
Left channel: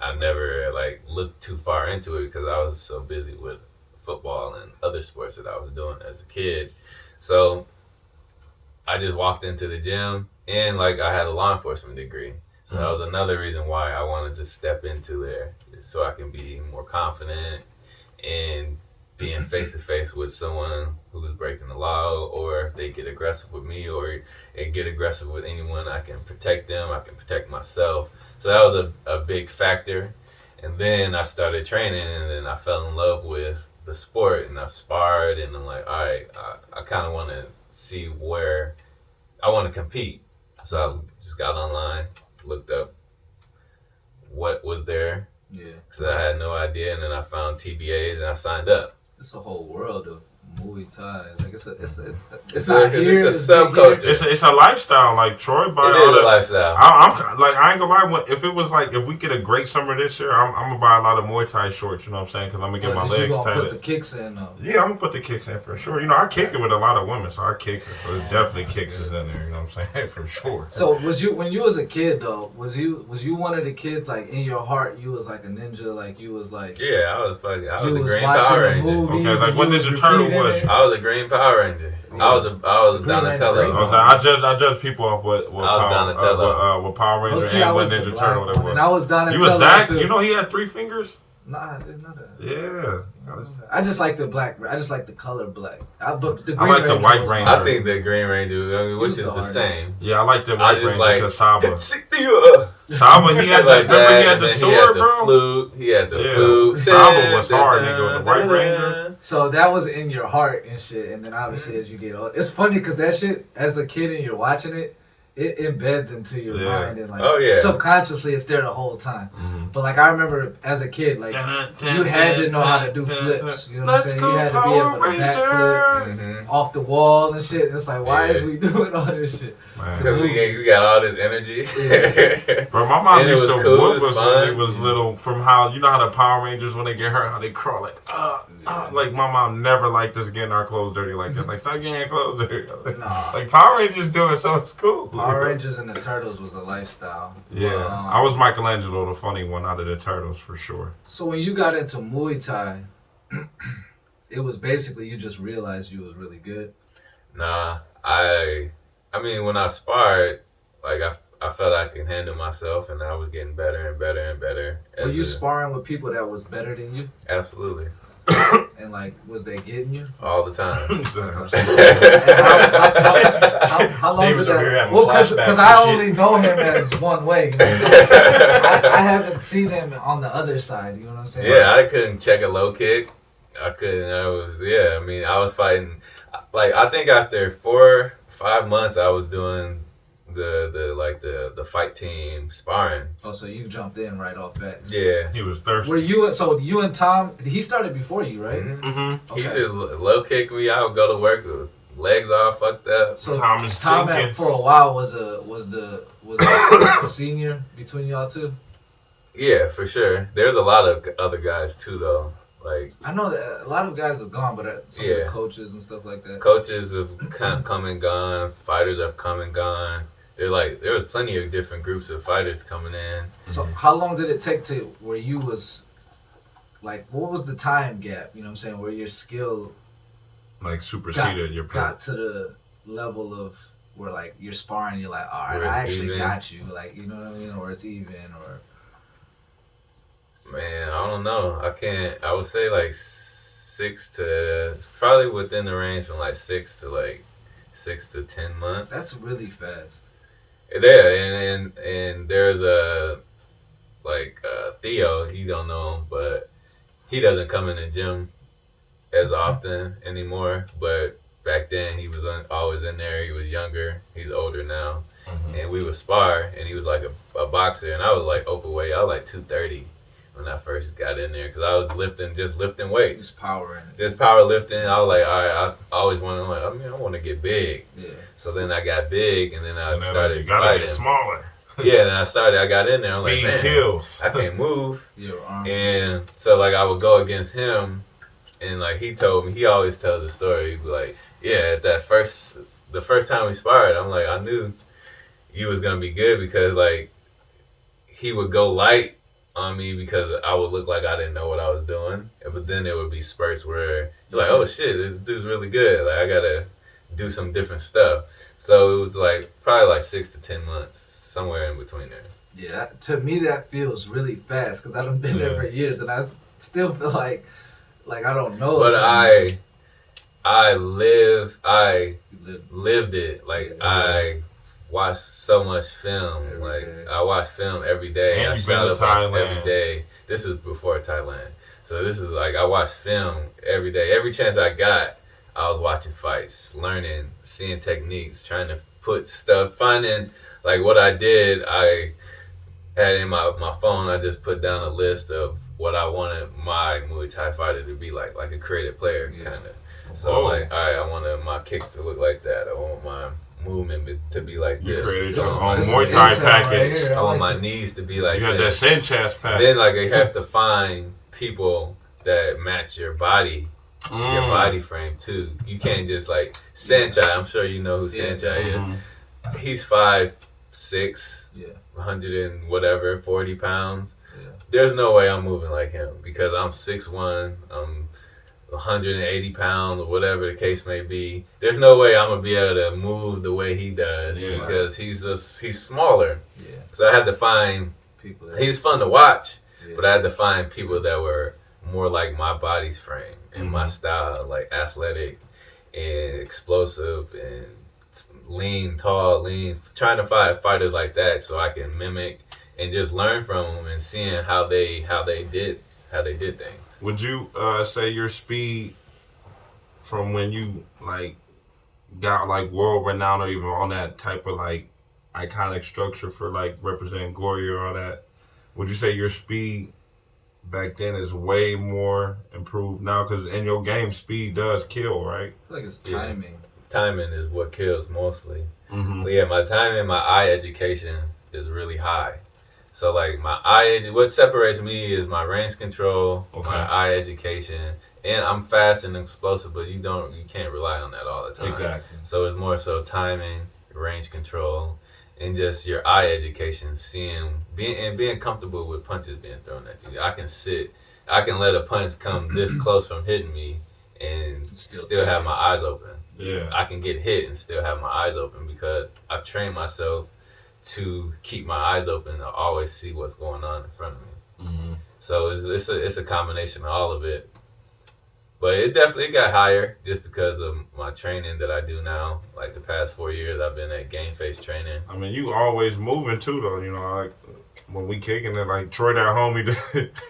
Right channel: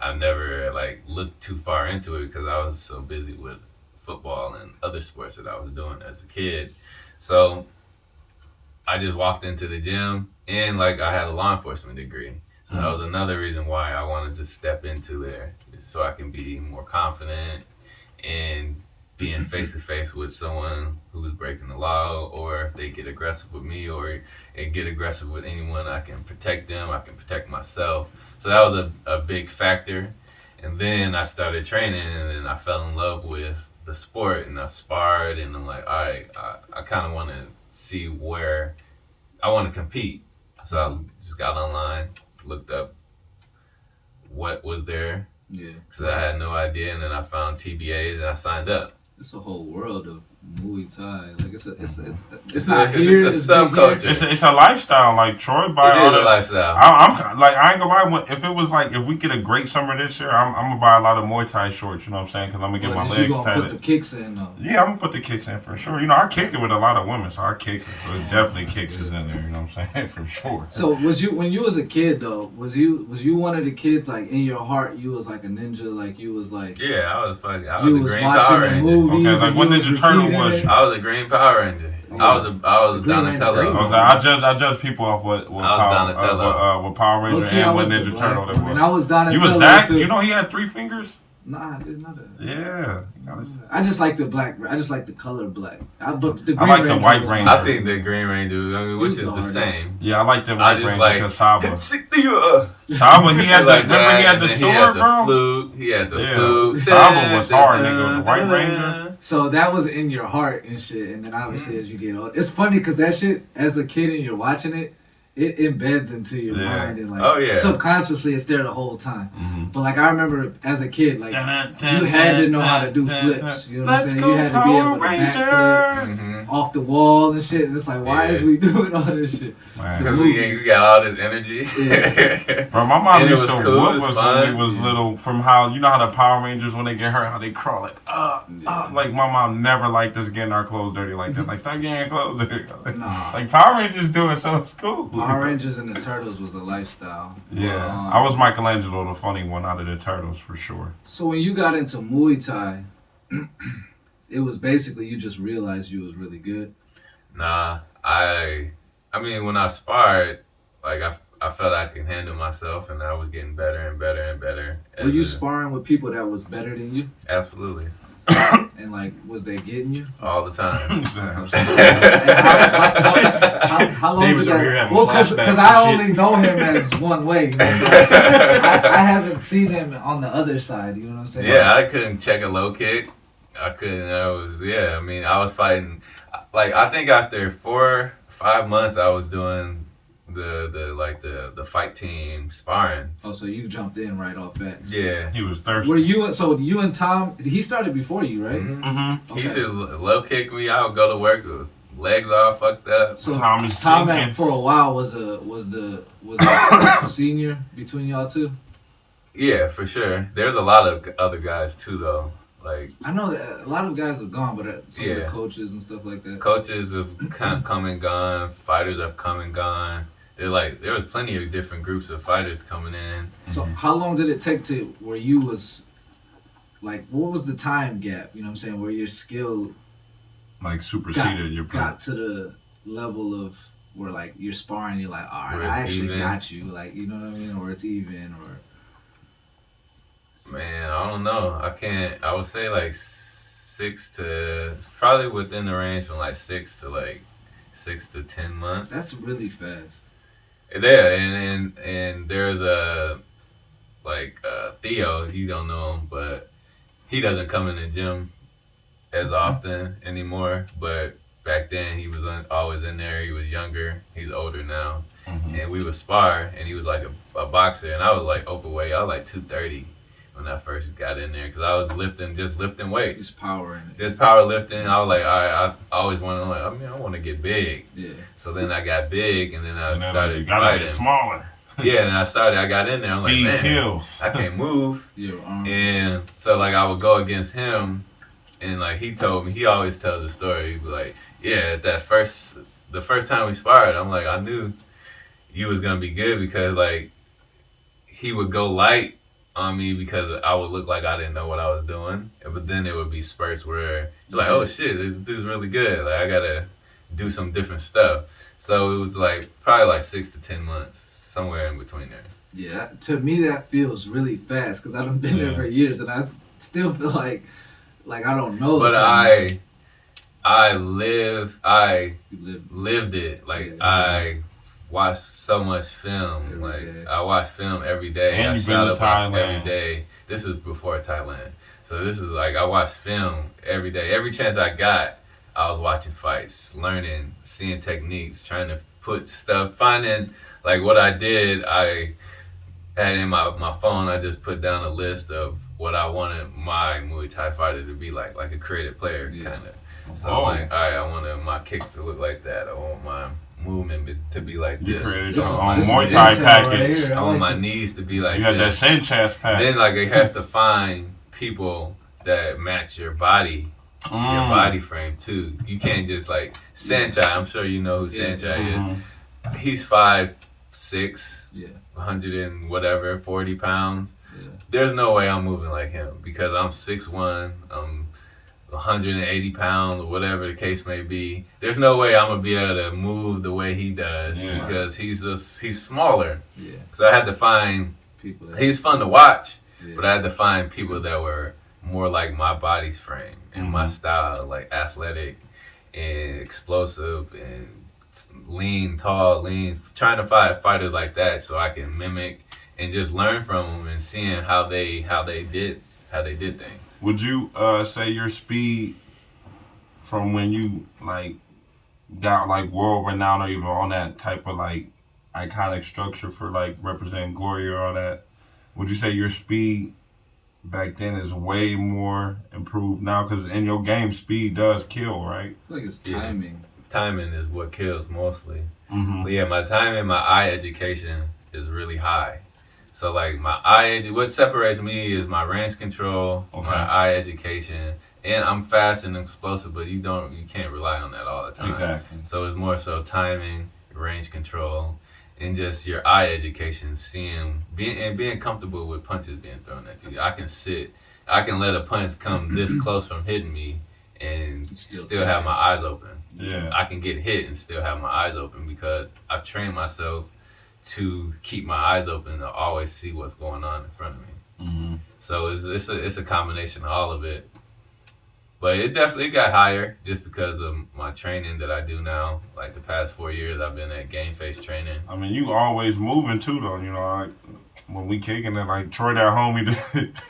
I never like looked too far into it because I was so busy with football and other sports that I was doing as a kid. So I just walked into the gym, and like I had a law enforcement degree. So that was another reason why I wanted to step into there, so I can be more confident and being face to face with someone who's breaking the law, or if they get aggressive with me, or they get aggressive with anyone, I can protect them. I can protect myself. So that was a big factor. And then I started training, and then I fell in love with the sport, and I sparred, and I'm like, all right, I kind of want to see where I want to compete. So I just got online, looked up what was there. Yeah. So I had no idea, and then I found TBAs, and I signed up. It's a whole world of Muay Thai. Like it's not It's here. it's a subculture. It's a lifestyle. Like Troy, by It all is a that. lifestyle. I'm like, I ain't gonna lie. If it was like, if we get a great summer this year, I'm gonna buy a lot of Muay Thai shorts. You know what I'm saying? Because I'm gonna get my You legs gonna put the tatted. kicks in though. Yeah, I'm gonna put the kicks in for sure. You know, I kick it with a lot of women, so I kicks it. So it's definitely kicks is in there. You know what I'm saying? For sure. So was you when you was a kid though? Was you one of the kids like in your heart? You was like a ninja. Like you was like. Yeah, I was You a was Green watching Power the Ranger. movies. Okay, like and what you Ninja was Turtle repeating was it. you? I was a Green Power Ranger. I was Green Ranger Donatello. Green. I was like, I judge people off what Donatello. what Power Ranger Low-key, I and what was the Ninja black Turtle one, they were. and I was Donatello. You was Zach. Too. You know he had 3 fingers. Nah, I didn't know that. Yeah. I just like the black. I just like the color black. But the I Green like the Ranger White was Ranger. my I think the Green Ranger, I mean, which He's is the the hardest. same. Yeah, I like the I White just Ranger like because Saba. Saba, He had the, remember he had the sword, the bro? flute. He had the Yeah. flute. Saba was hard, nigga. The White Ranger. So that was in your heart and shit, and then obviously as you get old, it's funny because that shit as a kid and you're watching it, it embeds into your Yeah. mind and like Oh, yeah. subconsciously it's there the whole time. Mm-hmm. But like I remember as a kid, like you had to know how to do flips. You know what I'm saying? You had to be able to backflip Mhm. off the wall and shit. And it's like, why is we doing all this shit? Man. We got all this energy. Bro, my mom And it used was to cool, whoop it was us when we fun. was little. From how you know how the Power Rangers when they get hurt, how they crawl like like my mom never liked us getting our clothes dirty like that. Like stop getting your clothes dirty. Nah. Like Power Rangers do it, so it's cool. Power Rangers and the Turtles was a lifestyle. Yeah, I was Michelangelo, the funny one out of the Turtles for sure. So when you got into Muay Thai, it was basically you just realized you was really good. Nah, I mean, when I sparred, like I felt I could handle myself, and I was getting better and better and better. Were you sparring with people that was better than you? Absolutely, And like, was they getting you? all the time. How long David's did over here that? having Well, flashbacks because and I shit. only know him as one way. You know what I'm saying? I haven't seen him on the other side. You know what I'm saying? Yeah, I couldn't check a low kick. I couldn't. I mean, I was fighting. Like I think after 4-5 months, I was doing the fight team sparring. Oh, so you jumped in right off bat. Yeah. He was thirsty. Were you? So you and Tom? He started before you, right? Mm-hmm. Okay. He should low kick me. I would go to work with legs all fucked up. So Thomas Tom Jenkins. for a while was the senior between y'all two. Yeah, for sure. There's a lot of other guys too, though. Like I know that a lot of guys have gone, but some of the Yeah. coaches and stuff like that. coaches have come and gone. Fighters have come and gone. There was plenty of different groups of fighters coming in. So how long did it take to where you was like what was the time gap, you know what I'm saying, where your skill Like superseded your got to the level of where like you're sparring, you're like, all right, Where I it's actually even. got you, like you know what I mean, or it's even, or Man, I don't know. I would say like 6 to probably within the range from like 6 to 10 months. that's really fast. Yeah, and there's a Theo. You don't know him, but he doesn't come in the gym as often anymore. But back then he was always in there. He was younger. He's older now, and we would spar. And he was like a boxer, and I was like overweight. I was like 230 when I first got in there because I was just lifting weights. It's power in it. Just powerlifting. I was like, all right, I always wanted. I want to get big. Yeah. So then I got big, and then I And then started you gotta fighting. get smaller. Yeah, and I got in there. I'm Speed like, man, kills. I can't move. Your arms. And so like I would go against him, and like he told me, he always tells the story. He'd be like, yeah, the first time we sparred, I'm like, I knew you was gonna be good because like he would go light on me because I would look like I didn't know what I was doing. But then there would be spurts where you're like, oh shit, this dude's really good. Like I gotta do some different stuff. So it was like probably like 6 to 10 months, somewhere in between there. Yeah, to me that feels really fast because I've been there for years and I still feel like Like I don't know. But I lived it. Like I watched so much film. I watched film every day. And I you've been to shadowboxed every Thailand. day. This is before Thailand. So this is like I watched film every day. Every chance I got, I was watching fights, learning, seeing techniques, trying to put stuff, finding like what I did. I had in my phone. I just put down a list of what I wanted my Muay Thai fighter to be like a creative player kind of. So like, all right, I wanted my kicks to look like that. I want my movement to be like You this. created This your is own nice Muay Thai intel package. right here. I want my knees to be like You got that this. Sanchez pack. Then like you have to find people that match your body. Your body frame too. You can't just like Sanchai. I'm sure you know who Sanchai is. He's 5'6", 100 and whatever, 40 pounds. Yeah. There's no way I'm moving like him because I'm 6'1", I'm 180 pounds or whatever the case may be. There's no way I'm gonna be able to move the way he does because he's smaller. Yeah. So I had to find People. he's fun to watch, but I had to find people that were more like my body's frame and my style, like athletic and explosive and lean, tall, lean. Trying to find fighters like that so I can mimic and just learn from them and seeing how they did things. Would you say your speed from when you like got like world renowned or even on that type of like iconic structure for like representing Glory or all that? Would you say your speed back then is way more improved now? Because in your game, speed does kill, right? I feel like it's timing. Timing is what kills mostly. Mm-hmm. But yeah, my timing, my eye education is really high. So like what separates me is my range control, my eye education, and I'm fast and explosive, but you can't rely on that all the time. Exactly. So it's more so timing, range control, and just your eye education, being comfortable with punches being thrown at you. I can let a punch come this close from hitting me and still have my eyes open. Yeah. I can get hit and still have my eyes open because I've trained myself to keep my eyes open to always see what's going on in front of me. Mm-hmm. So it's a combination of all of it. But it definitely got higher just because of my training that I do now. Like the past 4 years, I've been at game face training. I mean, you always moving too, though. You know, like when we kicking it, like Troy, that homie,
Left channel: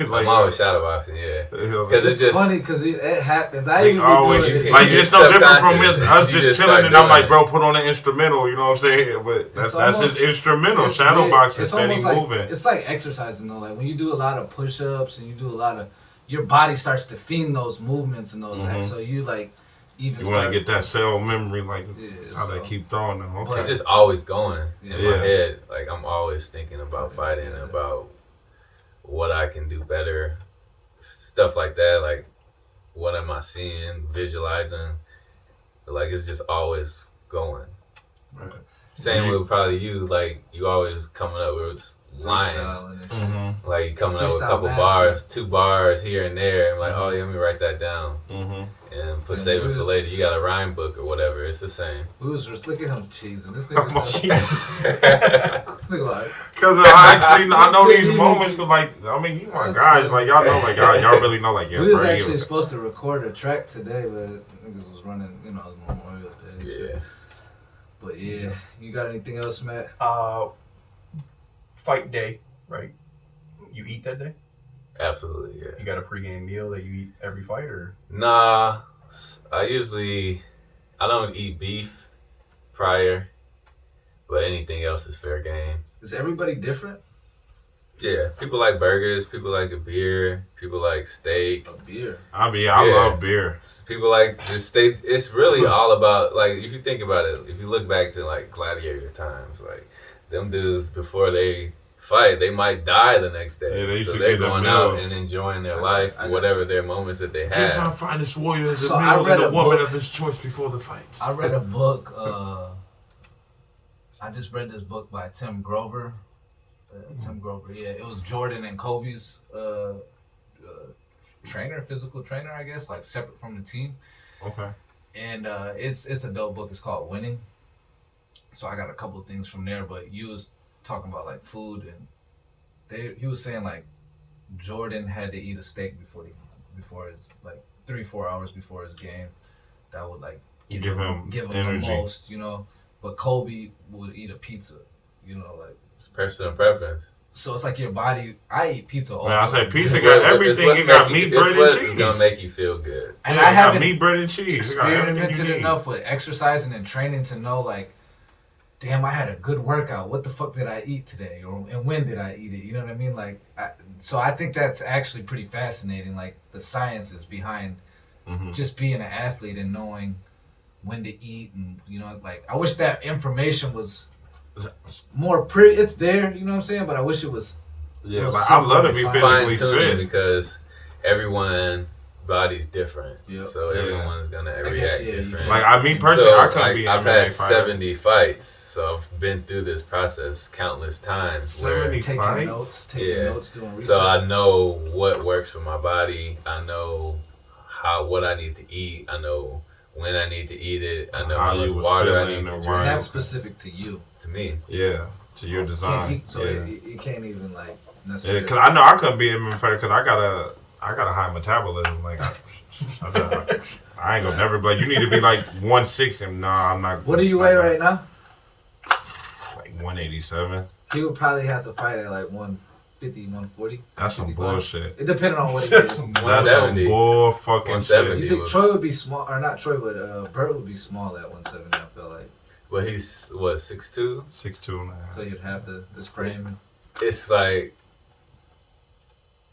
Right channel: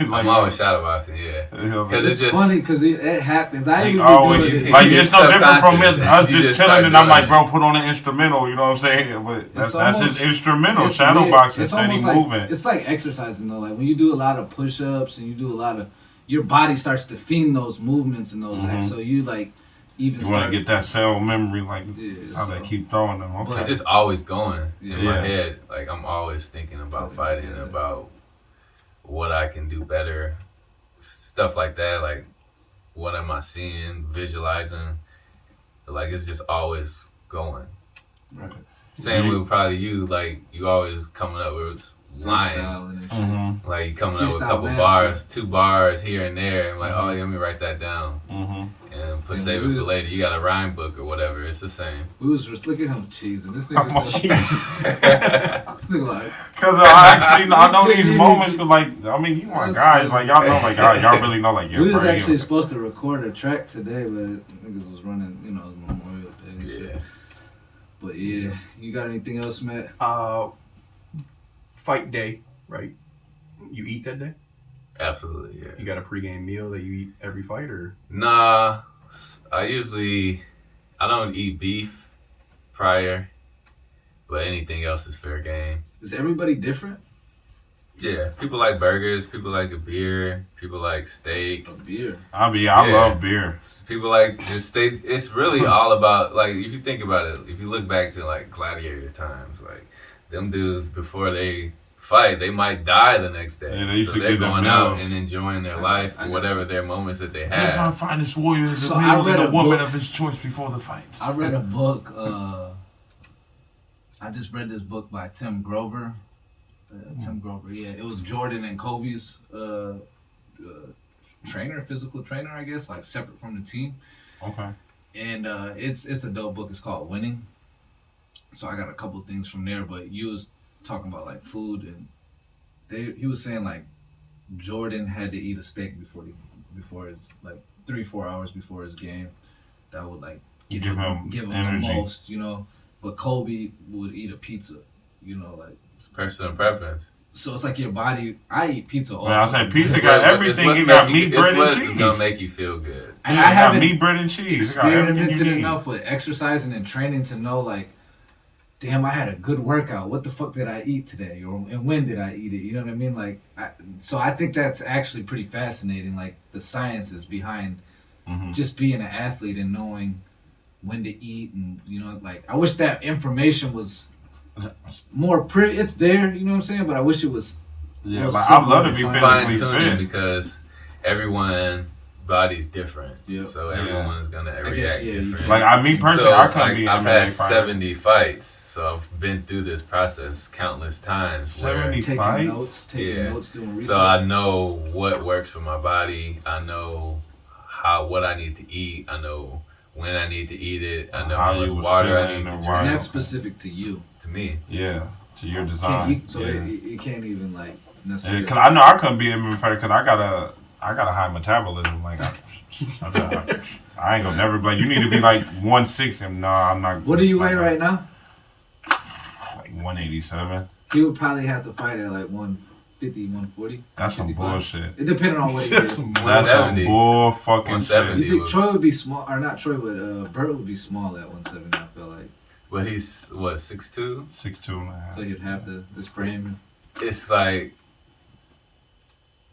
like I'm always shadowboxing, yeah. Because It's just funny because it happens. I He even always be doing it. like You it's just no different from us You just just chilling, start and I'm like, doing bro, put on an instrumental. You know what I'm saying? But that's almost- his instrumental. It's Shadow weird. boxing, It's steady almost like- moving. It's like exercising though. Like when you do a lot of push-ups and you do a lot of, your body starts to fiend those movements and those acts. So you like even You want start to get that cell memory, like how so- they keep throwing them. Okay. it's just always going in Yeah. my head. Like I'm always thinking about fighting, about what I can do better, stuff like that. Like what am I seeing, visualizing? Like it's just always going. Right. Same with probably you. Like you always coming up with lines. freestyling and shit. Mm-hmm. Like you coming up with a Freestyle couple master. bars, 2 bars here and there. I'm like, oh yeah, let me write that down Mm-hmm. and save we it for was- later. You got a rhyme book or whatever. It's the same. We was just look at him cheesing. This nigga, this nigga like Because I know these moments. Cause like I mean, you my guys. Like y'all know, like y'all really know, like yeah, we was bro, actually you- supposed to record a track today, but niggas was running. You know, it was Memorial Day. And shit. Yeah. But yeah, you got anything else, Matt? Fight day, right? You eat that day? Absolutely, yeah. You got a pregame meal that you eat every fight, or Nah, I don't eat beef prior, but anything else is fair game. Is everybody different? Yeah, people like burgers, people like a beer, people like steak, A beer. I Yeah. love beer. people like the steak. It's really all about, like, if you think about it, if you look back to like gladiator times, like them dudes before they fight, they might die the next day. Yeah, they used so to they're get them going out meals. and enjoying their life, I got whatever you. their moments that they Just my have. finest warrior is So a I meal read and a a woman book- of his choice before the fight. I read a book. I just read this book by Tim Grover. Tim Grover, yeah. It was Jordan and Kobe's physical trainer, I guess, like separate from the team. Okay. And it's a dope book. It's called Winning. So I got a couple things from there, but you was talking about like food, and he was saying like Jordan had to eat a steak before his 3-4 hours before his game. That would like give Give him him the energy. most, But Kobe would eat a pizza, It's personal preference. So it's like your body. I eat pizza all. Man, I say day. pizza got everything. It got meat, bread, and cheese. It's gonna make you feel good. And yeah, I it got haven't meat, bread, and cheese. It got everything experimented you need. enough with exercising and training to know, like, damn, I had a good workout. What the fuck did I eat today? And when did I eat it? You know what I mean? Like, so I think that's actually pretty fascinating, like the sciences behind just being an athlete and knowing when to eat. And, like, I wish that information was more it's there, you know what I'm saying? But I wish it was. Yeah, but I love to be physically fit because everyone's body's different. Yep. So everyone's gonna react different. Like me personally, so, I couldn't be. I've MMA had fighter. 70 fights, so I've been through this process countless times. 70 taking fights? notes, doing research. So I know what works for my body. I know what I need to eat. I know when I need to eat it. I know how much water I need to drink. And that's specific to you. To me. Yeah, to your design. It can't even like necessarily. Because I know I couldn't be an MMA fighter because I got a high metabolism. Like I ain't gonna never be like, you need to be like 160. Nah, I'm not. What do you weigh right now? Like 187. He would probably have to fight at like 150, 140. That's some bullshit. It depended on what he That's did. some bull fucking shit. You think Troy would be small, or not Troy, but Bert would be small at 170, I feel like. But he's, 6'2"? 6'2". So you'd have this frame. It's like,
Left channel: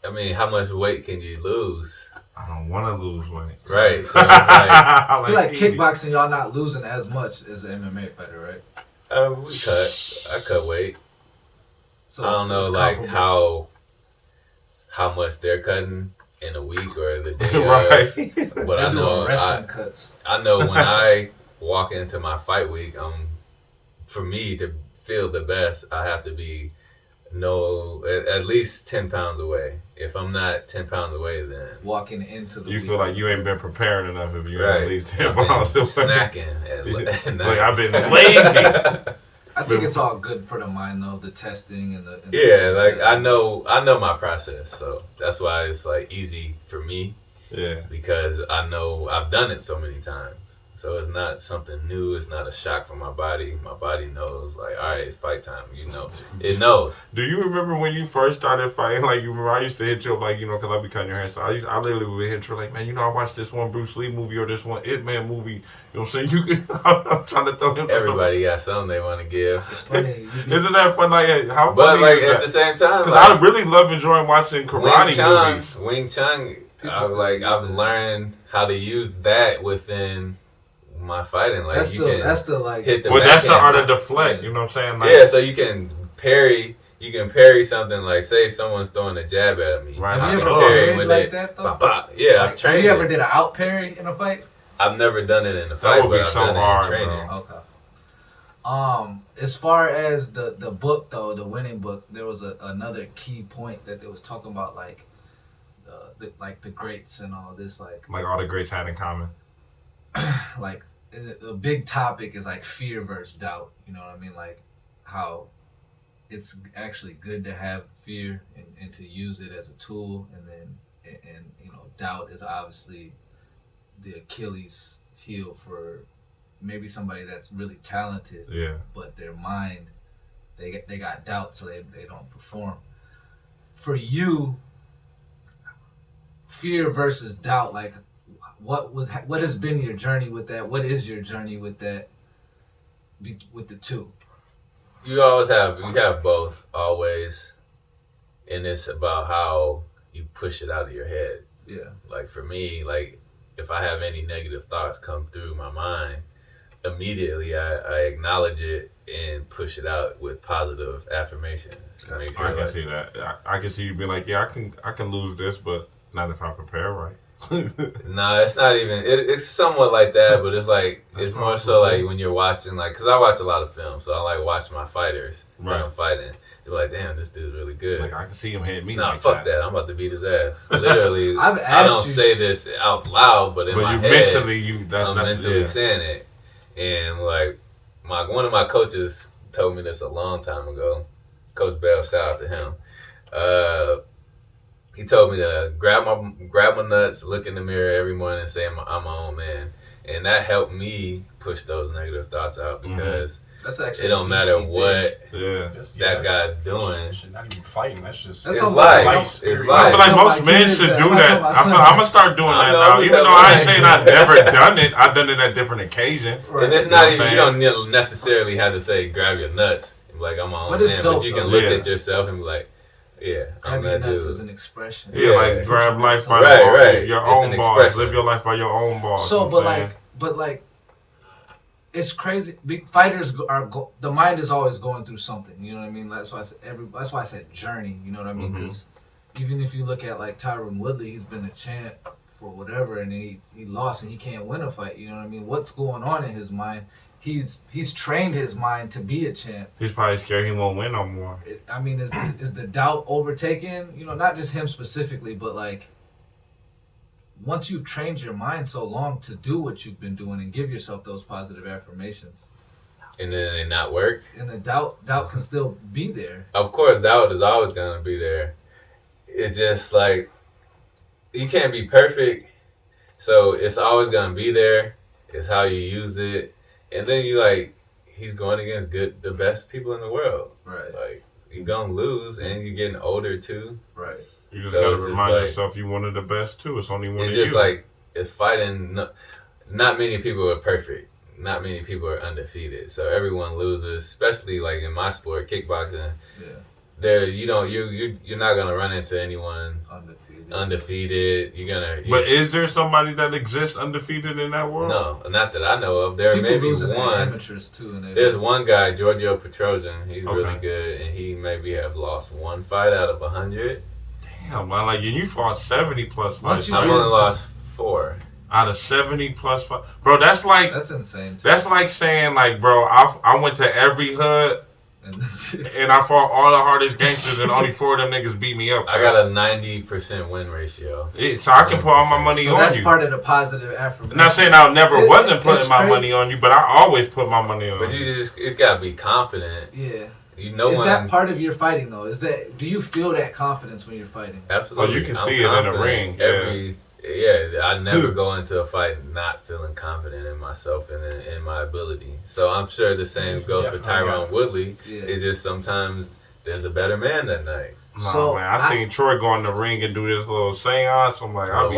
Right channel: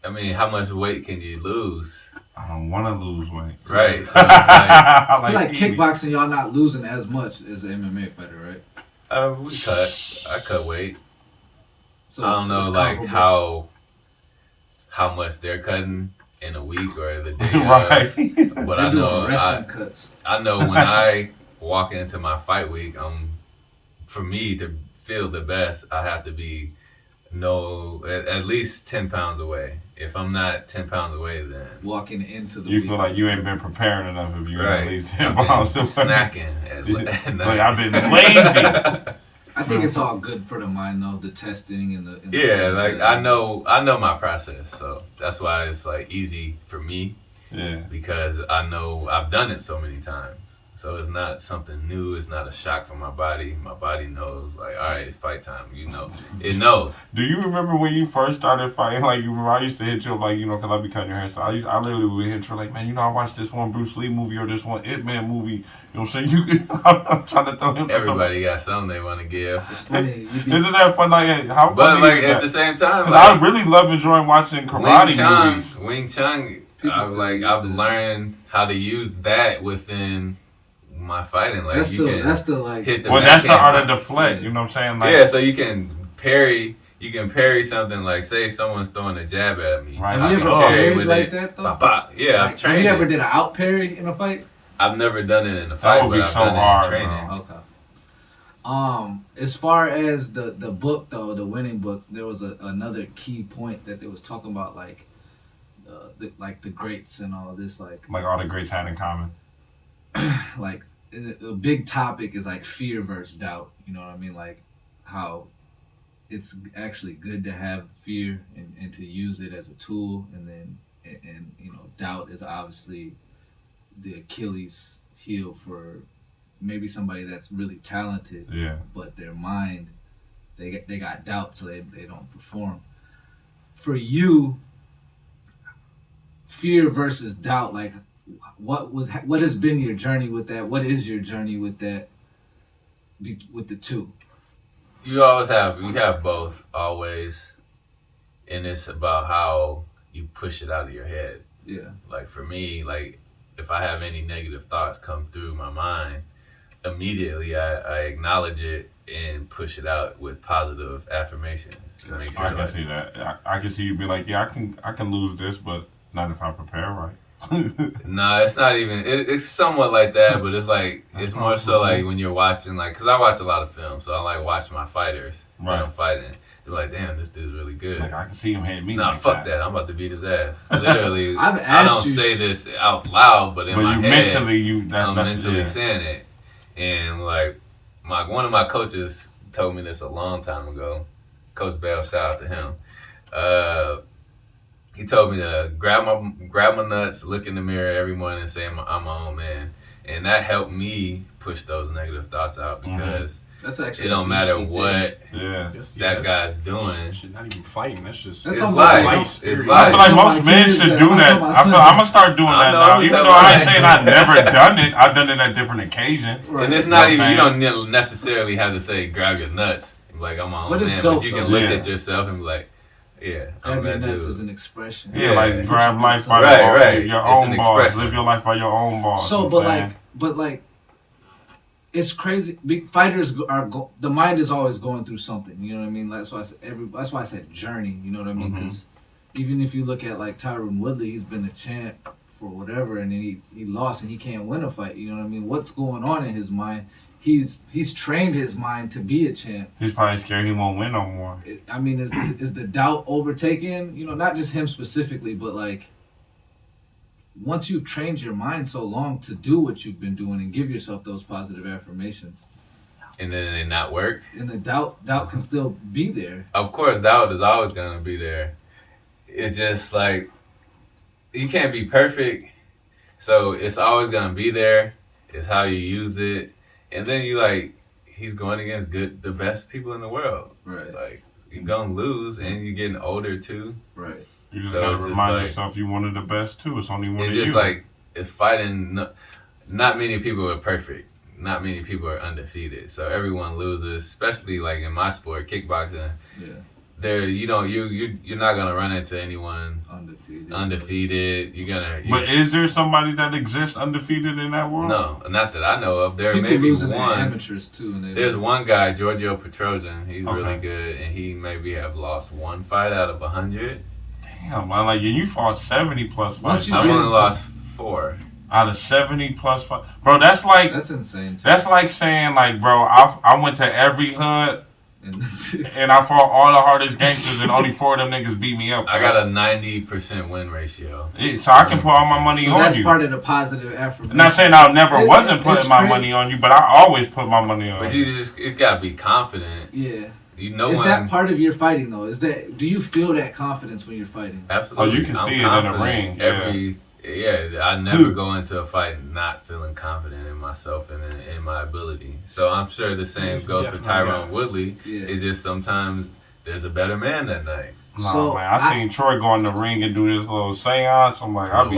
I mean, how much weight can you lose? I don't want to lose weight. Right. So it's like, I feel like kickboxing, y'all not losing as much as an MMA fighter, right? I cut weight. So I don't know, like how much they're cutting in a week or the day right. of. But they're I know wrestling cuts. I know when I walk into my fight week, for me to feel the best, I have to be at least 10 pounds away. If I'm not 10 pounds away, then walking into the you feel like you ain't been prepared enough if you're at least 10 I've pounds away. Snacking at like I've been lazy. I think it's all good for the mind though, the testing and the yeah, like I know my process, so that's why it's like easy for me. Yeah. Because I know I've done it so many times. So it's not something new. It's not a shock for my body. My body knows, like, all right, it's fight time. It knows. Do you remember when you first started fighting? Like, you remember I used to hit you, like, because I be cutting your hair. So I literally would hit you, like, man, I watched this one Bruce Lee movie or this one Ip Man movie. You know what I'm saying? I'm trying to throw him. Everybody got something they want to give. It's funny. Isn't that fun? Like, how funny but like is that? at the same time, Because like, I really love enjoying watching karate movies. Wing Chun. I've learned how to use that within my fighting. Like that's hit the well, that's the art of the deflect. You know what I'm saying? Like, yeah, so you can parry. You can parry something like, say someone's throwing a jab at me. Right. Have you ever parried like that though? Yeah, like, I've trained. Have you ever did an out parry in a fight? I've never done it in a That fight, would but be I've so done hard, it in training. bro. Okay. As far as the book though, the winning book, there was another key point that they was talking about, like the greats and all this, like all the greats had in common. like a big topic is like fear versus doubt. You know what I mean? Like how it's actually good to have fear and to use it as a tool, and doubt is obviously the Achilles heel for maybe somebody that's really talented. Yeah. But their mind, they got doubt, so they don't perform. For you, fear versus doubt, like what has been your journey with that? What is your journey with that? With the two, you have both always, and it's about how you push it out of your head. Yeah. Like for me, like if I have any negative thoughts come through my mind, immediately I acknowledge it and push it out with positive affirmations. I can see that. I can see you being like, yeah, I can lose this, but not if I prepare right. No, it's not even. It's somewhat like that, but it's like it's more so like when you're watching, like, because I watch a lot of films, so I like watch my fighters when I'm fighting. They're like, damn, this dude's really good. Like I can see him hitting me. Nah, like fuck that. I'm about to beat his ass. Literally, I don't say this out loud, but in my head, mentally, I'm mentally saying it. And like one of my coaches told me this a long time ago. Coach B.A.L, shout out to him. he told me to grab my nuts, look in the mirror every morning, and say I'm my own man, and that helped me push those negative thoughts out because that's actually it don't matter what that guy's doing. Shit, not even fighting. That's just it's life. I feel like most men should do that. I'm gonna start doing that now. Even though I ain't saying I've never done it, I've done it at different occasions. Right. And it's not even, you don't necessarily have to say grab your nuts. Like, I'm my own man. But you can look at yourself and be like, yeah, I'm that dude. Nuts is an expression. Yeah, like grab life by your own balls. Live your life by your own balls. So, but like, it's crazy. Fighters the mind is always going through something. You know what I mean? Like, that's why I said journey. You know what I mean? Because even if you look at like Tyron Woodley, he's been a champ for whatever, and he lost and he can't win a fight. You know what I mean? What's going on in his mind? He's trained his mind to be a champ. He's probably scared he won't win no more. I mean, is the doubt overtaken? You know, not just him specifically, but like once you've trained your mind so long to do what you've been doing and give yourself those positive affirmations, and then they not work, and the doubt can still be there. Of course, doubt is always gonna be there. It's just like you can't be perfect, so it's always gonna be there. It's how you use it. And then he's going against the best people in the world. Right. Like, you're going to lose, and you're getting older, too. Right. You just got to remind yourself you're one of the best, too. It's only one of you. It's just like, if fighting, not many people are perfect. Not many people are undefeated. So everyone loses, especially, like, in my sport, kickboxing. Yeah. You're not gonna run into anyone undefeated. But is there somebody that exists undefeated in that world? No, not that I know of. There people may be one. Amateurs too. There's one guy, Giorgio Petrosian. He's really good, and he maybe have lost one fight out of 100. Damn, man! Like you fought 70 plus fights. I've only lost 4 out of 70 plus fights, bro. That's insane. Too. That's like saying, like, bro, I went to every hood. And I fought all the hardest gangsters, and only 4 of them niggas beat me up. I got a 90% win ratio. Yeah, so I can put all my money on that's you. That's part of the positive affirmation. I'm not saying I wasn't putting my money on you, but I always put my money on you. But you gotta be confident. Yeah. You know is that part of your fighting though? Do you feel that confidence when you're fighting? Absolutely. Oh, you can see it in the ring. I never go into a fight not feeling confident in myself and in my ability. So I'm sure the same goes for Tyron Woodley. Yeah. It's just sometimes there's a better man that night. No, man. I seen Troy go in the ring and do this little seance. I'm like, I'd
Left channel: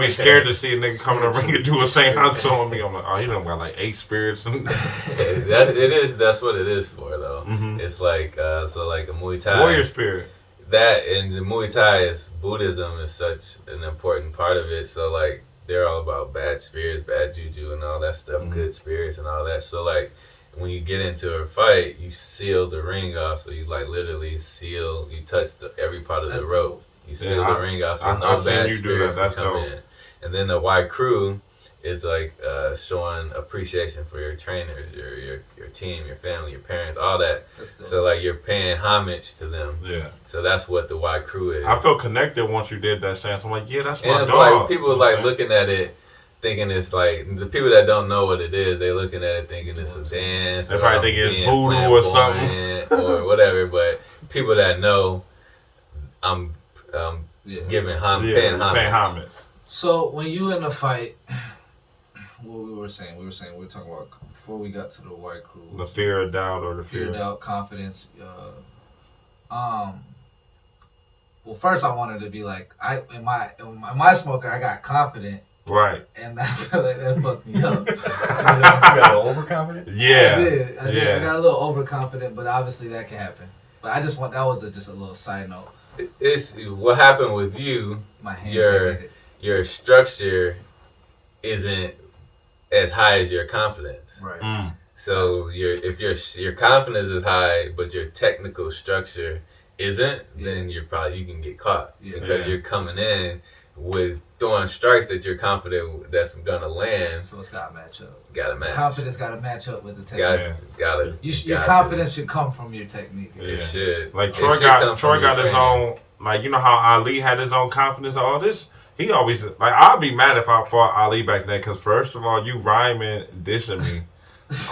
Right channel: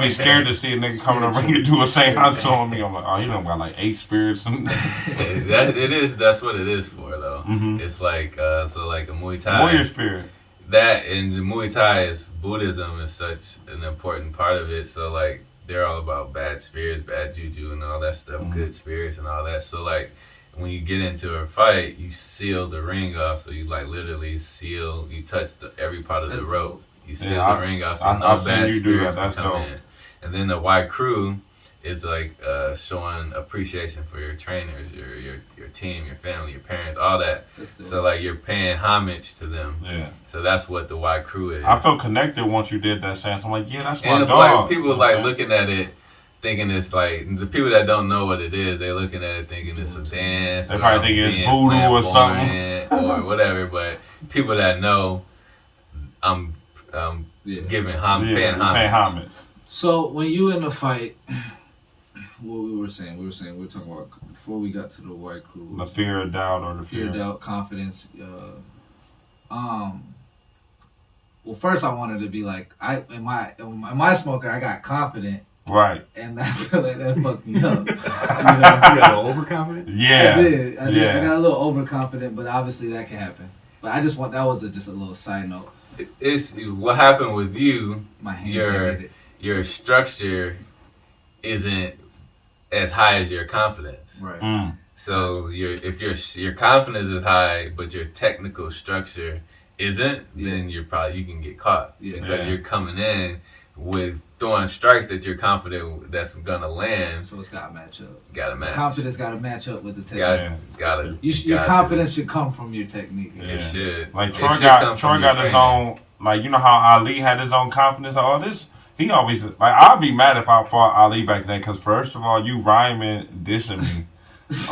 be scared to see a nigga come in the ring and do a seance on me. I'm like, oh, he done got like 8 spirits. That's what it is for though. Mm-hmm. It's like like a Muay Thai warrior spirit. That and the Muay Thai Buddhism is such an important part of it. So like they're all about bad spirits, bad juju, and all that stuff, good spirits and all that. So like when you get into a fight, you seal the ring off. So you like literally seal. You touch every part of the rope. You seal the ring off, so no bad spirits can come in. And then the white crew is like showing appreciation for your trainers, your team, your family, your parents, all that. So like you're paying homage to them. Yeah. So that's what the white crew is. I felt connected once you did that sense. I'm like, yeah, that's my dog. Like people like looking at it, thinking it's like the people that don't know what it is. They're looking at it thinking it's a dance. They probably think it's voodoo or something or whatever. But people that know, I'm giving homage, paying homage. So when you in a fight. What we were talking about before we got to the white crew. The fear of doubt or the fear of doubt, confidence. Well, first I wanted to be like, in my smoker, I got confident. Right. And that fucked me up. You got a little overconfident? Yeah. I did. I got a little overconfident, but obviously that can happen. But that was just a little side note. It's what happened with you. My hands your structure isn't as high as your confidence. Right. So if your confidence is high, but your technical structure isn't, then you can get caught because you're coming in with throwing strikes that you're confident that's gonna land. So it's gotta match up. Gotta match. Confidence gotta match up with the technique. Your confidence should come from your technique. It should. Like Troy got his own. Like you know how Ali had his own confidence. All this. He always, like, I'd be mad if I fought Ali back then, because first of all, you rhyming, dissing me.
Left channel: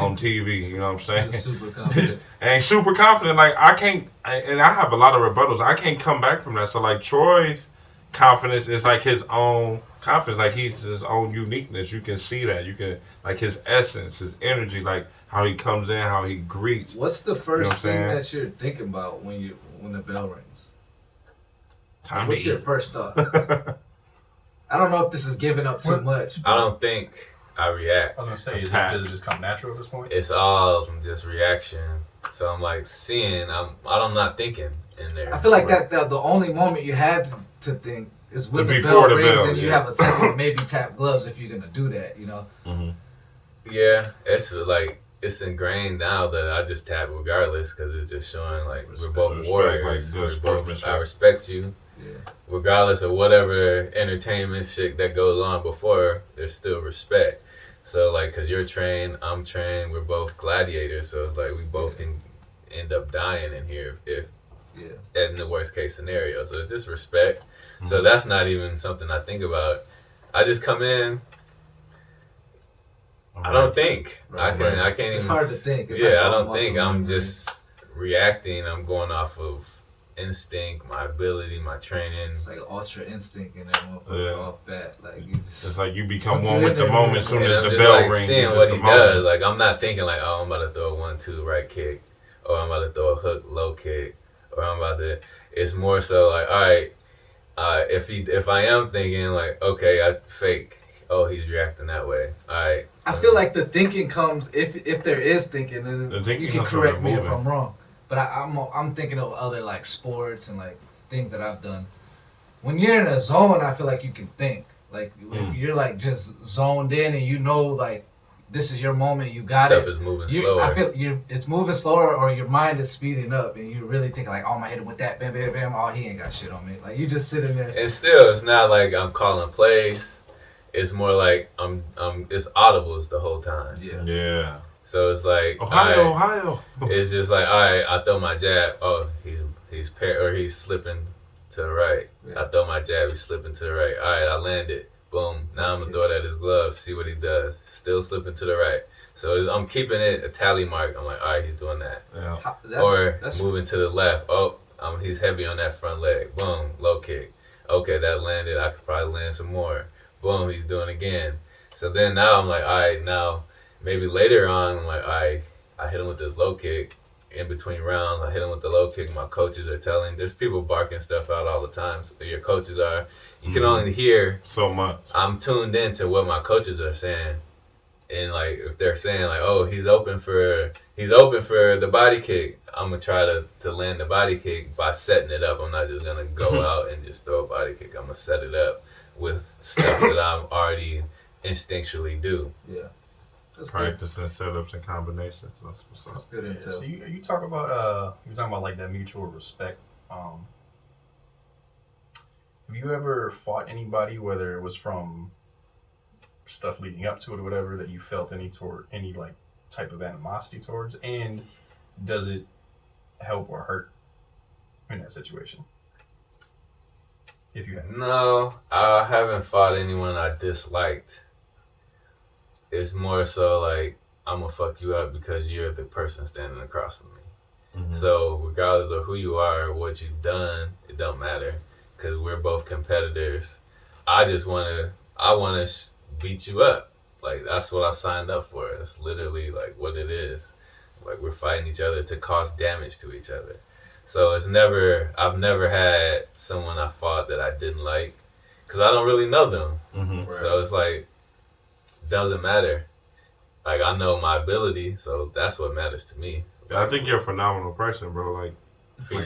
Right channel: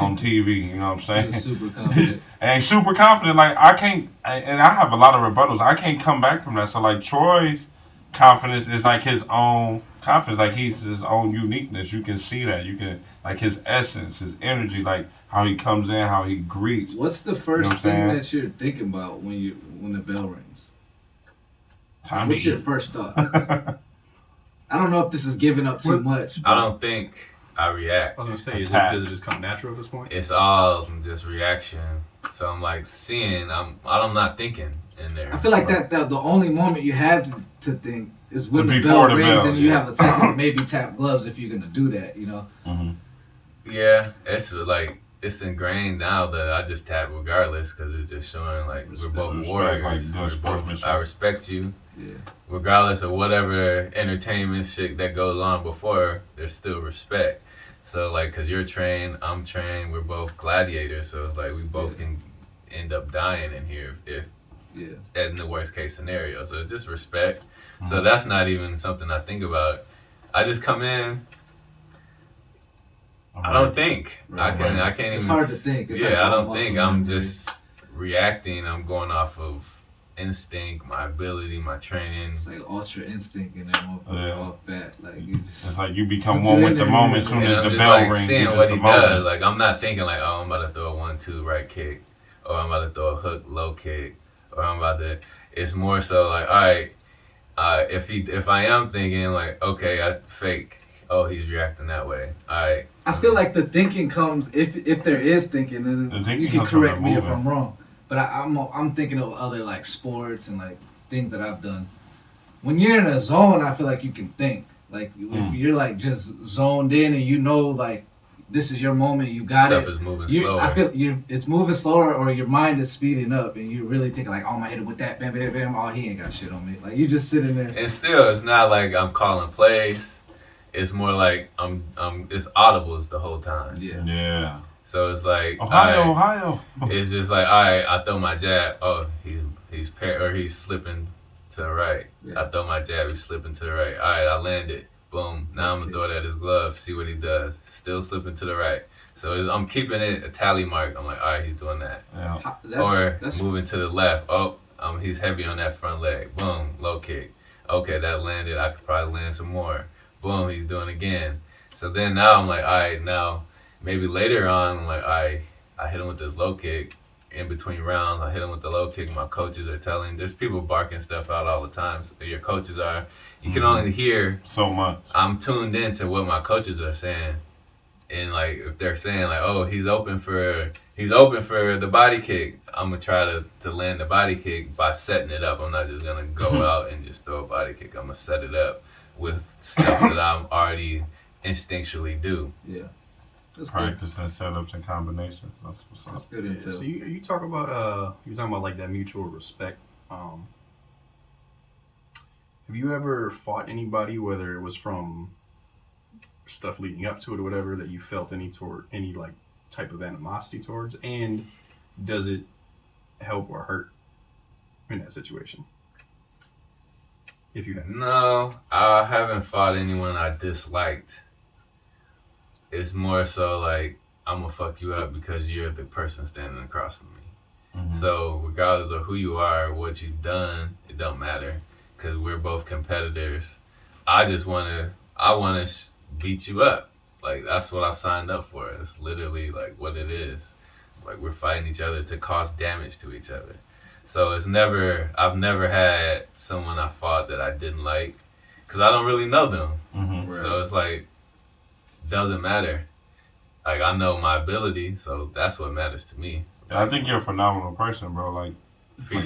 on TV. You know what I'm saying? Super confident. And super confident. Like and I have a lot of rebuttals. I can't come back from that. So like Troy's confidence is like his own confidence. Like he's his own uniqueness. You can see that. You can like his essence, his energy, like how he comes in, how he greets. What's the first thing that you're thinking about when the bell rings? Time. What's your first thought? I don't know if this is giving up too much. I don't think I react. I was gonna say, does it just come natural at this point? It's all just reaction. So I'm like seeing. I'm not thinking in there. I feel like that the only moment you have to think is when the before bell the rings bell, and you have a second maybe tap gloves if you're gonna do that. You know. Mm-hmm. Yeah, it's like it's ingrained now that I just tap regardless because it's just showing like we're both warriors. Like I respect you. Yeah. Regardless of whatever entertainment shit that goes on before, there's still respect. So like, cause you're trained, I'm trained, we're both gladiators. So it's like we both can end up dying in here if in the worst case scenario. So it's just respect. Mm-hmm. So that's not even something I think about. I just come in. I don't think. Right. I can't it's even. It's hard to think. It's I don't think. I'm just reacting. I'm going off of instinct, my ability, my training. It's like ultra instinct and then motherfucker off bat. Like you just. It's like you become one with the moment as soon as the bell rings. Seeing what he does. Like I'm not thinking like, oh, I'm about to throw a 1-2 right kick, or I'm about to throw a hook low kick, or I'm about to. It's more so like, all right, if I am thinking like, okay, I fake. Oh, he's reacting that way. All right. I feel like the thinking comes if there is thinking, and you can correct me if I'm wrong. But I'm thinking of other like sports and like things that I've done. When you're in a zone, I feel like you can think. Like if you're like just zoned in and you know like this is your moment, you got Stuff it. is moving slower. I feel it's moving slower, or your mind is speeding up, and you really think like, oh, I'm gonna hit it with that, bam, bam, bam. Oh, he ain't got shit on me. Like you just sitting there. And still, it's not like I'm calling plays. It's more like it's audibles the whole time. Yeah. So it's like Ohio. It's just like, all right, I throw my jab. Oh, he's slipping to the right. Yeah. I throw my jab. He's slipping to the right. All right, I land it. Boom. Now I'm gonna throw it at his glove. See what he does. Still slipping to the right. So I'm keeping it a tally mark. I'm like, all right, he's doing that. Yeah. That's moving to the left. Oh, he's heavy on that front leg. Boom, low kick. Okay, that landed. I could probably land some more. Boom, he's doing it again. So then now I'm like, all right, now maybe later on, I'm like, all right, I hit him with this low kick. In between rounds, I hit him with the low kick. My coaches are telling. There's people barking stuff out all the time. So your coaches are. You can only hear so much. I'm tuned into what my coaches are saying, and like if they're saying like, oh, he's open for the body kick. I'm gonna try to land the body kick by setting it up. I'm not just gonna go out and just throw a body kick. I'm gonna set it up with stuff that I'm already instinctually do. Yeah. Practicing setups and combinations. That's what's up. That's good intel. So you talk about you talking about like that mutual respect. Have you ever fought anybody, whether it was from stuff leading up to it or whatever, that you felt any like type of animosity towards, and does it help or hurt in that situation? If you have. No, I haven't fought anyone I disliked. It's more so like, I'm gonna fuck you up because you're the person standing across from me. Mm-hmm. So regardless of who you are or what you've done, it don't matter because we're both competitors. I wanna beat you up. Like that's what I signed up for. It's literally like what it is. Like we're fighting each other to cause damage to each other. So I've never had someone I fought that I didn't like because I don't really know them. Mm-hmm. Right. So it's like, doesn't matter. Like I know my ability, so that's what matters to me. And I think you're a phenomenal person, bro. Like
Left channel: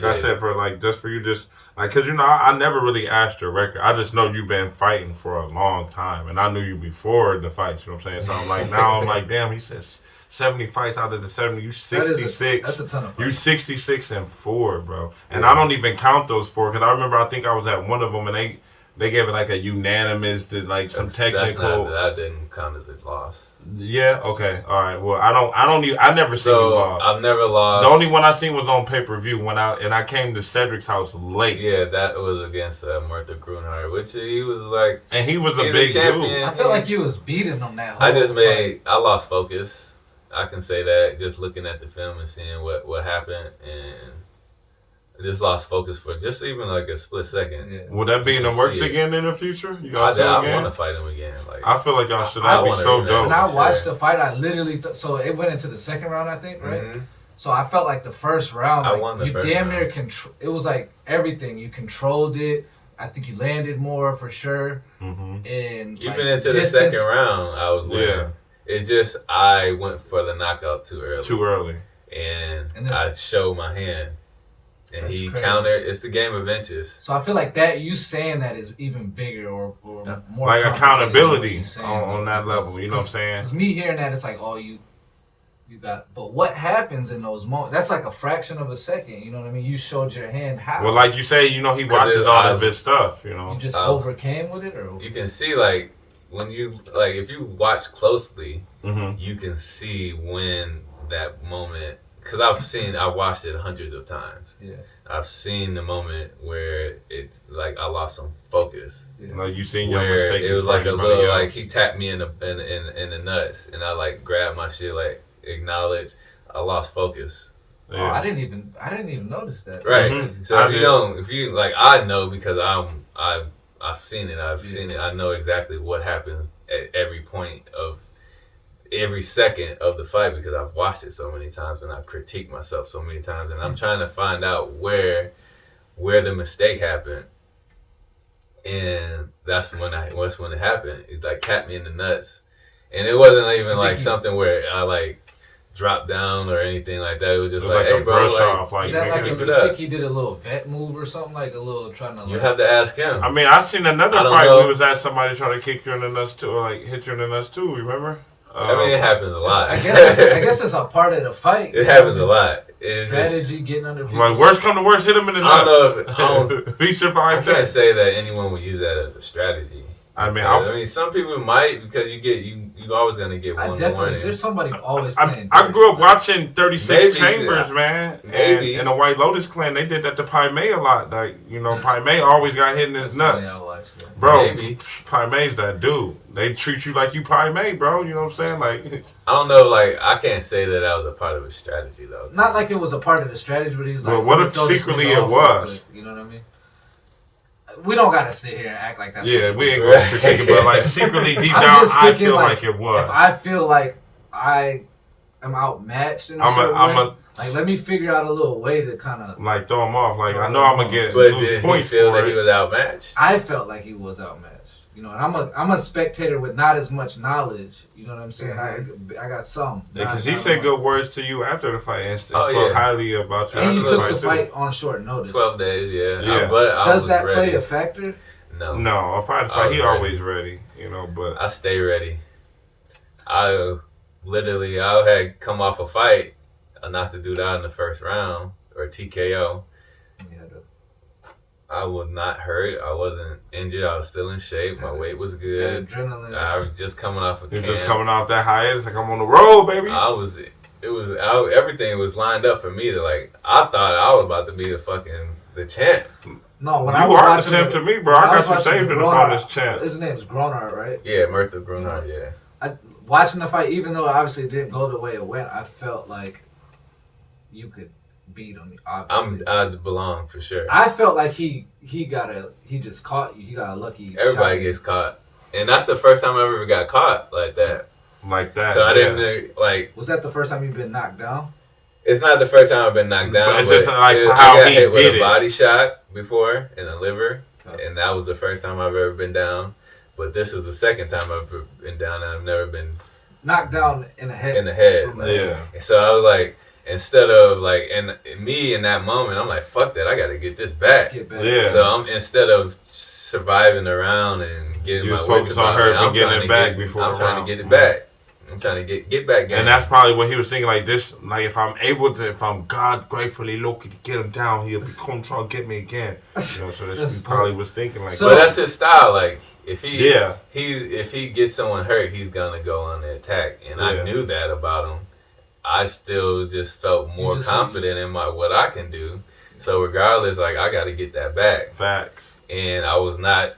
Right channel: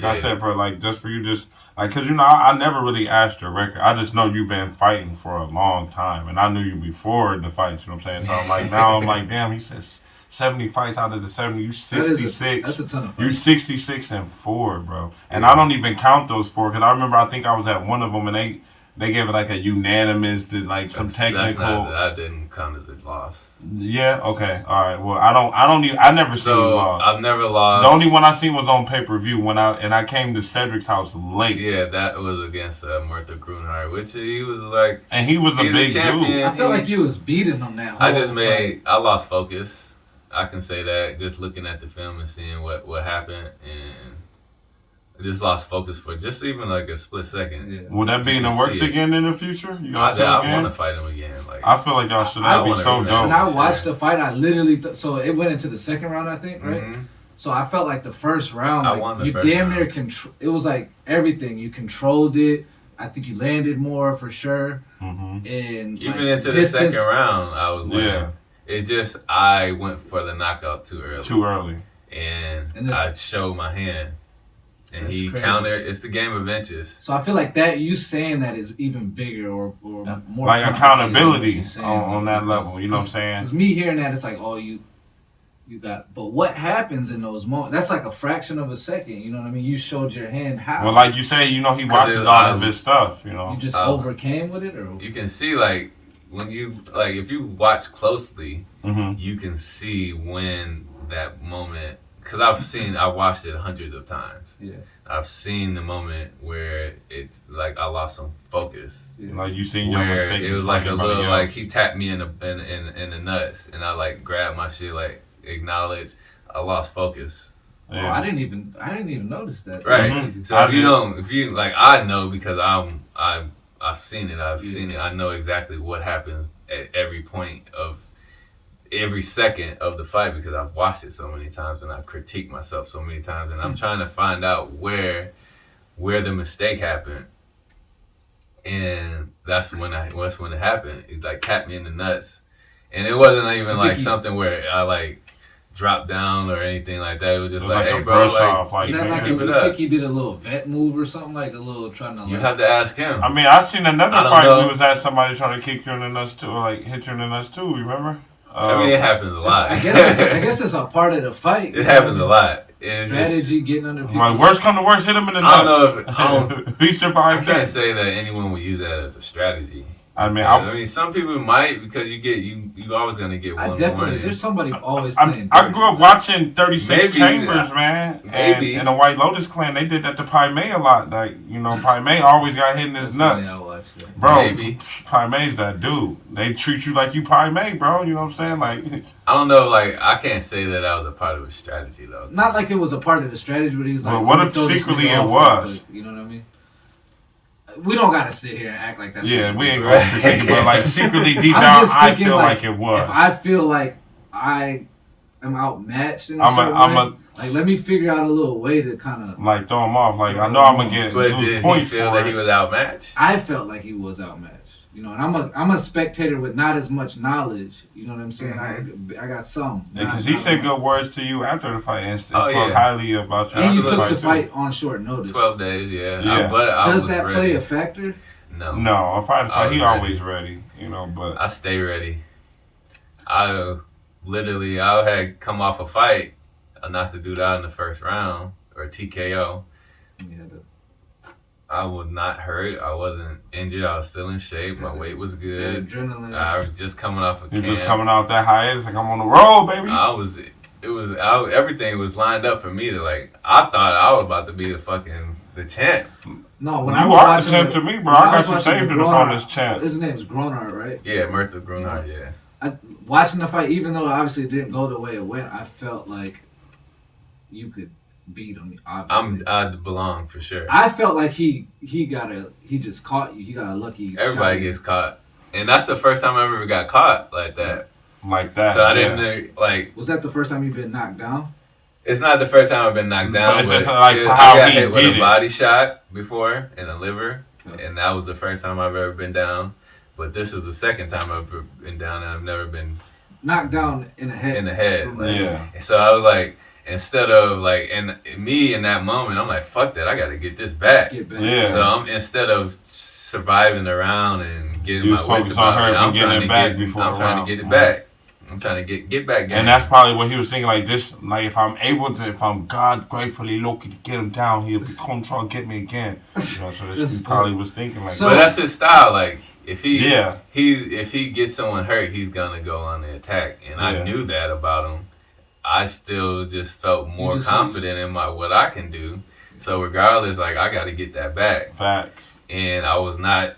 I said, for like just for you, just like because I never really asked your record. I just know you've been fighting for a long time, and I knew you before the fights. You know what I'm saying? So I'm like, now I'm like, damn. He says 70 fights out of the 70. You 66. That's a ton of fights. You 66-4, bro. And I don't even count those 4 because I remember I think I was at one of them and they gave it like a unanimous to like some technical. That didn't count as a loss. Yeah. Okay. All right. Well, I never seen you lost. I've never lost. The only one I seen was on pay-per-view I came to Cedric's house late. Yeah, that was against Martha Grunhard, which he was like. And he was a big dude. I felt like you was beating him that whole I lost focus. I can say that just looking at the film and seeing what happened, and I just lost focus for just even like a split second. Yeah. Would that be in the works again in the future? I want to fight him again. Like I feel like y'all should. I That'd be so When dope. I watched the fight, I literally so it went into the second round, I think, right? Mm-hmm. So I felt like the first round, I like, won the you first damn round. near it was like everything. You controlled it. I think you landed more for sure. Mm-hmm. And Even like, into the second round, I was winning. It's just I went for the knockout too early. And I showed my hand. And he countered. It's the game of inches. So I feel like that you saying that is even bigger or more like accountability saying, on that level. You know what I'm saying? Because me hearing that, it's like, oh, you got. But what happens in those moments? That's like a fraction of a second. You know what I mean? You showed your hand. How? Well, like you say, you know, he watches all of his stuff. You know, you just overcame with it, or you can see like when you like if you watch closely, you can see when that moment. Because I watched it hundreds of times. Yeah. I've seen the moment where it's like I lost some focus. Yeah. Like you seen your where mistake. It was like a little like he tapped me in the nuts, and I like grabbed my shit, like acknowledged. I lost focus. Yeah. Oh, I didn't even notice that. Right. Mm-hmm. So if you like, I know because I've seen it. I've seen it. I know exactly what happened at every point of every second of the fight because I've watched it so many times and I've critiqued myself so many times, and I'm trying to find out where the mistake happened, and that's when it happened. It like tapped me in the nuts, and it wasn't even like something where I like dropped down or anything like that. It was just like, hey bro, like, is that like you think he did a little vet move or something, like a little trying to? You have to ask him. I mean, I've seen another fight where it was at somebody trying to kick you in the nuts too, or like hit you in the nuts too. Remember? I mean, it happens a lot. I guess it's a part of the fight. It happens a lot. It's strategy, getting under people. Like, worst come to worst, hit him in the nuts. I don't know if he survived I can't say that anyone would use that as a strategy. I mean, some people might because you always gonna get one warning. There's somebody always playing. I grew up watching 36 Chambers, man. Maybe. And the White Lotus Clan, they did that to Pai Mei a lot. Like, you know, Pai Mei always got hit in his nuts. Bro, Pai Mei's that dude. They treat you like you Pai Mei, bro. You know what I'm saying? Like, I don't know. Like, I can't say that was a part of a strategy, though. Not like it was a part of the strategy, but he's like, what if secretly it was? You know what I mean? We don't gotta sit here and act like that's we ain't gonna critique it, but like secretly deep down, I feel like it was. If I feel like I am outmatched in a certain way, like let me figure out a little way to kind of like throw him off. Like I know I'm gonna get lose points. Did he feel that he was outmatched? I felt like he was outmatched. You know, and I'm a spectator with not as much knowledge. You know what I'm saying? I got some. Because he said good words to you after the fight and spoke highly about you. And you took the fight on short notice. 12 days, yeah. Does that play a factor? No, if I fight, he always ready. You know, but I stay ready. I had come off a fight. I knocked the dude out in the first round or TKO. I was not hurt. I wasn't injured. I was still in shape. My weight was good. Adrenaline. I was just coming off a camp. Just coming off that hiatus, like I'm on the road, baby. Everything was lined up for me to like. I thought I was about to be the champ. No, when you I was are watching the champ to me, bro. I got you saved in the finals champ. His name's Gronard, right? Yeah, Murtha Grunhard. Yeah. Watching the fight, even though obviously it didn't go the way it went, I felt like you could beat him. Obviously, I belong for sure. I felt like he just caught you. He got a lucky. Everybody gets caught, and that's the first time I ever got caught like that. So I didn't like. Was that the first time you've been knocked down? It's not the first time I've been knocked down. But it's just like I got hit with a body shot before in the liver, and that was the first time I've ever been down. But this was the second time I've ever been down, and I've never been knocked down in the head. Yeah. And so I was like, instead of like, and me in that moment, I'm like, fuck that, I gotta get this back. Yeah. So instead of surviving the round and getting my weight to on her I'm getting it back before I'm trying to get it back. I'm trying to get back. And that's probably what he was thinking. Like this, like if I'm God gratefully lucky to get him down, he'll be come try to get me again. You know, so he probably was thinking like. So but that's his style. Like if he if he gets someone hurt, he's gonna go on the attack. And I knew that about him. I still just felt more confident in what I can do. So regardless, like I got to get that back. Facts. And I was not.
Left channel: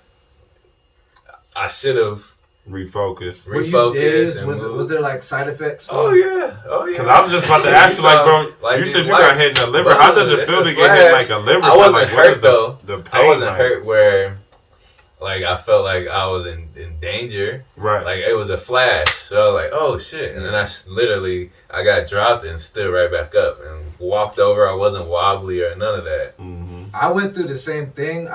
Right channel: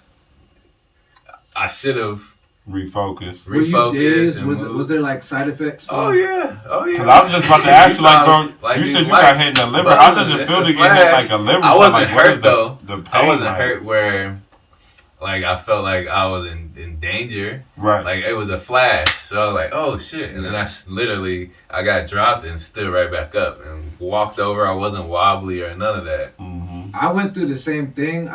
I should have refocus. Were you dazed? And Was there like side effects? Oh yeah. Because I was just about to ask you, like, bro, you said you got hit in the liver. How does it feel to get hit like a liver? I wasn't like, hurt though. The pain, I wasn't hurt where, like, I felt like I was in danger. Right. Like it was a flash. So I was like, oh shit, and then I got dropped and stood right back up and walked over. I wasn't wobbly or none of that. Mm-hmm. I went through the same thing.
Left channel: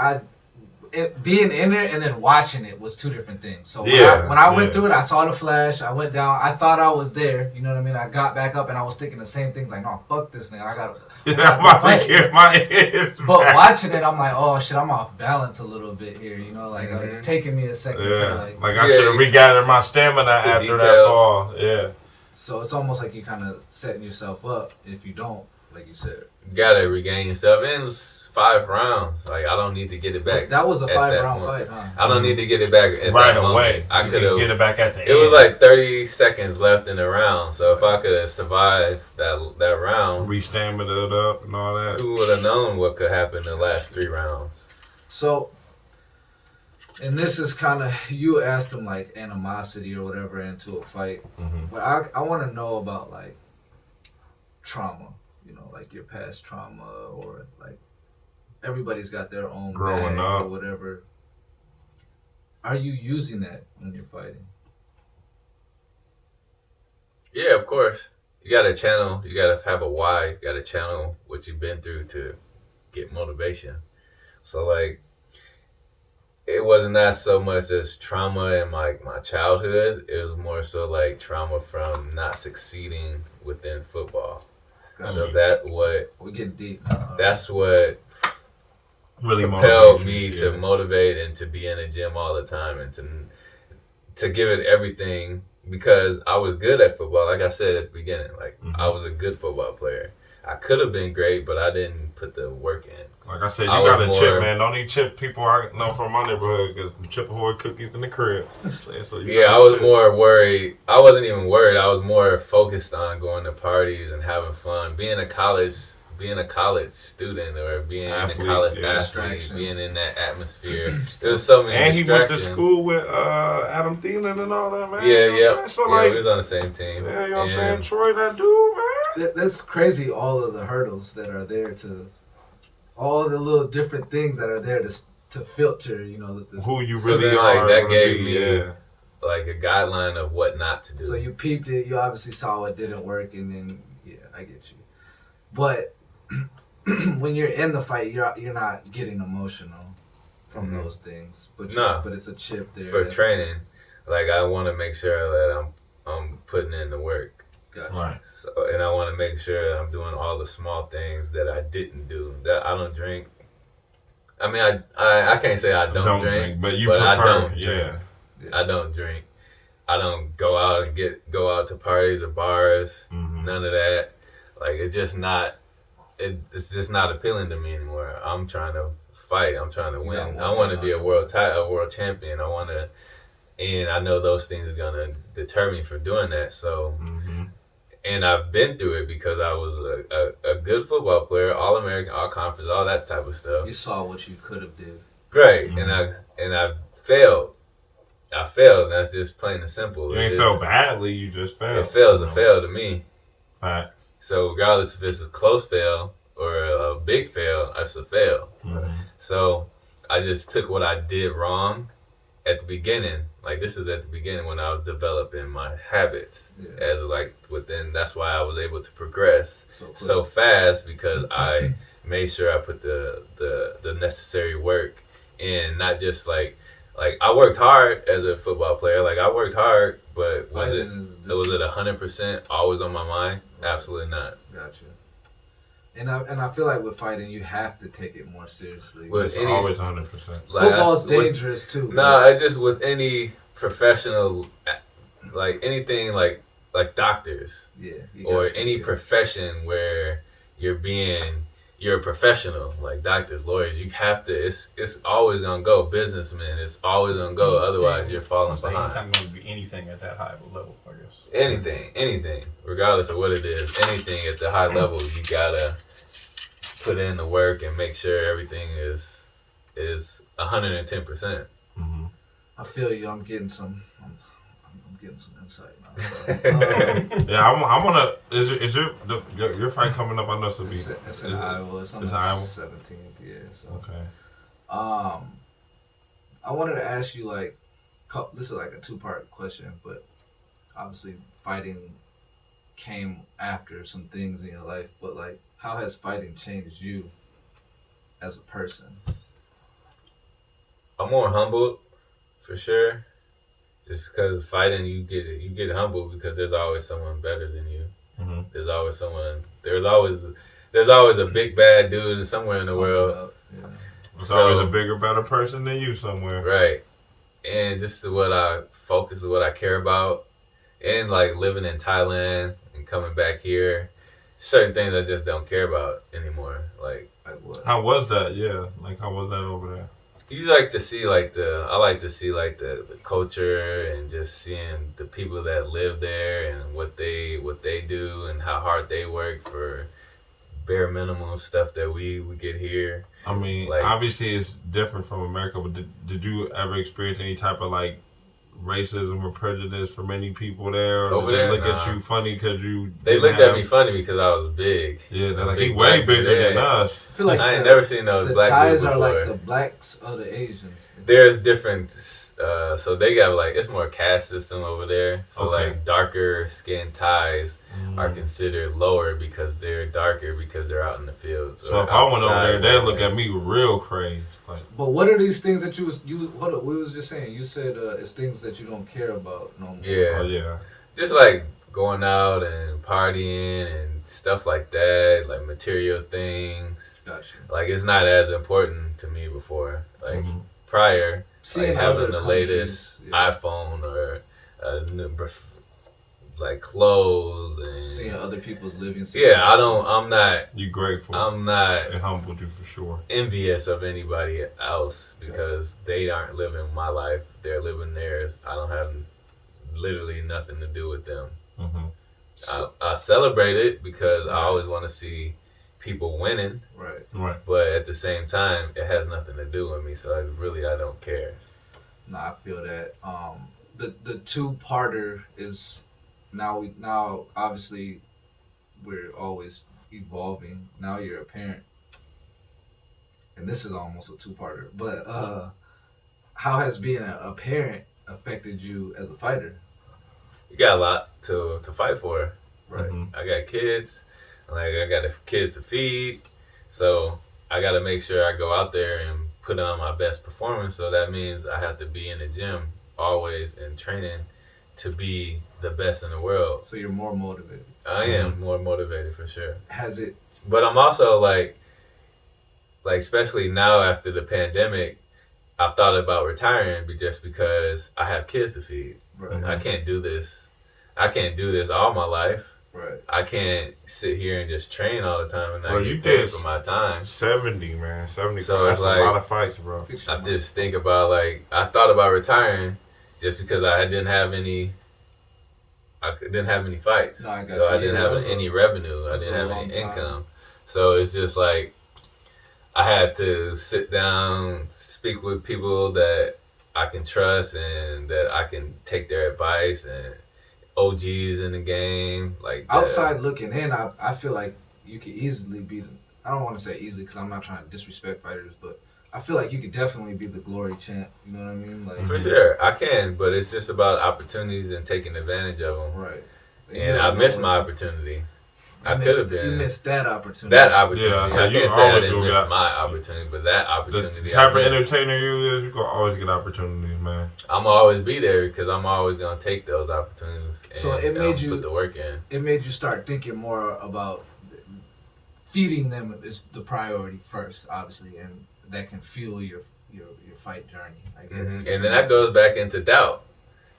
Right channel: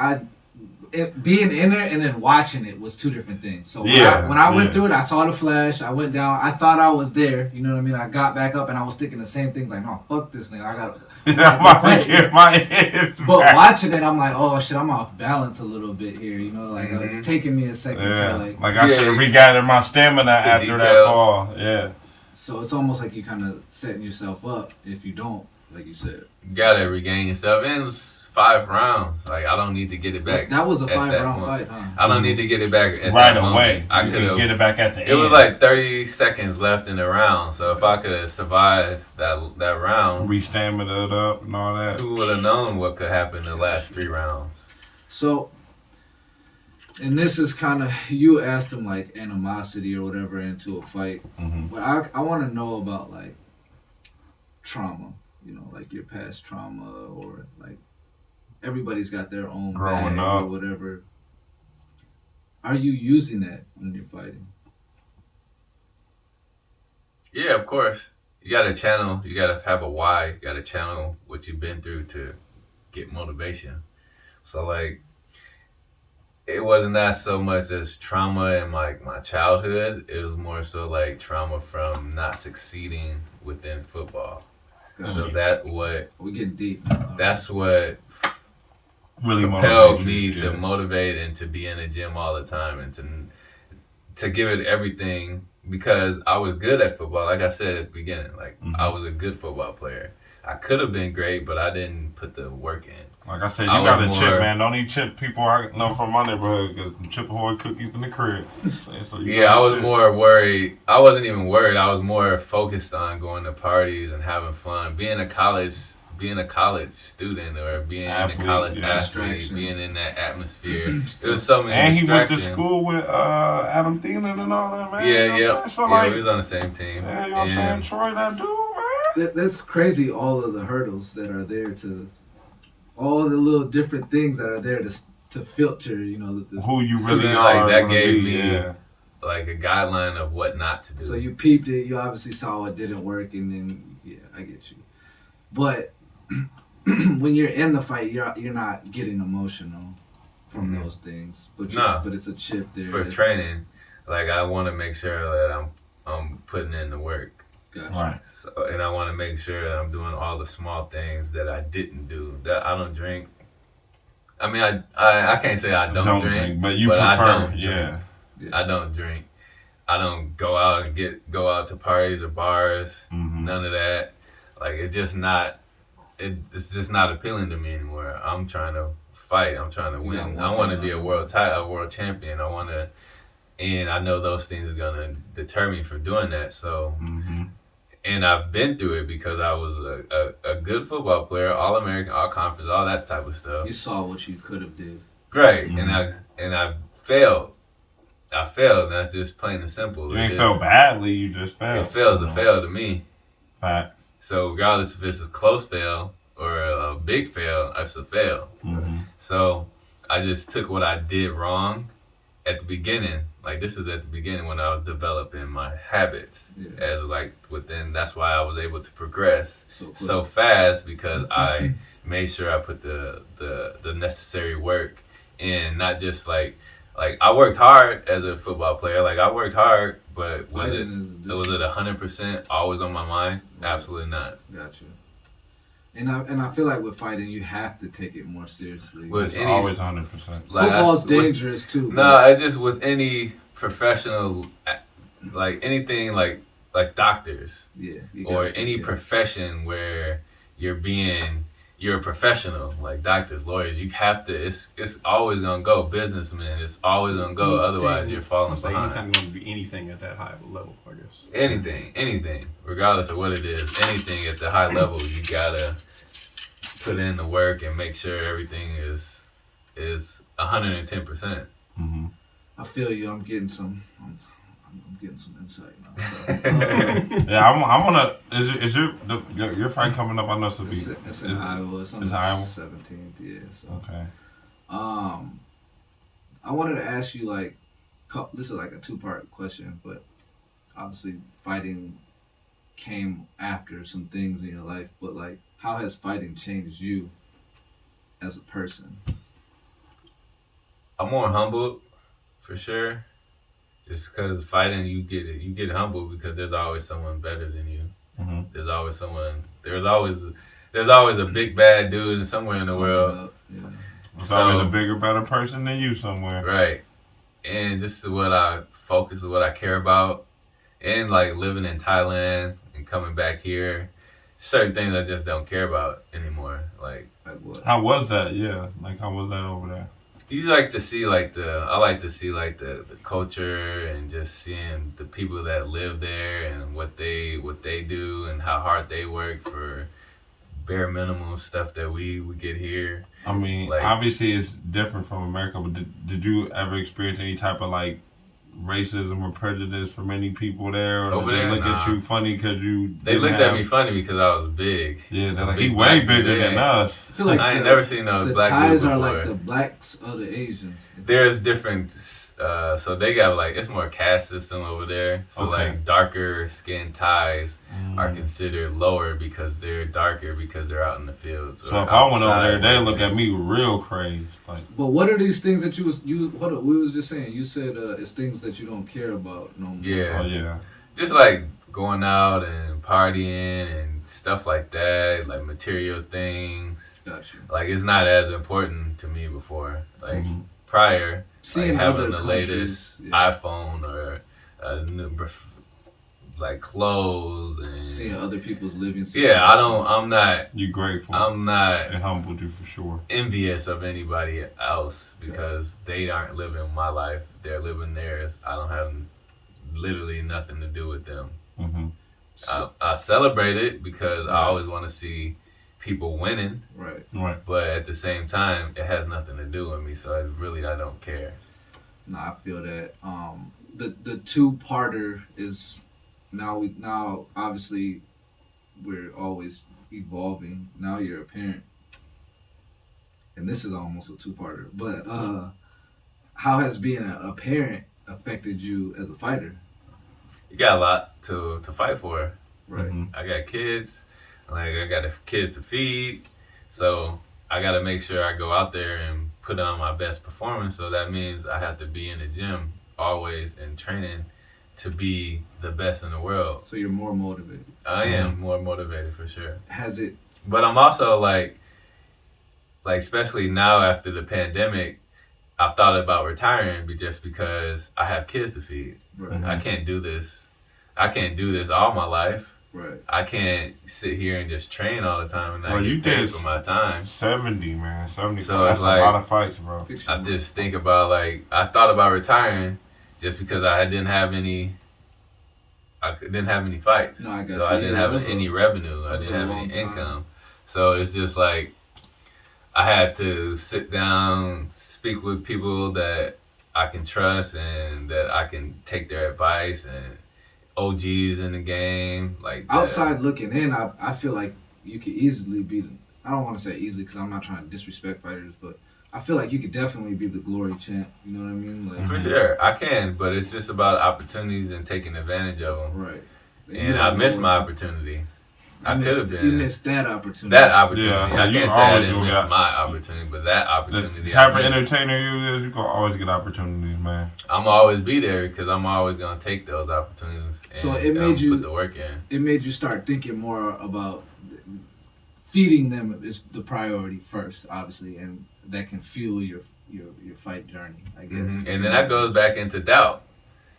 Being in there and then watching it was two different things. So when I went through it, I saw the flash. I went down. I thought I was there. You know what I mean? I got back up and I was thinking the same things. Like, no, fuck this thing. I got. I'm about to get my head But back. watching it, I'm like, oh shit, I'm off balance a little bit here. You know, like it's taking me a second. Yeah. To, like I should have regathered my stamina after that fall. Yeah. So it's almost like you kind of setting yourself up if you don't, like you said. You gotta regain yourself. And it's 5 rounds. Like I don't need to get it back. That was a 5-round fight, huh? I don't need to get it back at right that away. I could have get it back at the end. It was like 30 seconds left in the round. So if I could have survived that round, re-stamina it up and all that. Who would have known what could happen in the last 3 rounds? So, and this is kind of, you asked them like animosity or whatever into a fight. Mm-hmm. But I want to know about like trauma, you know, like your past trauma or like everybody's got their own growing bag up or whatever. Are you using that when you're fighting? Yeah, of course. You got to channel. You got to have a why. You got to channel what you've been through to get motivation. So like, it wasn't that so much as trauma in my childhood. It was more so like trauma from not succeeding within football. Gotcha. So we get deep. That's what really propelled me to motivate and to be in the gym all the time and to give it everything, because I was good at football. Like I said at the beginning, like I was a good football player. I could have been great, but I didn't put the work in. Like I said, you got to chip, man. Don't eat chip people I know from my neighborhood because chip ahoy cookies in the crib. So I was more worried. I wasn't even worried. I was more focused on going to parties and having fun. Being a college student or being a college athlete, being in that atmosphere. There's so many and he went to distractions. school with Adam Thielen and all that, man. Yeah, you know so we was on the same team. Yeah, you know what I'm saying? Troy, that dude, man. That's crazy, all of the hurdles that are there all the little different things that are there to filter, you know. Who you really then, are. like, that gave me like a guideline of what not to do. So you peeped it, you obviously saw it didn't work, and then, yeah, I get you. But when you're in the fight, you're not getting emotional from those things. But it's a chip there. For training, like I want to make sure that I'm putting in the work. Gotcha. Right. So, and I want to make sure that I'm doing all the small things that I didn't do. That I don't drink. I mean, I can't say I don't drink, but you prefer. I don't yeah. drink. I don't drink. I don't go out to parties or bars. Mm-hmm. None of that. Like it's just not appealing to me anymore. I'm trying to fight. I'm trying to win. I want to be a world champion. And I know those things are gonna deter me from doing that. So, and I've been through it because I was a good football player, All American, All Conference, all that type of stuff. You saw what you could have did. Right, and I failed. I failed, and that's just plain and simple. You ain't felt badly. You just failed. It fails a fail to me. Facts. So regardless if it's a close fail or a big fail, it's a fail. Mm-hmm. So I just took what I did wrong at the beginning. Like this is at the beginning when I was developing my habits that's why I was able to progress so fast, because I made sure I put the necessary work in, not just like I worked hard as a football player. Like I worked hard, but was it 100% always on my mind? Absolutely not. Gotcha. And I feel like with fighting, you have to take it more seriously. It's always 100%. Football's dangerous too. No, I just with any professional, like anything like doctors, or any profession where you're a professional, like doctors, lawyers. You have to. It's always gonna go. Businessmen, it's always gonna go. Otherwise, you're falling behind. Anytime going to be anything at that high of a level, I guess. Anything, regardless of what it is, anything at the high level, you gotta put in the work and make sure everything is 110%. Mm-hmm. I feel you. I'm getting some insight now. So, Yeah, I'm gonna. Is your fight coming up? I know it's to be. It's in Iowa. It's on the Iowa? 17th. Yeah. So. Okay. I wanted to ask you like, this is like a 2-part question, but obviously fighting came after some things in your life. But like, how has fighting changed you as a person? I'm more humbled, for sure. Just because fighting, you get humbled because there's always someone better than you. Mm-hmm. There's always someone. There's always a big bad dude somewhere in the world. Yeah. There's always a bigger, better person than you somewhere. Right. And just what I focus, what I care about, and like living in Thailand and coming back here, certain things I just don't care about anymore. Like what? How was that? Yeah, like how was that over there? I like to see the culture and just seeing the people that live there and what they do and how hard they work for bare minimum stuff that we get here. I mean, like, obviously it's different from America, but did you ever experience any type of like racism or prejudice from any people there? Or did they look at you funny because you They looked at me funny because I was big. Yeah, they're like, he way bigger than us. I feel like I ain't never seen those black Thais people are before. like the blacks of the Asians. There's different, so they got like, it's more caste system over there. So Okay. like darker skinned Thais are considered lower because they're darker because they're out in the fields. So if I went over there, they'd look at me real crazy. Like, but what are these things that hold up, we was just saying, you said it's things that you don't care about no more. Yeah. oh yeah. Just like going out and partying and stuff like that, like material things. Got you. Like it's not as important to me before. Like prior, Seeing like having other the latest countries, yeah. iPhone or like clothes and Seeing other people's living. I'm not. You grateful. I'm not It humbled you for sure. envious of anybody else because they aren't living my life. They're living theirs. I don't have literally nothing to do with them. Mm-hmm. I celebrate it because I always want to see people winning. Right. But at the same time, it has nothing to do with me. So I don't care. No, I feel that. The 2-parter is now obviously we're always evolving. Now you're a parent, and this is almost a 2-parter. But how has being a parent affected you as a fighter? You got a lot to fight for. Right. Mm-hmm. I got kids. Like I got kids to feed. So I got to make sure I go out there and put on my best performance. So that means I have to be in the gym always and training to be the best in the world. So you're more motivated. I am more motivated for sure. Has it? But I'm also like especially now after the pandemic, I've thought about retiring just because I have kids to feed. Right. I can't do this. I can't do this all my life. Right. I can't sit here and just train all the time and not Bro, you get paid did for my time. 70, man. 75. So That's it's like- a lot of fights, bro. I just think about I thought about retiring just because I didn't have any fights. No, I got so you. I didn't Yeah, have that's any revenue. I that's didn't a have long any time. income. So it's just like I had to sit down, speak with people that I can trust and that I can take their advice and OGs in the game. Like that. Outside looking in, I feel like you could easily be. I don't want to say easily because I'm not trying to disrespect fighters, but I feel like you could definitely be the glory champ. You know what I mean? Like For sure, I can, but it's just about opportunities and taking advantage of them. Right. And I missed my opportunity. I could have been. You missed that opportunity. That opportunity. Yeah, so I you can't say I always didn't gonna miss get- my opportunity, but that opportunity. The type I of missed. entertainer you is, you gonna always get opportunities, man. I'm always be there because I'm always gonna take those opportunities. And So it made you- put the work in. It made you start thinking more about feeding them is the priority first, obviously, and that can fuel your fight journey, I guess. And then that goes back into doubt.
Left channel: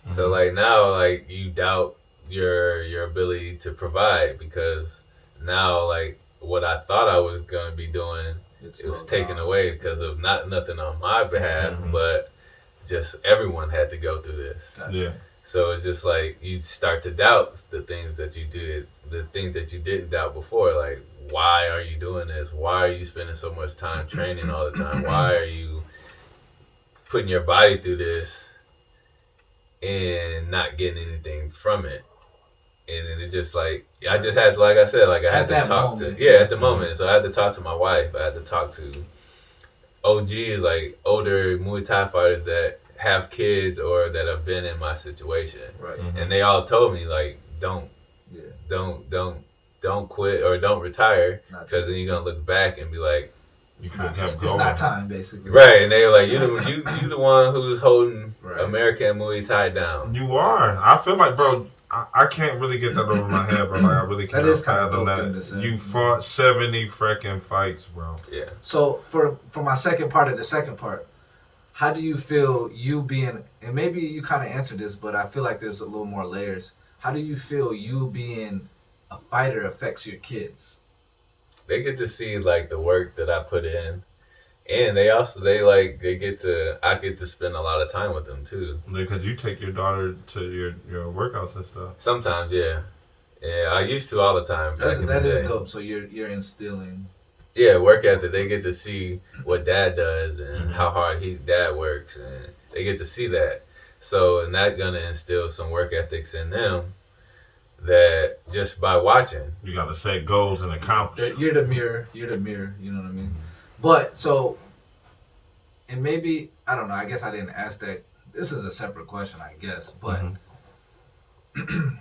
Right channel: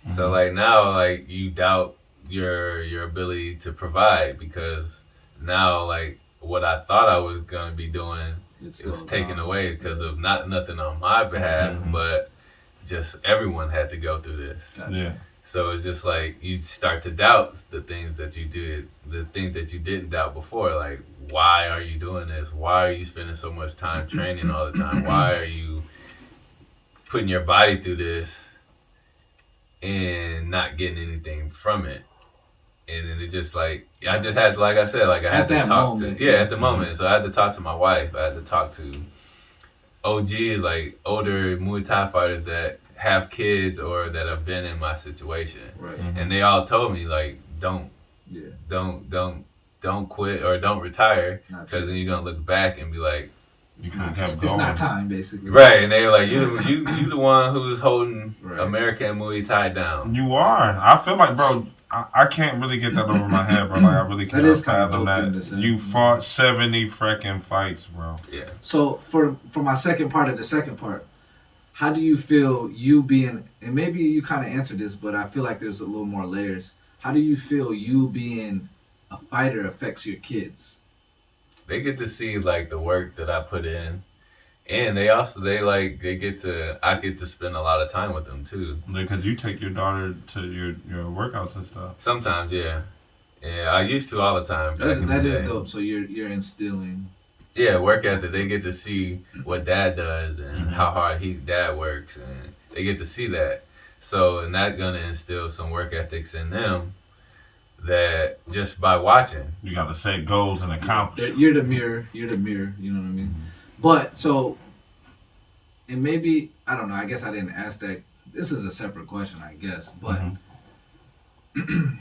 So now you doubt your ability to provide because now what I thought I was gonna be doing it was taken away because of nothing on my behalf, but just everyone had to go through this. Gotcha. Yeah. So it's just you start to doubt the things that you did, the things that you didn't doubt before. Like, why are you doing this? Why are you spending so much time training all the time? Why are you putting your body through this and not getting anything from it. And then it's just like, I just had, like I said, like I had to talk moment. to, at the moment. So I had to talk to my wife. I had to talk to OGs, like older Muay Thai fighters that have kids or that have been in my situation. Right. And they all told me, like, don't quit or don't retire, because then you're going to look back and be like, it's not time, basically. Right, and they're like, you the one who's holding American Muay Thai down. You are. I feel like, bro, I can't really get that over my head, bro. Like, I really can't fathom that. You fought 70 freaking fights, bro. Yeah. So for my second part of the second part, how do you feel you being, and maybe you kind of answered this, but I feel like there's a little more layers. How do you feel you being a fighter affects your kids? They get to see like the work that I put in, and I get to spend a lot of time with them too. Because you take your daughter to your workouts and stuff. Sometimes, yeah, I used to all the time. That is dope. So you're instilling. Yeah, work ethic. They get to see what dad does and how hard dad works, and they get to see that. So, and that's gonna instill some work ethics in them. That just by watching, you got to set goals and accomplish. You're the mirror. You know what I mean? But so, and maybe I don't know. I guess I didn't ask that. This is a separate question, I guess. But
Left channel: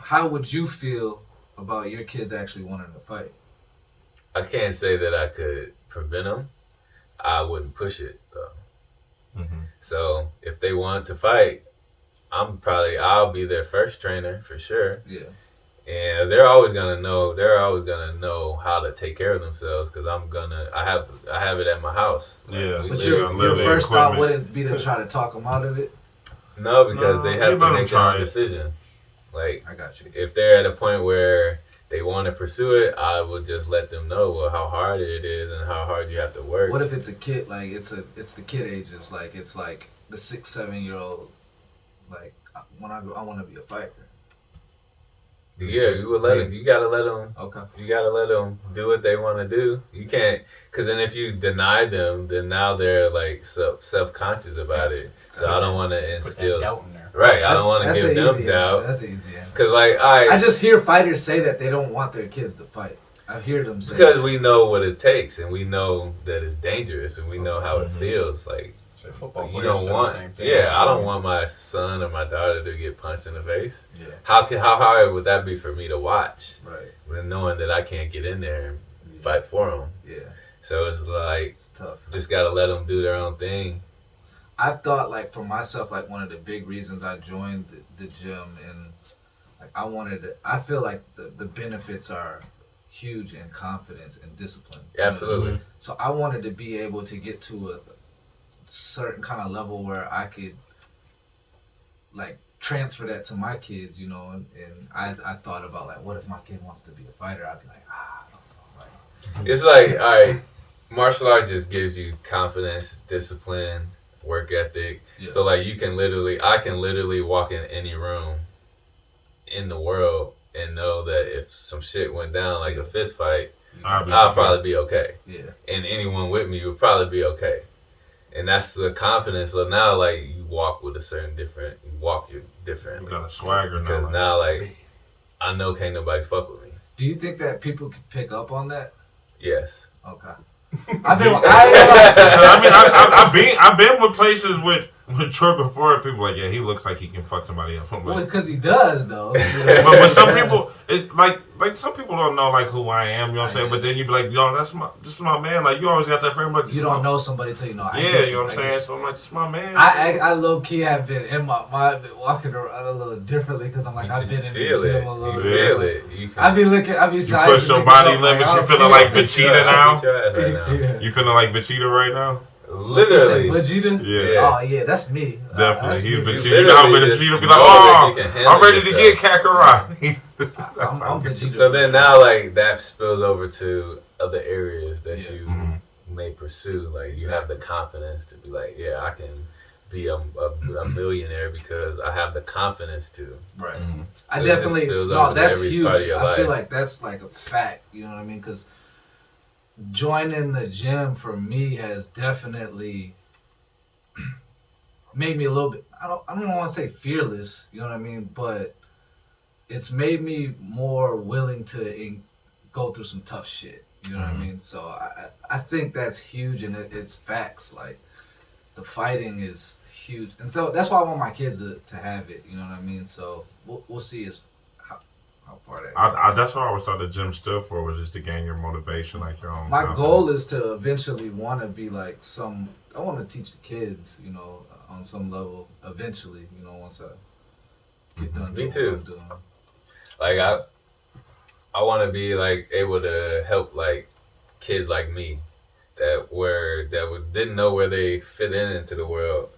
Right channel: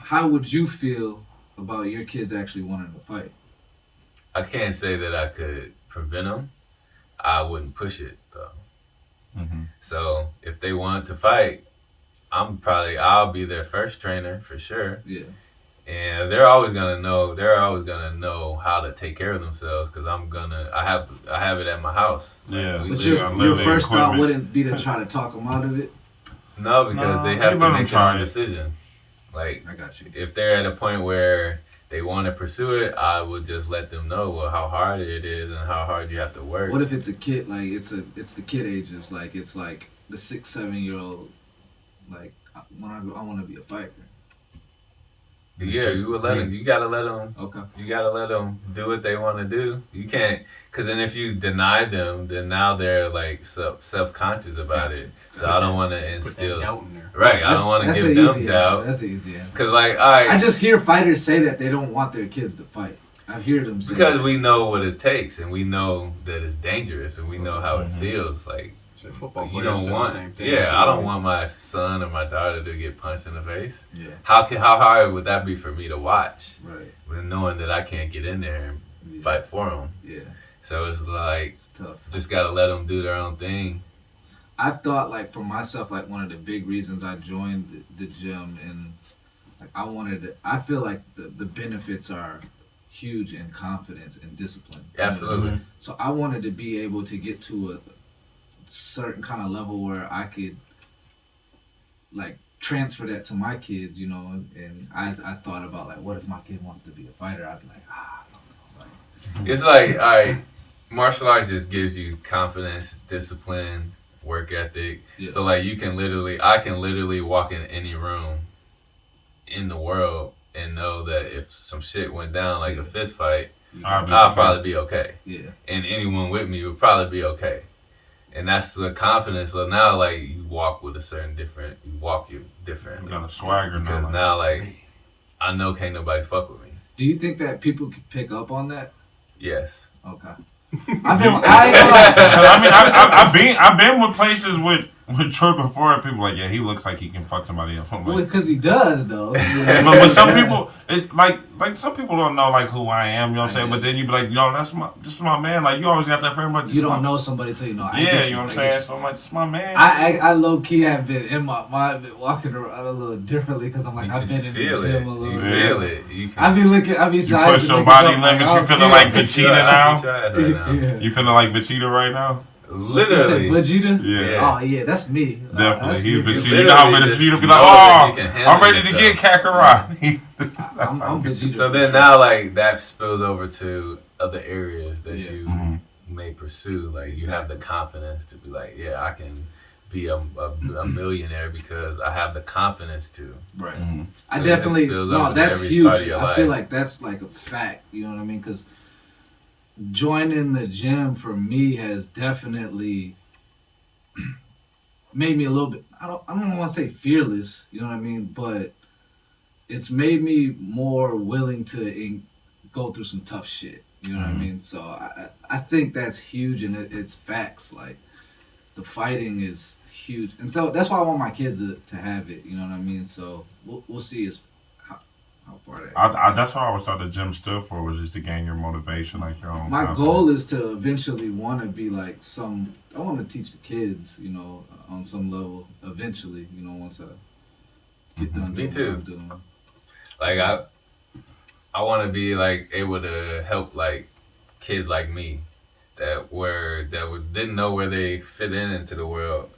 how would you feel about your kids actually wanting to fight? I can't say that I could prevent them. I wouldn't push it though. So if they want to fight, I'll be their first trainer for sure. Yeah. And they're always gonna know. They're always gonna know how to take care of themselves because I have it at my house. Yeah. But your first thought wouldn't be to try to talk them out of it. No, because they have to make their own decision. Like, I got you. If they're at a point where they want to pursue it, I would just let them know how hard it is and how hard you have to work. What if it's a kid? Like it's the kid ages. Like it's like the 6-7-year-old. Like I want to be a fighter. Yeah, you would let them. You gotta let them. Okay. You gotta let them do what they want to do. You can't, because then if you deny them, then now they're like self-conscious about it. So I don't want to instill doubt in there. Right. I don't want to give them doubt. That's easy. Because like I just hear fighters say that they don't want their kids to fight. I hear them say because that. we know what it takes and we know that it's dangerous and we know how it feels. Like football you don't want. I don't want my son or my daughter to get punched in the face. Yeah. How hard would that be for me to watch? Right. When knowing that I can't get in there and fight for them. Yeah. So it's like it's tough. Just gotta let them do their own thing. I've thought like for myself, like one of the big reasons I joined the gym and like I feel like the benefits are huge in confidence and discipline. Absolutely. So I wanted to be able to get to a certain kind of level where I could like transfer that to my kids, you know, and I thought about like, what if my kid wants to be a fighter? I'd be like, I don't know. It's like, all right, martial arts just gives you confidence, discipline, work ethic. Yeah. So like I can literally walk in any room in the world and know that if some shit went down, like a fist fight, I'll probably be okay. Yeah. And anyone with me would probably be okay. And that's the confidence. So now, like, you walk you different. You got a swagger now. Because now, like, I know can't nobody fuck with me. Do you think that people can pick up on that? Yes. Okay. I've been with places with Troy before. People like, yeah, he looks like he can fuck somebody else. Well, because he does though. But with some people, it's like some people don't know like who I am. You know what I'm saying? But then you be like, yo, this is my man. Like you always got that friend, but you don't know somebody till you know. Yeah, you know what I'm saying? So I'm like, this is my man. I low key have been in my mind, been walking around a little differently because I'm like I've been in the gym a little bit. You feel it. I be looking. I be. You push your body limits. You feeling like Vegeta now? Yeah. You feeling like Vegeta right now? Literally. Vegeta? Yeah. Oh, yeah, that's me. Definitely. He's Vegeta. You know how Vegeta be like, I'm ready to get Kakarot. I'm Vegeta. So then now, like, that spills over to other areas that you may pursue. Like, you have the confidence to be like, yeah, I can be a millionaire because I have the confidence to. Right. So I definitely, that's huge. I feel like that's like a fact. You know what I mean? Because joining the gym for me has definitely made me a little bit. I don't want to say fearless. You know what I mean? But it's made me more willing to go through some tough shit. You know what I mean? So I think that's huge, and it's facts. Like the fighting is huge, and so that's why I want my kids to have it. You know what I mean? So we'll see how far that. That's what I was thought the gym stood for, was just to gain your motivation, like your own. My confidence. goal is to eventually want to be like I want to teach the kids, you know, on some level. Eventually, you know, once I get done doing what I'm doing. Like I want to be like able to help like kids like me that didn't know where they fit into the world,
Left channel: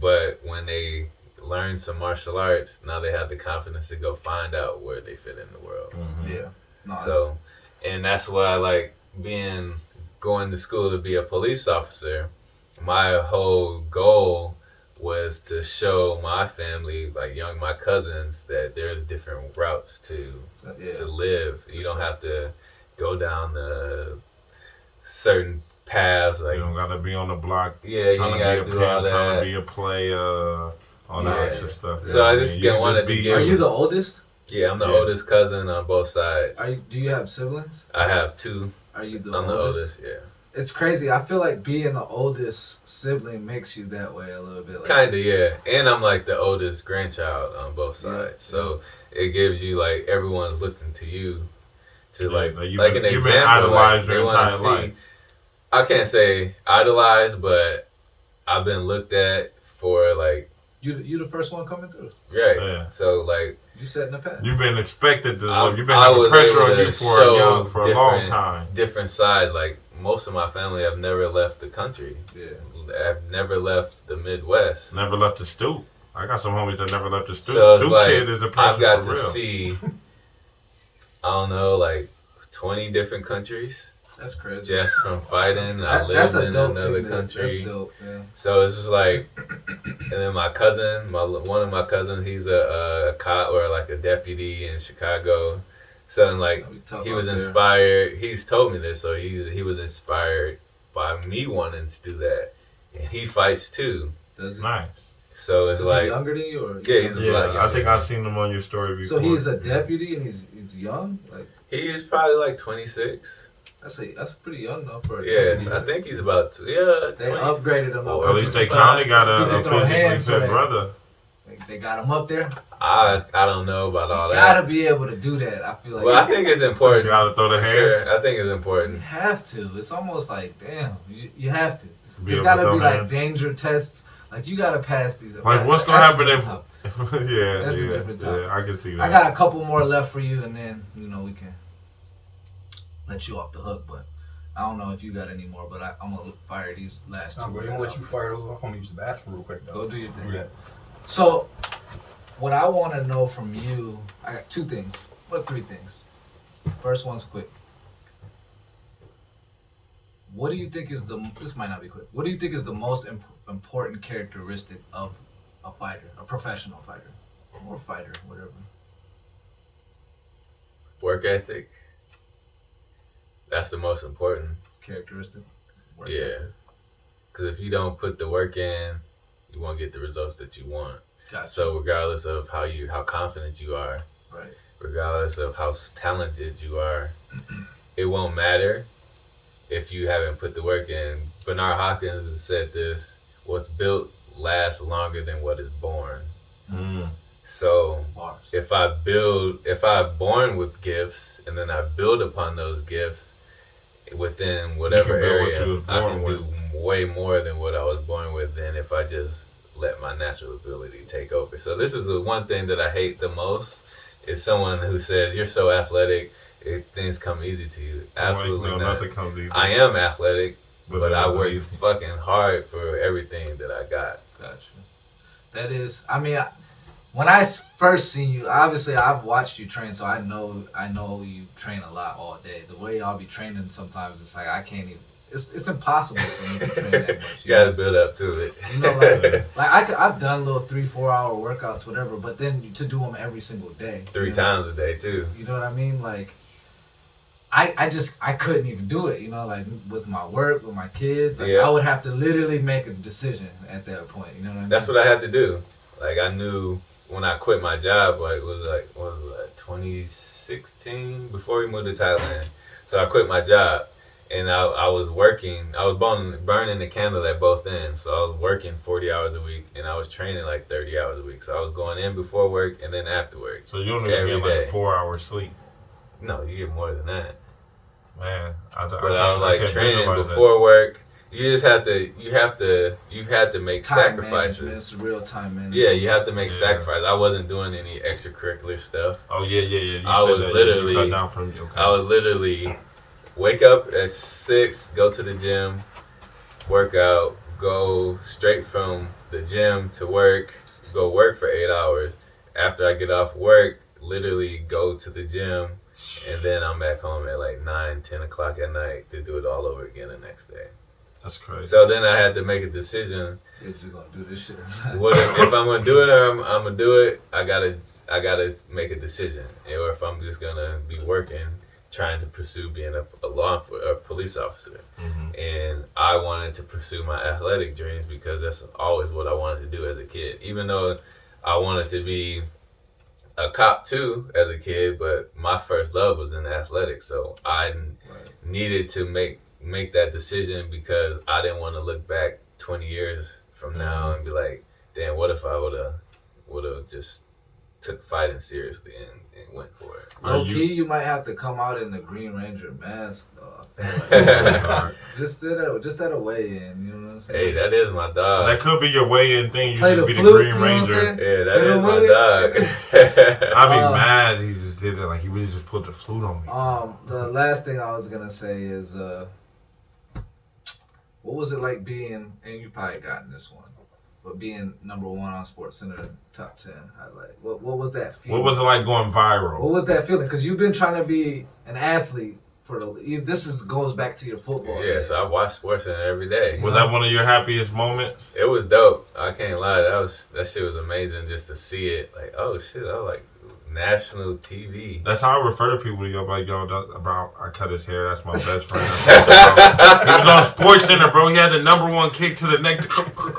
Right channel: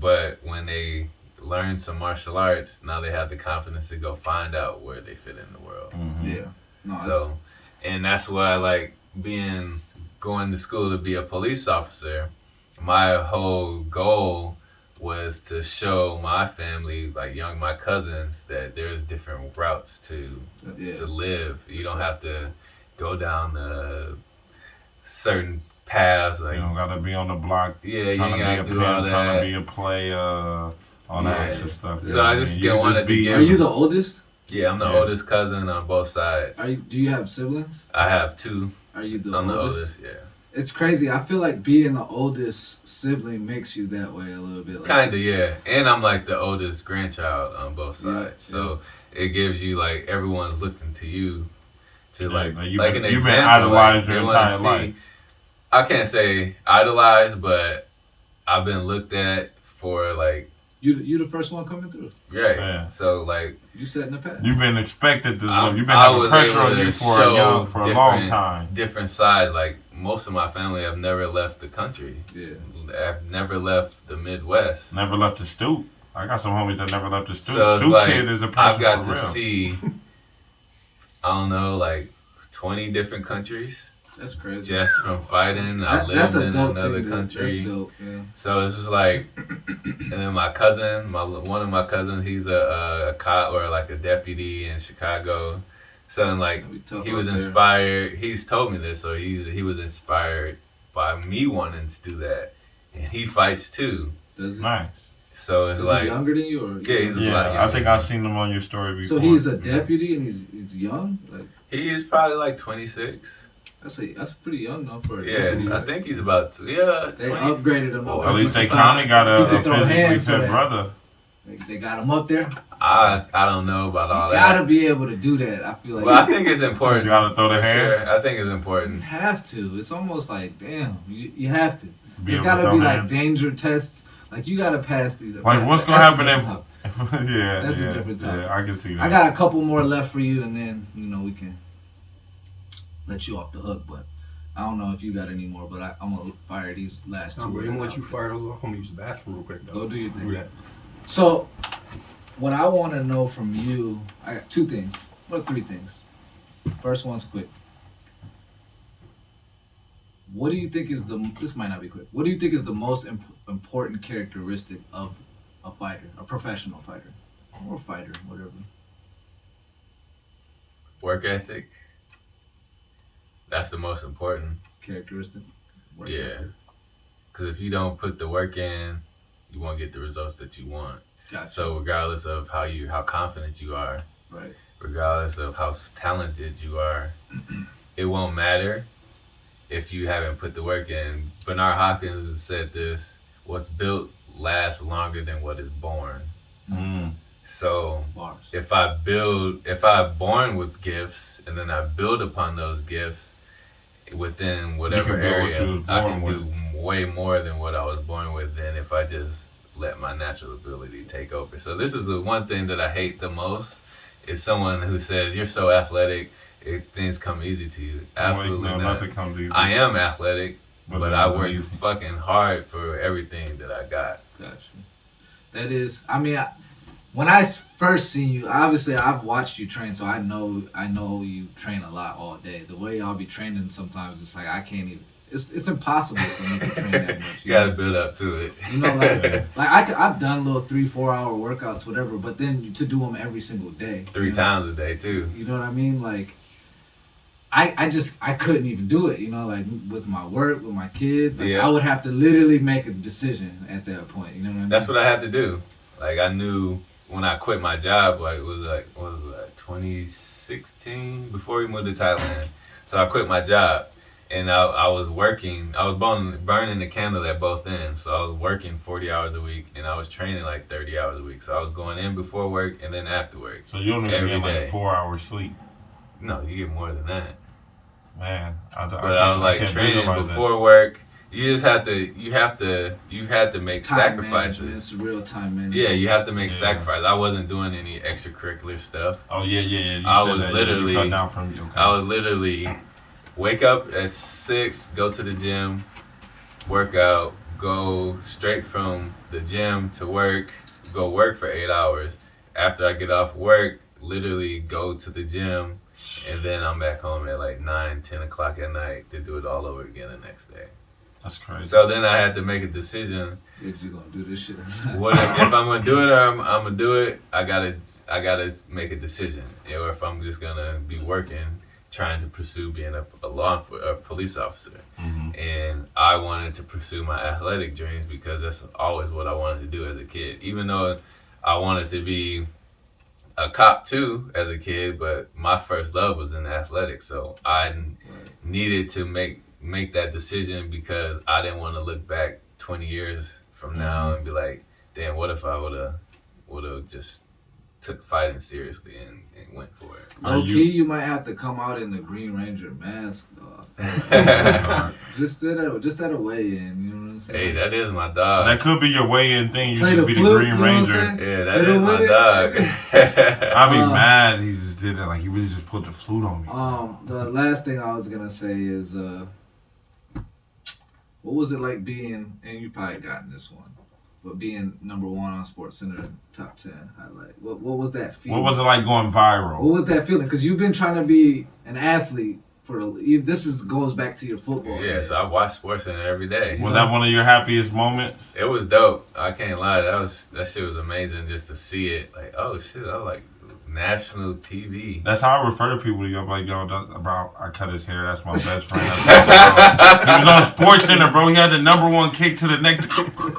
but when they learn some martial arts, now they have the confidence to go find out where they fit in the world. Yeah. No, So, and that's why I like going to school to be a police officer. My whole goal was to show my family, like my cousins, that there's different routes to live. You don't have to go down the certain paths. Like you don't gotta be on the block. Yeah, trying you to gotta be a do all pimp, trying that. to be a player, all that extra stuff. So I just wanted to give. Are you the oldest? Yeah, I'm the oldest cousin on both sides. Do you have siblings? I have two. Are you the I'm oldest? the oldest, yeah. It's crazy. I feel like being the oldest sibling makes you that way a little bit. Like, Kinda, yeah. And I'm like the oldest grandchild on both sides. Yeah, So it gives you like everyone's looking to you to like an you've example. been idolized like, your they wanna entire life. I can't say idolized, but I've been looked at for like you the first one coming through. yeah. So like you setting the path. You've been expected to. You've been I having was pressure able on to you for a long time. Different sides. Like most of my family have never left the country. Yeah. I've never left the Midwest. Never left the stoop. I got some homies that never left the stoop. So it's Stoop like, kid is a person I've got for to real. see, I don't know, like 20 different countries. That's crazy. Just from fighting. I That's lived a in dope another thing, country. That's dope, yeah. So it's just like, and then my cousin, one of my cousins, he's a cop or like a deputy in Chicago. So and like he was inspired. He's told me this, so he was inspired by me wanting to do that, and he fights too. Nice. So it's is like he younger than you, or yeah, he's a lot younger. I think I've seen him on your story before. So he's a deputy and he's young. Like he's probably like 26. That's pretty young though for a Yes, deputy. I think he's about to. Yeah, They 20. upgraded him. Well, at least they county got a physically hands so fit that- brother. They got him up there. I don't know about all You that. gotta be able to do that. I feel like. Well, I think it's important. You gotta throw the For hands. sure. I think it's You important. have to. It's almost like damn. You have to. Be There's able to gotta throw be the like hands. danger tests. Like you gotta pass these. Like what's gonna That's happen a if? different topic. That's a different topic. I can see that. I got a couple more left for you, and then we can let you off the hook. But I don't know if you got any more. But I'm gonna fire these last two. I'm gonna let you fire those off. I'm gonna use the bathroom real quick though. Go do your thing. Do that. So, what I want to know from you, I got two things. Well, three things. First one's quick. What do you think is this might not be quick. What do you think is the most important characteristic of a fighter, a professional fighter, or fighter, whatever? Work ethic. That's the most important. Characteristic? Work Yeah. ethic. Because if you don't put the work in, you won't get the results that you want. Gotcha. So regardless of how confident you are, Right. regardless of how talented you are, it won't matter if you haven't put the work in. Bernard Hopkins said this: "What's built lasts longer than what is born." So Bars. if I'm born with gifts and then I build upon those gifts within whatever build what area, you was I born can do way more than what I was born with than if I just let my natural ability take over. So this is the one thing that I hate the most is someone who says you're so athletic, things come easy to you. Absolutely no, not. nothing comes easy. I am athletic, but I work easy. fucking hard for everything that I got. Gotcha. That is, I mean, when I first seen you, obviously I've watched you train, so I know you train a lot all day. The way y'all be training sometimes, it's like I can't even. It's impossible for me to train that much. You gotta build up to it. You know, I've done little 3-4 hour workouts, whatever, but then to do them every single day, 3 times a day too. You know what I mean? Like, I couldn't even do it, you know, like with my work, with my kids. Like, Yeah. I would have to literally make a decision at that point. You know what I mean? That's what I had to do. Like I knew when I quit my job, like it was 2016 before we moved to Thailand. So I quit my job, and I was working. I was burning the candle at both ends. So I was working 40 hours a week, and I was training like 30 hours a week. So I was going in before work and then after work. So you don't even Every get like day. 4 hours sleep. No, you get more than that. Man, But I was like training before work. You just have to. You have to make Time sacrifices. management, it's real time management. Yeah, you have to make Yeah. sacrifices. I wasn't doing any extracurricular stuff. Oh yeah. You I said was that, literally- you cut down from okay. I would literally wake up at 6, go to the gym, work out, go straight from the gym to work, go work for 8 hours. After I get off work, literally go to the gym, and then I'm back home at like 9, 10 o'clock at night to do it all over again the next day. That's crazy. So then I had to make a decision. If you're gonna do this shit or not. What if I'm gonna do it or I'm gonna do it? I gotta make a decision. Or if I'm just gonna be working, trying to pursue being a police officer. Mm-hmm. And I wanted to pursue my athletic dreams because that's always what I wanted to do as a kid. Even though I wanted to be a cop too as a kid, but my first love was in athletics. So I needed to make that decision because I didn't want to look back 20 years from now and be like, damn, what if I would have just took fighting seriously and went for it. Low key, you might have to come out in the Green Ranger mask, though. just at a weigh-in, you know what I'm saying? Hey, that is my dog. That could be your way-in thing. You Play could the be the flute, Green you know what I'm Ranger. saying? Yeah, that Play is the my weigh-in. dog. I'd be mad he just did that. Like he really just put the flute on me. The last thing I was gonna say is, what was it like being, and you probably gotten this one, but being number 1 on SportsCenter top 10 highlight. What was that feeling? What was it like going viral? What was that feeling? Because you've been trying to be an athlete goes back to your football. Yeah, days. so I watch SportsCenter every day. Was that one of your happiest moments? It was dope. I can't lie. That shit was amazing just to see it. Like, oh shit, I like national TV. That's how I refer to people. Yo, like, yo, bro, I cut his hair. That's my best friend. He was on SportsCenter, bro. He had the #1 kick to the neck.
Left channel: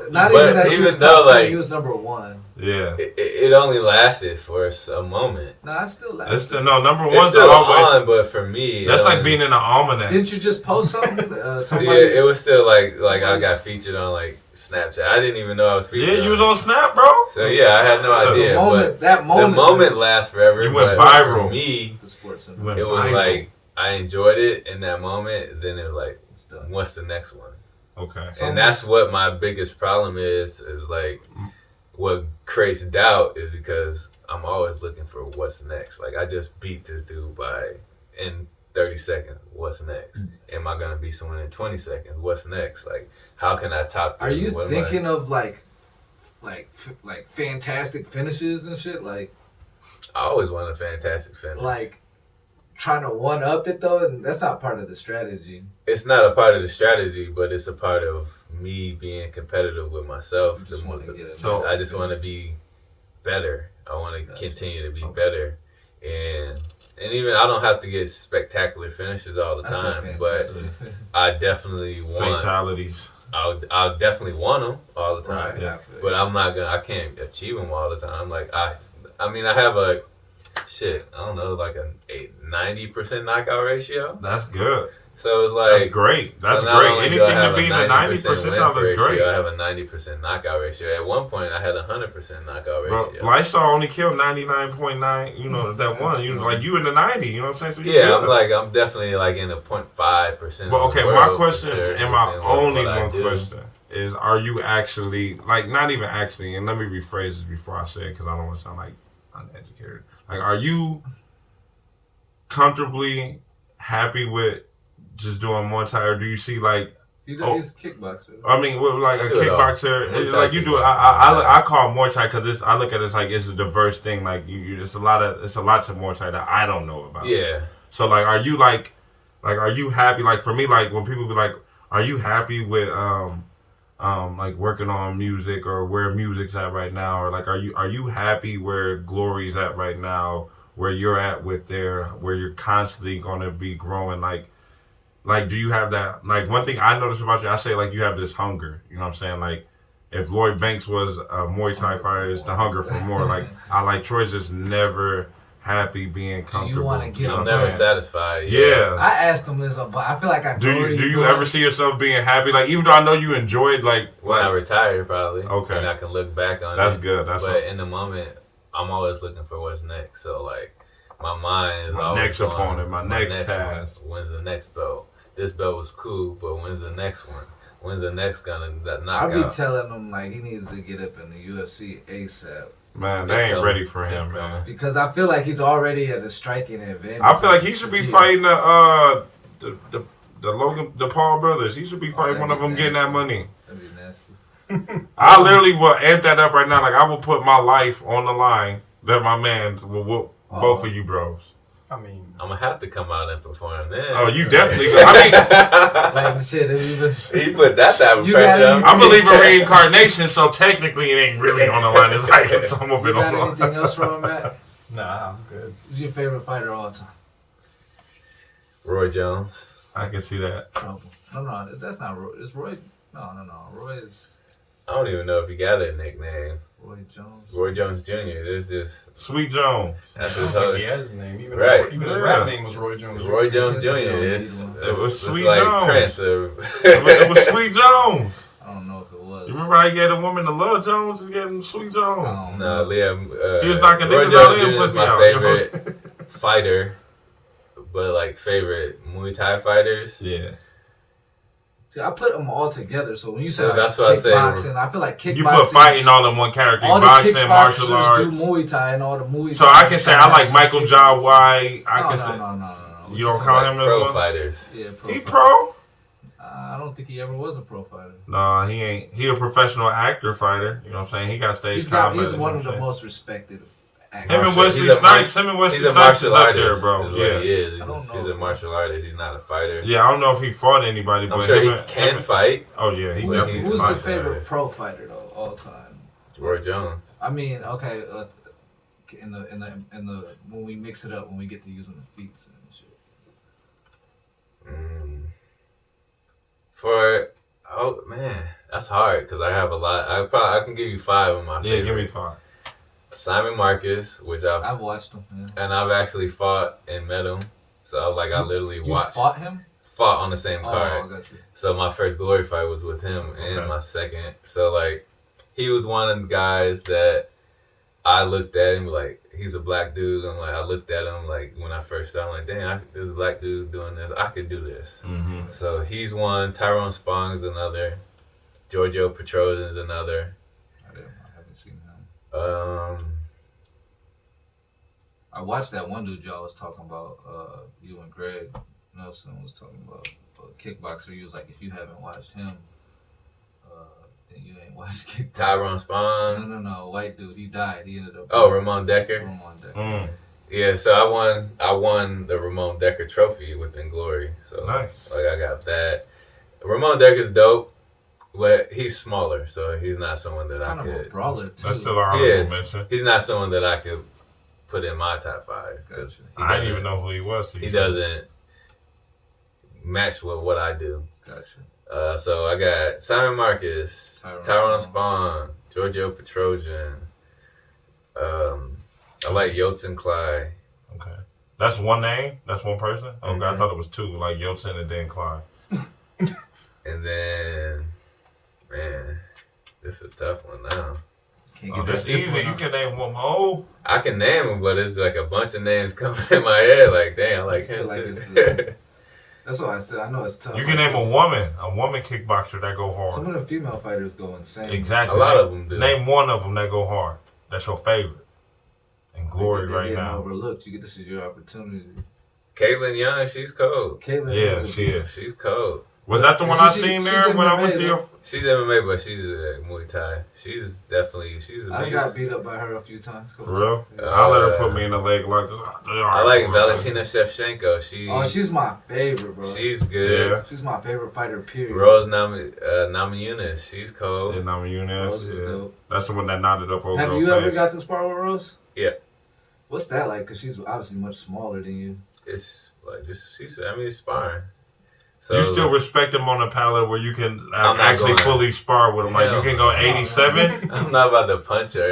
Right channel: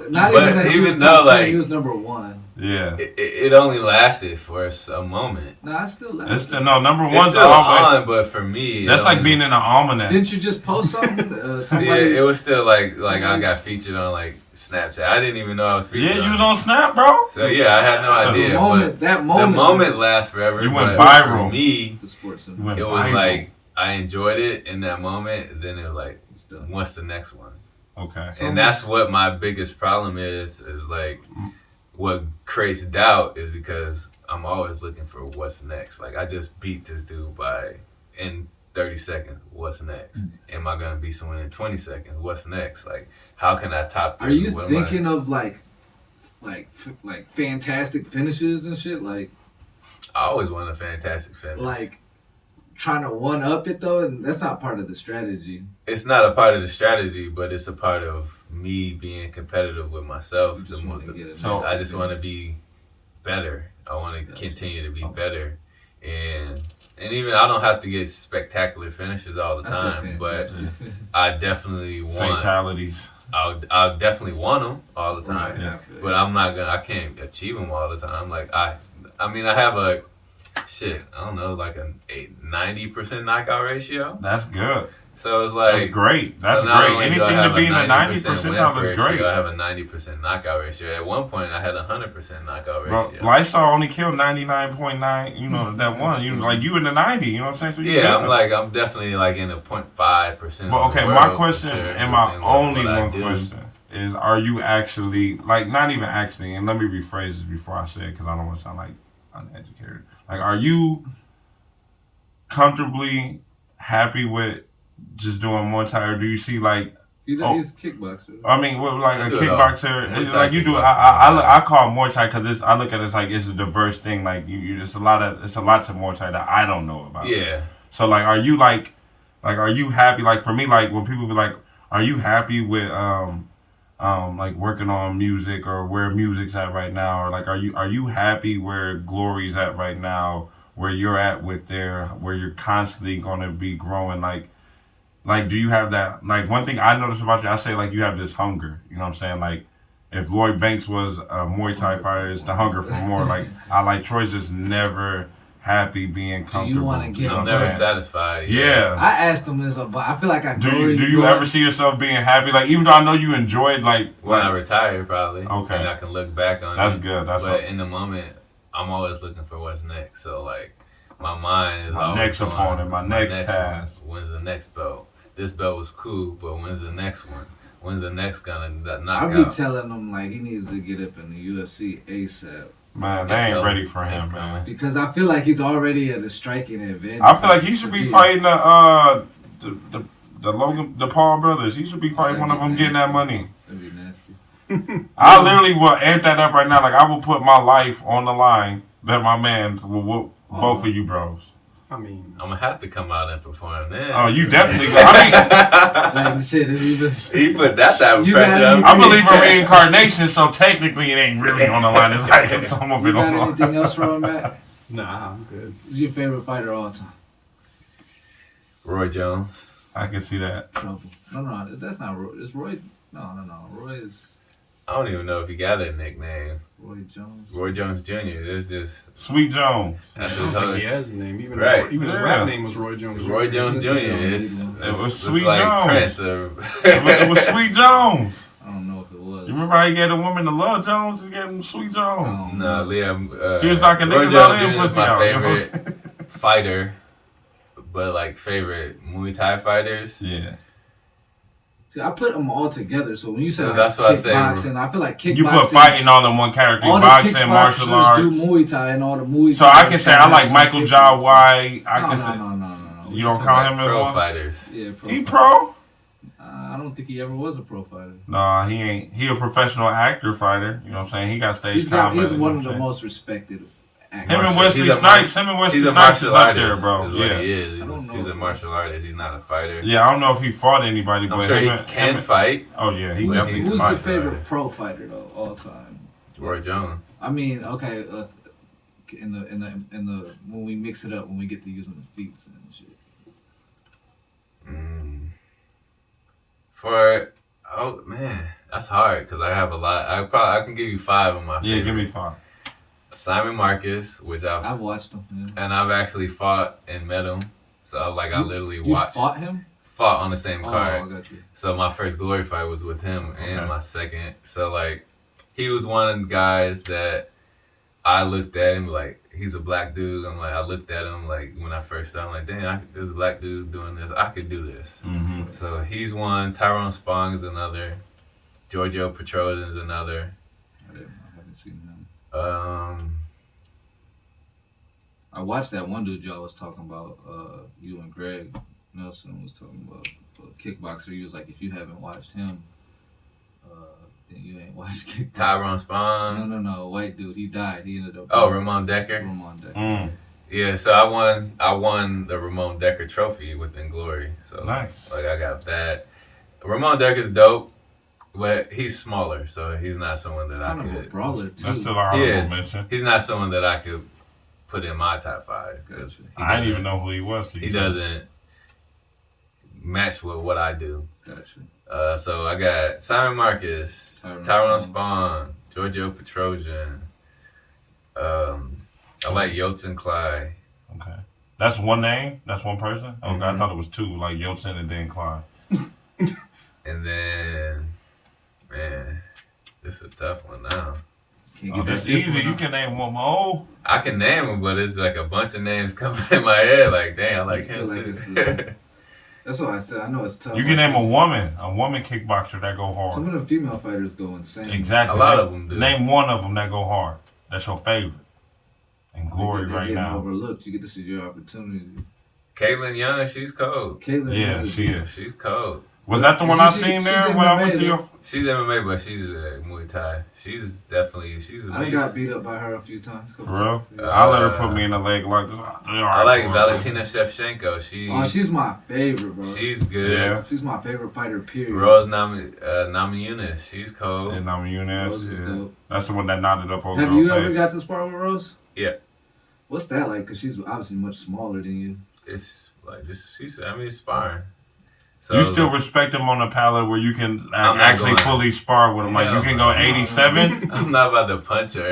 Not But even that even he was though, top 10, like- he was number 1. Yeah. It only lasted for a moment. No, I still like It's it. the, no, number It's one's still always. on, but for me, That's it like only- being in an almanac. Didn't you just post something? Yeah, Somebody, it was still like I got featured on like Snapchat. I didn't even know I was featured. Yeah, you was on Snap, bro. So yeah, I had no idea. that but moment the moment was lasts forever. You went but viral. For me, the sports You center. went it was viral. like I enjoyed it in that moment. And then it was like, It's done. what's the next one? Okay. And that's what my biggest problem is like what creates doubt is because I'm always looking for what's next. Like I just beat this dude in 30 seconds. What's next? Am I gonna beat someone in 20 seconds? What's next? Like how can I top this? Are you What am I- thinking of like fantastic finishes and shit? Like I always want a fantastic finish. trying to one up it though, and that's not part of the strategy. It's not a part of the strategy, but it's a part of me being competitive with myself. You just wanna get a So- nice I just want to finish. be better. I want to Gotcha. continue to be better, and even I don't have to get spectacular finishes all the That's a time, but fantastic- I definitely want. Fatalities. I'll definitely want them all the time, right, Yeah. after but I'm not gonna. I can't achieve them all the time. Like I mean, I have a shit. I don't know, like a 90% knockout ratio. That's good. So it's like That's great. That's so not great. only do I Anything have to be in the 90 90% win percentile is ratio, great. I have a 90% knockout ratio. At one point, I had a 100% knockout Bro, ratio. Lysol only killed 99.9. You know that one. You like you in the 90. You know what I'm saying? So you Yeah, good. I'm definitely like in the 0.5%. But of okay, the my world, question for sure, and my in only what I one do. question is: are you actually like not even actually? And let me rephrase this before I say it because I don't want to sound like uneducated. Like, are you comfortably happy with just doing Muay Thai, or do you see like? He's kickboxer. I mean, like I a do it all. kickboxer, Muay Thai like you do it. kickboxing. I call it Muay Thai because I look at it as like it's a diverse thing. Like it's a lot to Muay Thai that I don't know about. Yeah. So like, are you like, are you happy? Like for me, like when people be like, are you happy with like working on music or where music's at right now, or like are you happy where Glory's at right now? where you're at with where you're constantly gonna be growing? Like, do you have that? Like, one thing I noticed about you, I say like you have this hunger. You know what I'm saying? Like, if Lloyd Banks was a Muay Thai fighter, it's the hunger for more. Like, I like Troy's just never happy being comfortable. I'm never satisfied. Yeah. I asked him this, but I feel like I do you ever see yourself being happy? Like, even though I know you enjoyed when I retire, probably. Okay. And I can look back on That's it. good. But in the moment, I'm always looking for what's next. So like, my mind is my always next going, opponent, my next task. When's the next belt? This belt was cool, but when's the next one? When's the next gonna knock out? I'll be telling him like he needs to get up in the UFC ASAP. Man, they ain't ready for him, man. Because I feel like he's already at a striking advantage. I feel like he should be fighting the Paul brothers. He should be fighting one of them, getting that money. That'd be nasty. I literally will amp that up right now. Like, I will put my life on the line that my man will whoop both of you bros. I mean, I'm gonna have to come out and perform then. Oh, you definitely. I Like, shit, he put that type of You pressure gotta- on me. I believe in reincarnation, so technically it ain't really on the line. It's like some of You it got on the line. anything else from him, Matt? nah, I'm good. Who's your favorite fighter of all time? Roy Jones. I can see that. Trouble. No, that's not Roy. It's Roy. No. Roy is I don't even know if he got a nickname. Roy Jones. Roy Jones Jr. It's just Sweet Jones. that's I his don't whole. think he has his name. Even Right. even his rap name was Roy Jones. Roy Jones Jr. It's was Sweet like Jones. Prince or It was Sweet Jones. I don't know if it was. You remember how he gave a woman to Love Jones and gave him Sweet Jones? I don't No, know. Liam. He was knocking Roy niggas out Jones and Jr. is pussy my out, you know what I'm favorite fighter, but like favorite Muay Thai fighters. Yeah. See, I put them all together. So when you say So like that's what I say. kickboxing, I feel like kickboxing. You put fighting all in one character. all the Boxing, martial kickboxers arts. do Muay Thai and all the Muay Thai. So I can say I like kickboxing, Michael Jai kickboxing. White. I can say No. you don't count him as Pro one. fighters. Yeah, He fighter. pro? I don't think he ever was a pro fighter. Nah, he ain't. He a professional actor fighter. You know what I'm saying? He got stage He's combat. one you know of what the I'm most respected actors. saying? Him and Wesley He's a Snipes. Him and Wesley He's a Snipes is martial up there, artist. bro. Is what Yeah. he is. I don't He's know. a martial artist. He's not a fighter. Yeah, I don't know if he fought anybody, but I'm sure him he can fight. Oh yeah, he Who's definitely can your fight. favorite pro fighter though, all time? Roy Jones. I mean, okay, in the when we mix it up, when we get to using the feats and shit. Oh man, that's hard because I have a lot. I can give you 5 of my. Yeah, favorite. give me 5. Simon Marcus, which I've watched him. Yeah. and I've actually fought and met him. So like I literally You watched. fought him? Fought on the same Oh, card. I got you. So my first glory fight was with him and Okay. my second. So like he was one of the guys that I looked at him like he's a black dude. I'm like I looked at him like when I first started, I'm like, damn, there's a black dude doing this. I could do this. Mm-hmm. So he's one. Tyrone Spong's another. Giorgio Petrosian's another. I haven't seen him. Um, I watched that one dude y'all was talking about. You and Greg Nelson was talking about a kickboxer. He was like, if you haven't watched him, then you ain't watched kickboxing. Tyrone Spong. No, white dude. He died. He ended up. Oh, Ramon Decker. Ramon Decker. Mm. Yeah, so I won the Ramon Decker trophy within Glory. So Nice. like I got that. Ramon Decker's dope, but he's smaller, so he's not someone that He's I kind of a could. brawler too. That's still our He honorable is. mention. He's not someone that I could put in my top 5 because Gotcha. I didn't even know who he was. he doesn't match with what I do. Gotcha. So I got Simon Marcus, Tyrone Tyrone Spong, Giorgio Petrosian. I like Yotzen Clyde. Okay. That's one name? That's one person? Okay, I Mhm. thought it was 2, like Yotzen and then Clyde. And then, man, this is a tough one now. Can't Oh, get that's that easy. input You on- can name one more. I can name them, but it's like a bunch of names coming in my head. Like, dang, I like I feel him like too. it's That's what I said. I know it's tough. You can name a woman kickboxer that go hard. Some of the female fighters go insane. Exactly. A lot name, of them do. Name one of them that go hard. That's your favorite. And Glory They're right getting now. overlooked. You get this is your opportunity. Caitlin Young, she's cold. Caitlin Yeah, is a she beast. is. She's cold. Was that the one I She's seen there when I went to your... She's MMA, but she's a Muay Thai. She's a I beast. got beat up by her a few times. For real? Yeah. I'll let her put me in the leg like this. I like Valentina Shevchenko. She's my favorite, bro. She's good. Yeah. She's my favorite fighter, period. Rose Namajunas, she's cold. And I'm Rose Eunice. is Yeah. dope. That's the one that knotted up on Have girl you face. ever got to spar with Rose? Yeah. What's that like? Because she's obviously much smaller than you. It's like it's sparring. So You still respect him on a pallet where you can actually going- fully spar with him. Like, you can go 87. I'm not about to punch her.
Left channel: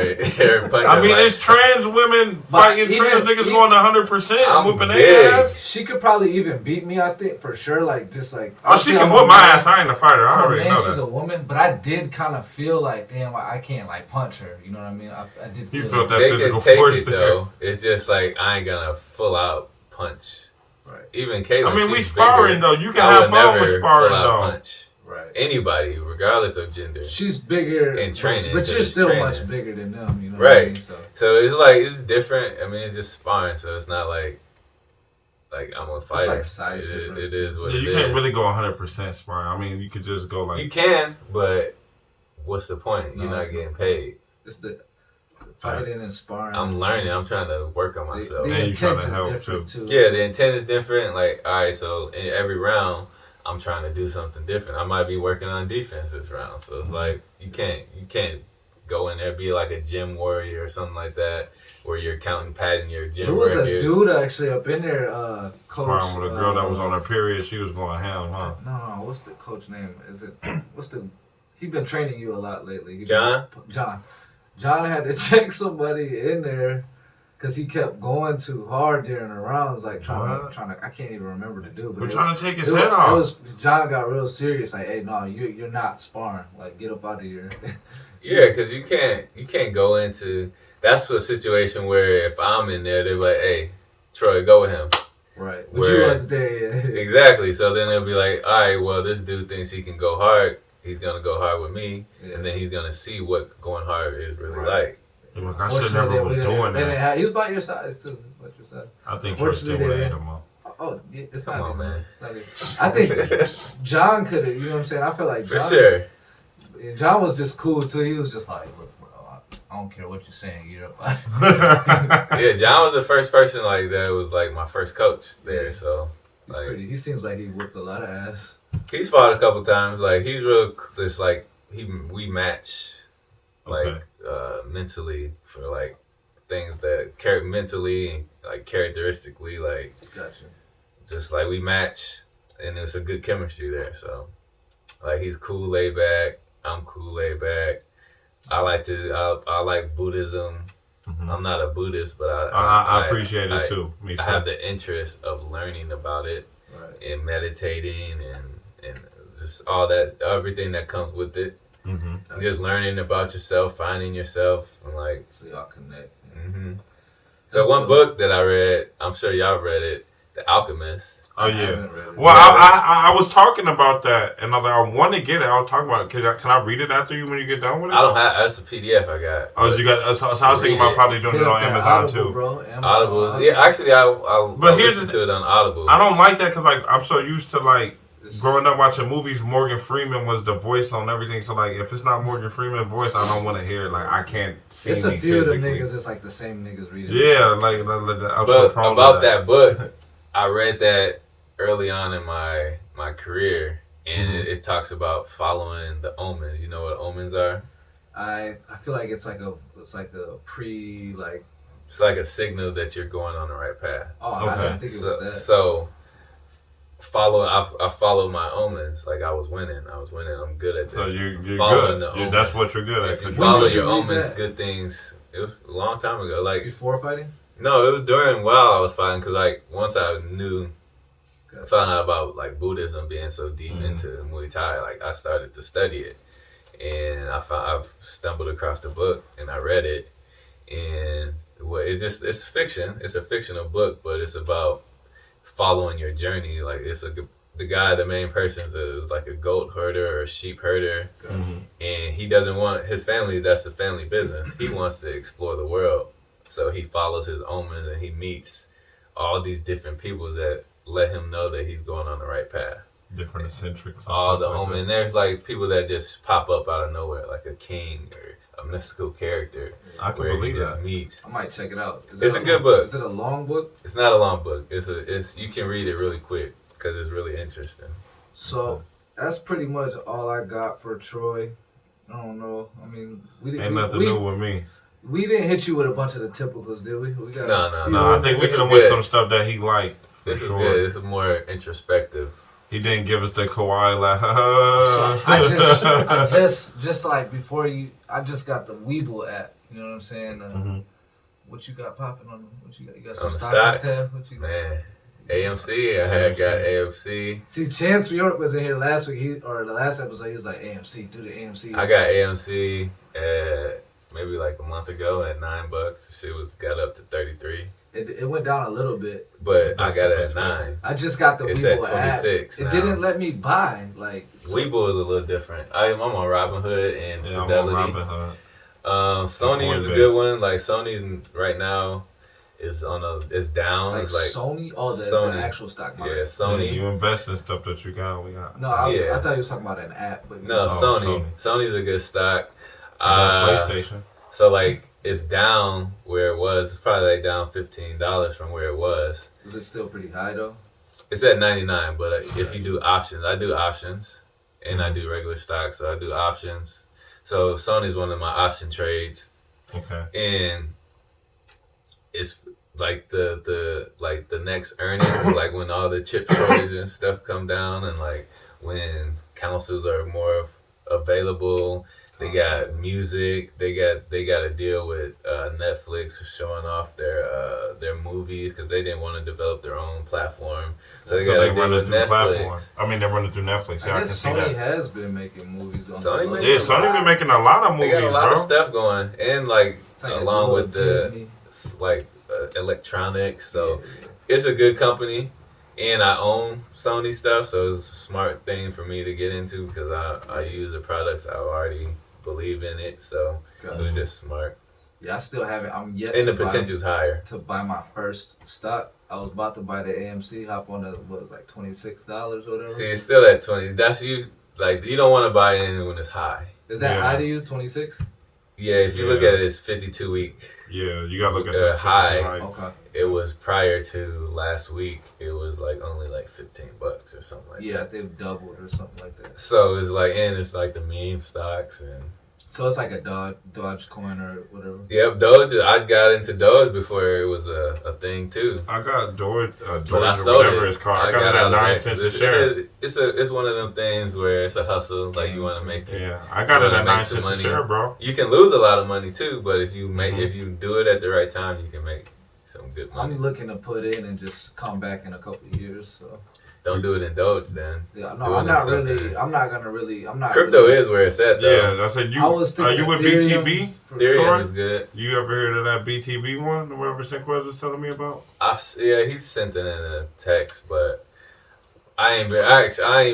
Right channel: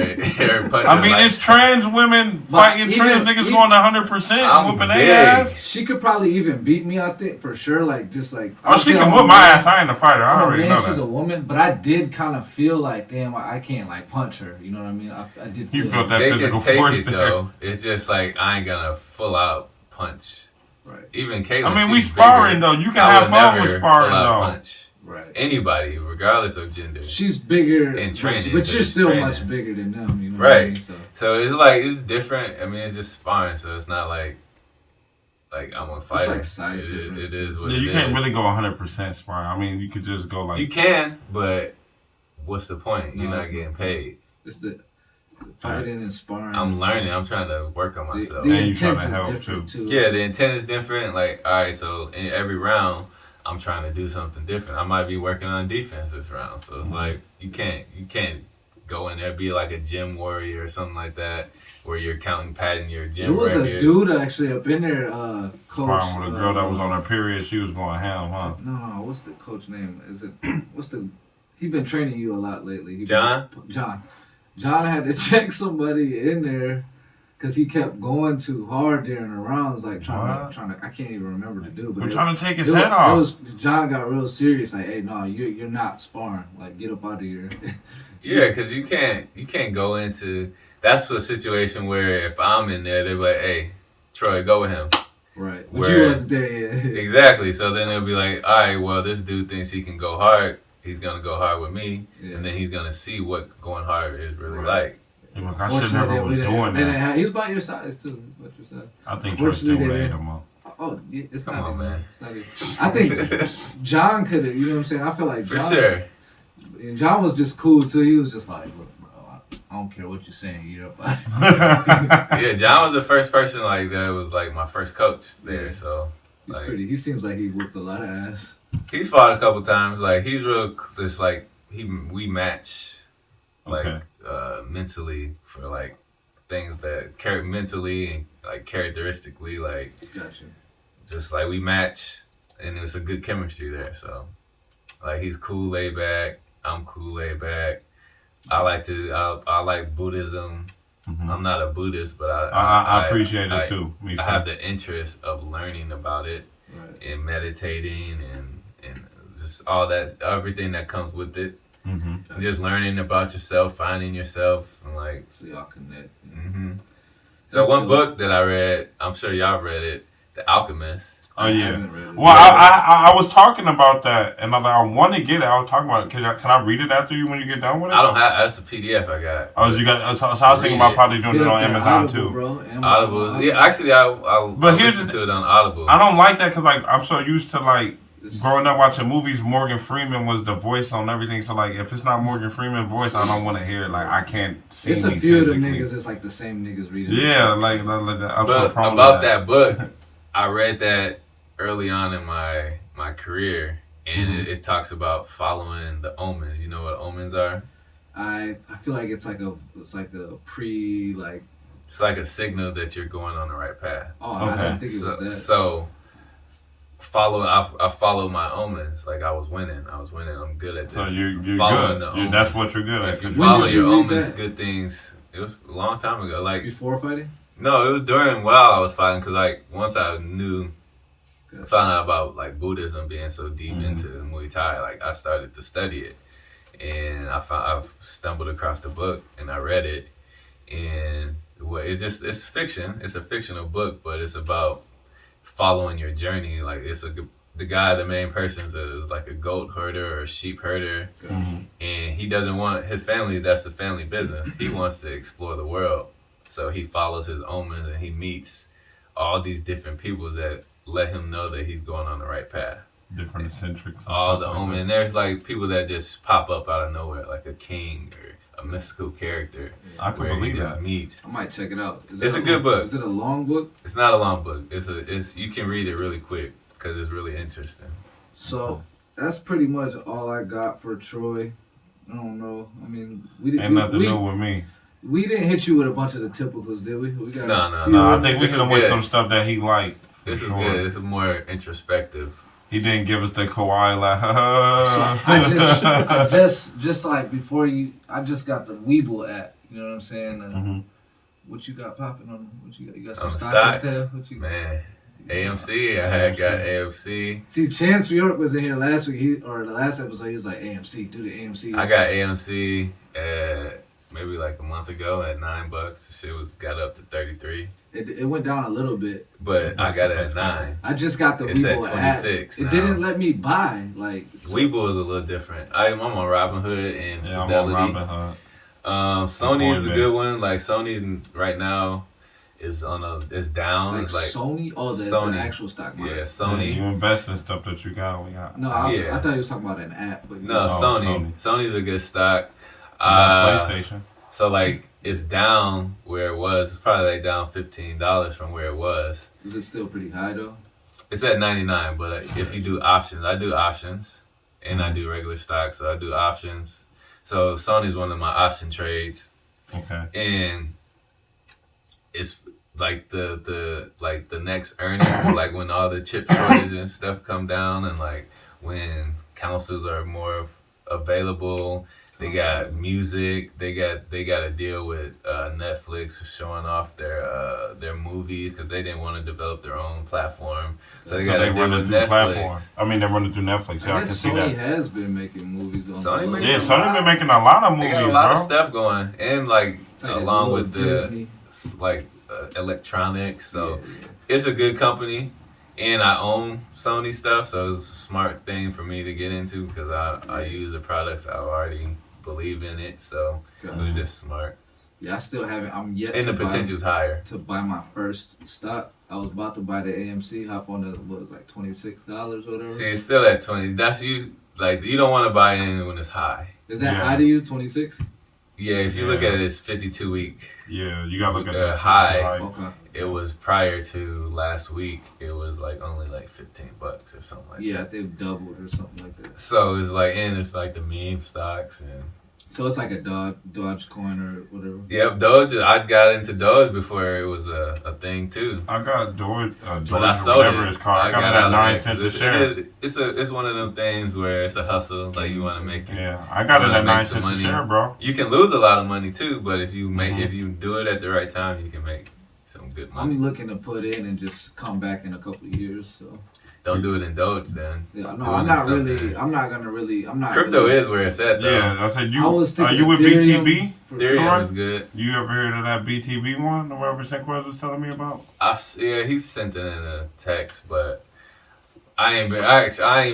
I mean, it's trans women fighting trans niggas going 100%, I'm whooping big. their ass. She could probably even beat me, I think, for sure. Like, just like. Oh, she can whoop my ass. I ain't a fighter. I I'm a already man, know she's that. a woman, but I did kind of feel like, damn, I can't like punch her. You know what I mean? I did. You Feel felt like, that They physical can take force it there. though. It's just like I ain't gonna full out punch. Right. Even Caitlyn. I mean, we she's sparring bigger. though. You can I have would fun with never sparring full out though. punch Right. anybody, regardless of gender. She's bigger In training, but but you're it's still training. much bigger than them. You know what I Right. mean? So. So it's like it's different. I mean, it's just sparring, so it's not like I'm a fighter. like size difference, It is what Yeah, it you can't is. really go 100% sparring. I mean, you could just go like. You can, but what's the point? You're No, not it's getting not. paid. It's the fighting and sparring. I'm learning. I'm trying to work on myself. The And you trying intent to is help, different too. Yeah, the intent is different. Like, all right, so in every round, I'm trying to do something different. I might be working on defense this round. So it's like you can't go in there be like a gym warrior or something like that, where you're padding your There gym was record. a dude actually up in there, coach. Sparring with a girl that was on her period. She was going ham, huh? No, what's the coach name? Is it he been training you a lot lately. John had to check somebody in there because he kept going too hard during the rounds, like trying to. I can't even remember the dude. We're trying to take his head off. John got real serious. Like, hey, no, you're not sparring. Like, get up out of here. Yeah, because you can't go into. That's a situation where if I'm in there, they're like, hey, Troy, go with him. Right. But you wasn't there yet. Exactly. So then they'll be like, all right, well, this dude thinks he can go hard. He's gonna go hard with me, and then he's gonna see what going hard is really like. Look, I should never was doing that. He was about your size too. About your size. I think Troy still would have ate him up. Oh, yeah, it's Come not on, even, man. It's not even, I think John could have. You know what I'm saying? I feel like For John, sure. John was just cool too. He was just like, look, bro, I don't care what you're saying. You're up. Yeah, John was the first person like that was like my first coach there. So He's like, pretty. He seems like he whipped a lot of ass. he's fought a couple times. Like he's real. Just like we match like mentally for like things that mentally and like characteristically like Gotcha. just like we match and there's a good chemistry there. So like he's cool, laid back. I'm cool, laid back. I like Buddhism. Mm-hmm. I'm not a Buddhist, but I appreciate it too. Me too. I have the interest of learning about it and meditating and just all that, everything that comes with it. Mm-hmm. Just learning about yourself, finding yourself, and like. So y'all connect. Mm-hmm. So That's one cool. book that I read, I'm sure y'all read it, The Alchemist. Oh I yeah. haven't read it. Well, I was talking about that, and I want to get it. I was talking about it. Can I read it after you when you get done with it? I don't have. That's a PDF I got. Oh, so you got. So I was thinking about probably doing it on Amazon Audible, too. Bro. Audible. Yeah, actually, I'll here's listen to it on Audible. I don't like that because like I'm so used to like It's- growing up watching movies. Morgan Freeman was the voice on everything. So like if it's not Morgan Freeman's voice, I don't want to hear it. Like I can't see It's me a few of them physically. niggas. It's like the same niggas reading. Yeah, like I'm so But prone about to that book, I read that early on in my career, and it talks about following the omens. You know what omens are? I feel like it's like a pre like. It's like a signal that you're going on the right path. Oh, Okay. I didn't think it was that. So I followed my omens. Like I was winning. I'm good at this. So you're Following good. the omens. That's what you're good at. If you 'cause follow did you your read omens, that? good things. It was a long time ago. Like Before fighting. no, it was while I was fighting. Cause like once I found out about like Buddhism being so deep into Muay Thai, like I started to study it, and I've stumbled across the book and I read it, and it's fiction. It's a fictional book, but it's about following your journey. Like the main person is like a goat herder or sheep herder, and he doesn't want his family. That's a family business. He wants to explore the world, so he follows his omens and he meets all these different people that let him know that he's going on the right path. different eccentrics. All the like omens, and there's like people that just pop up out of nowhere, like a king or a mystical character. I can where believe he just that. meets. I might check it out. It's a good book. Is it a long book? It's not a long book. It's you can read it really quick because it's really interesting. So that's pretty much all I got for Troy. I don't know. I mean, we Ain't nothing new with me. We didn't hit you with a bunch of the typicals, did we? We got No. I think we hit him with some stuff that he liked. This is good. This is more introspective. He didn't give us the Kawhi like. I just like before you, I just got the Weeble app. You know what I'm saying? What you got popping on them? What you got? You got some stocks? What you got? Man, AMC. I got AMC. See, Chance New York was in here last week. The last episode, he was like, AMC, do the AMC. I got AMC maybe like a month ago at $9. The shit got up to 33. It went down a little bit, but I got it at 9. I just got the It's Weeble at 26 app. It didn't let me buy Weeble is a little different. I'm on Robinhood and I'm Fidelity. on Robinhood. Sony is a good one. Like Sony right now is down. Like it's like Sony, Sony. The actual stock market. Yeah, Sony. You invest in stuff that you got. No, I thought you was talking about an app. But no, Sony. Sony's a good stock. PlayStation. So like it's down where it was. It's probably like down $15 from where it was. Is it still pretty high though? It's at 99, but if you do options, I do options, and I do regular stocks. So I do options. So Sony's one of my option trades. Okay. And it's like the next earnings, like when all the chip shortages and stuff come down, and like when councils are more available. They got music. They got a deal with Netflix for showing off their movies because they didn't want to develop their own platform. So they got a deal with Netflix. Platform. I mean, they're running through Netflix. Yeah, I can see that. Sony has been making movies on. Sony been making a lot of movies, They got a lot of stuff going, and like along with Disney. Electronics. So it's a good company. And I own Sony stuff, so it's a smart thing for me to get into because I use the products. I already believe in it, so it was just smart. Yeah, I still haven't. I'm yet. And the potential's higher. To buy my first stock, I was about to buy the AMC. Hop on what was like $26 or whatever. See, it's still at 20. That's you. Like you don't want to buy in when it's high. Is that high to you? 26? Yeah, if you look at it, it's 52 week. Yeah, you gotta look at the high. Okay. It was prior to last week. It was like only like $15 or something like that. Yeah, they've doubled or something like that. So it's like, and it's like the meme stocks and. So it's like a Doge coin or whatever. Yep, Doge. I got into Doge before it was a thing too. I got Doge or sold whatever it's called. I got it at 9 cents a share. It's one of them things where it's a hustle. Like you want to make it. Yeah, I got it at 9 cents a share, bro. You can lose a lot of money too, but if you if you do it at the right time, you can make some good money. I'm looking to put in and just come back in a couple of years. So. Don't do it in Doge then. Yeah, no, I'm not really. Crypto is where it's at though. Yeah, I said you. I was thinking you with BTB? Ethereum is good. You ever heard of that BTB one? Whatever Sinquez was telling me about. He sent it in a text, but I ain't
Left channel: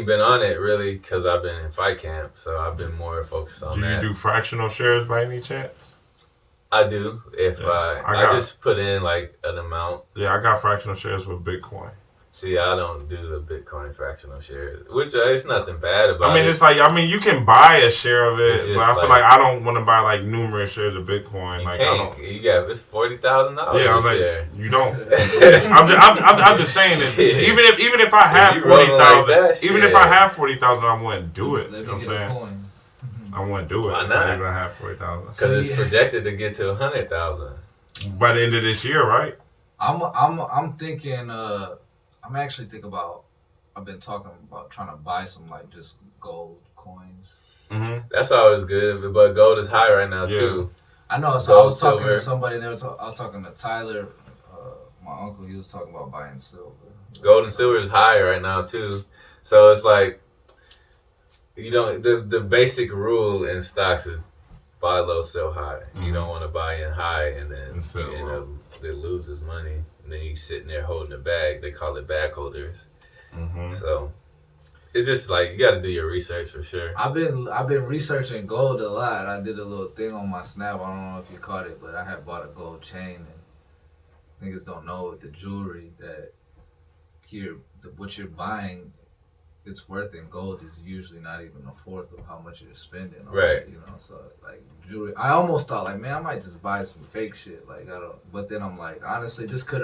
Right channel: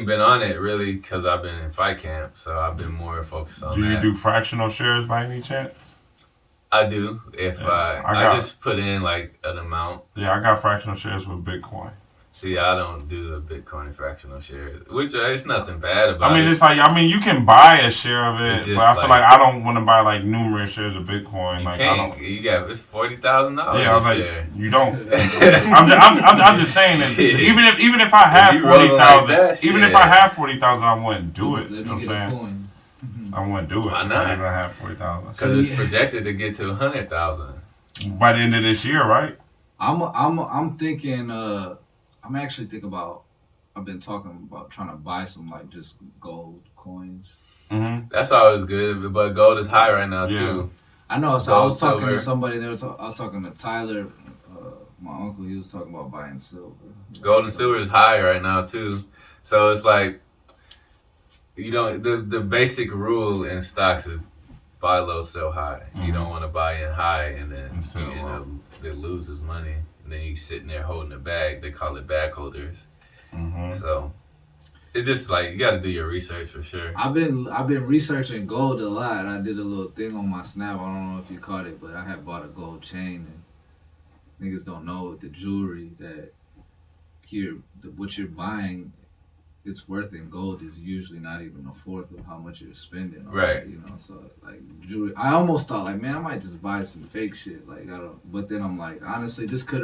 been on it really because I've been in fight camp, so I've been more focused on that. Do you do fractional shares by any chance? I do. If I just put in like an amount. Yeah, I got fractional shares with Bitcoin. See, I don't do the Bitcoin fractional shares, which it's nothing bad about it. I mean, it's like, you can buy a share of it, but I feel like I don't want to buy like numerous shares of Bitcoin. You can't. You got it's $40,000. Yeah, I was like, you don't. I'm just saying that even if I have 40,000, even if I have 40,000, I wouldn't do it. You know what I'm saying? I wouldn't do it. Why not? If I have 40,000. Because it's projected to get to 100,000 by the end of this year, right? I'm thinking. I'm actually thinking about. I've been talking about trying to buy some like just gold coins. Mm-hmm. That's always good, but gold is high right now too. I know. So gold, I was talking silver. to somebody. I was talking to Tyler, my uncle. He was talking about buying silver. Gold and silver is high right now too. So it's like, the basic rule in stocks is buy low, sell high. Mm-hmm. You don't want to buy in high and then it loses money. And then you sitting there holding a bag. They call it bag holders. Mm-hmm. So it's just like you got to do your research for sure. I've been researching gold a lot. I did a little thing on my Snap. I don't know if you caught it, but I had bought a gold chain. And niggas don't know with the jewelry that what you're buying, it's worth in gold is usually not even a fourth of how much you're spending. Right. So like jewelry, I almost thought like, man, I might just buy some fake shit. Like I don't. But then I'm like, honestly, this could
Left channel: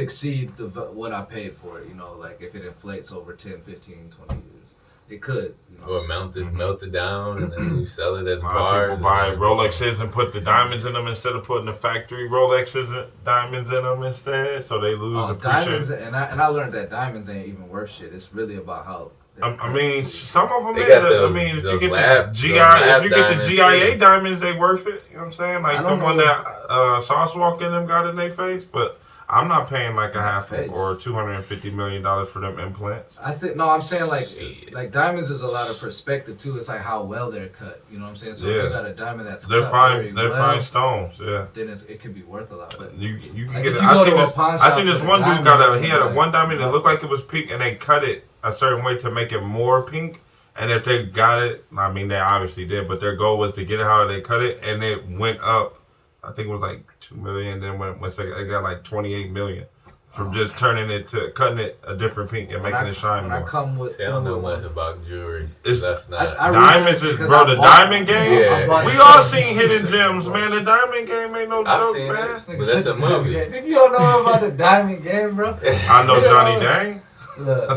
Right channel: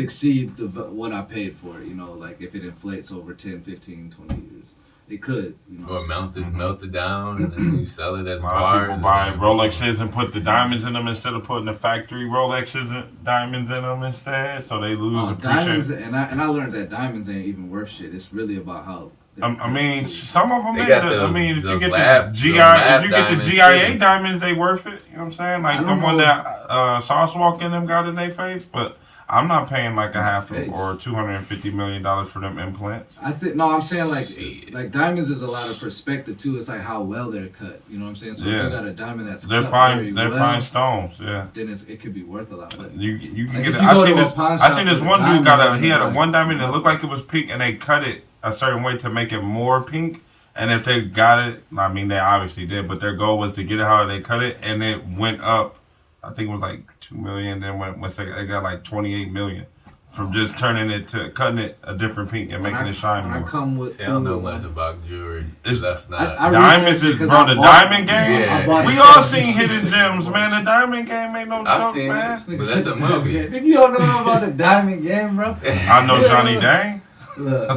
exceed what I paid for it. Like if it inflates over 10, 15, 20 years. It could. You know, Or melt it down, and then you sell it as A lot bars. of people buy Rolexes and put the diamonds in them instead of putting the factory Rolexes and diamonds in them instead, so they lose diamonds, appreciation. and I learned that diamonds ain't even worth shit. It's really about how. I mean, some of them They is. got I those- mean, if you those get lab- the those GI, lab if you get the diamonds, GIA too. diamonds, they worth it. You know what I'm saying? Like I the don't one know. that Sauce Walk in them got in their face, but I'm not paying like a half Face. or $250 million for them implants. I think I'm saying Shit. like diamonds is a lot of perspective too. It's like how well they're cut. You know what I'm saying? So if Yeah. you got a diamond that's They're cut fine. very They're well, fine stones. Yeah. then it could be worth a lot. But You can Like, get if it. you I go seen to a this. pawn I shop seen this with a one dude diamond, he had a like, one diamond that looked like it was pink, and they cut it a certain way to make it more pink. And if they got it, I mean, they obviously did, but their goal was to get it how they cut it, and it went up. I think it was like 2 million. Then once they got like 28 million from just turning it to cutting it a different pink and making it shine when I more. come with, See, I don't know through much one- about jewelry. It's- That's not. I Diamonds researched is, it 'cause bro, I the bought diamond it. game. Yeah. I bought We it. all Yeah, seen you Hidden said Gems, it. man. The diamond game ain't no I've joke, seen man. it, but that's a Diamond movie. game. If you don't know about the diamond game, bro. I know Johnny Dang. Look.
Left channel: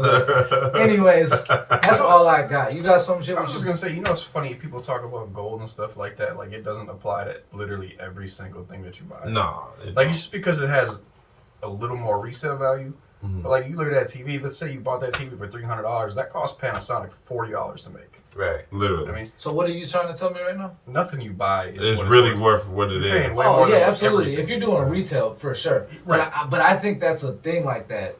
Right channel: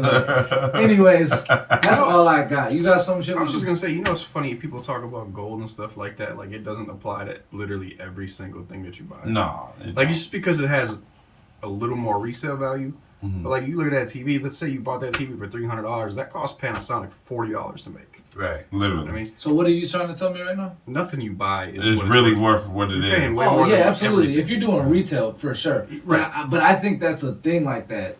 Anyways, that's all I got. You got some shit I was with just you? gonna say, you know, it's funny people talk about gold and stuff like that. Like it doesn't apply to literally every single thing that you buy. No. Like just because it has a little more resale value. Mhm. But like you look at that TV. Let's say you bought that TV for $300. That cost Panasonic $40 to make. Right. Literally. I mean, So what are you trying to tell me right now? nothing you buy is It's what really worth. worth what it You're paying is. way Oh more yeah, than absolutely. everything If you're is doing worth. retail, for sure. Right. But I think that's a thing like that.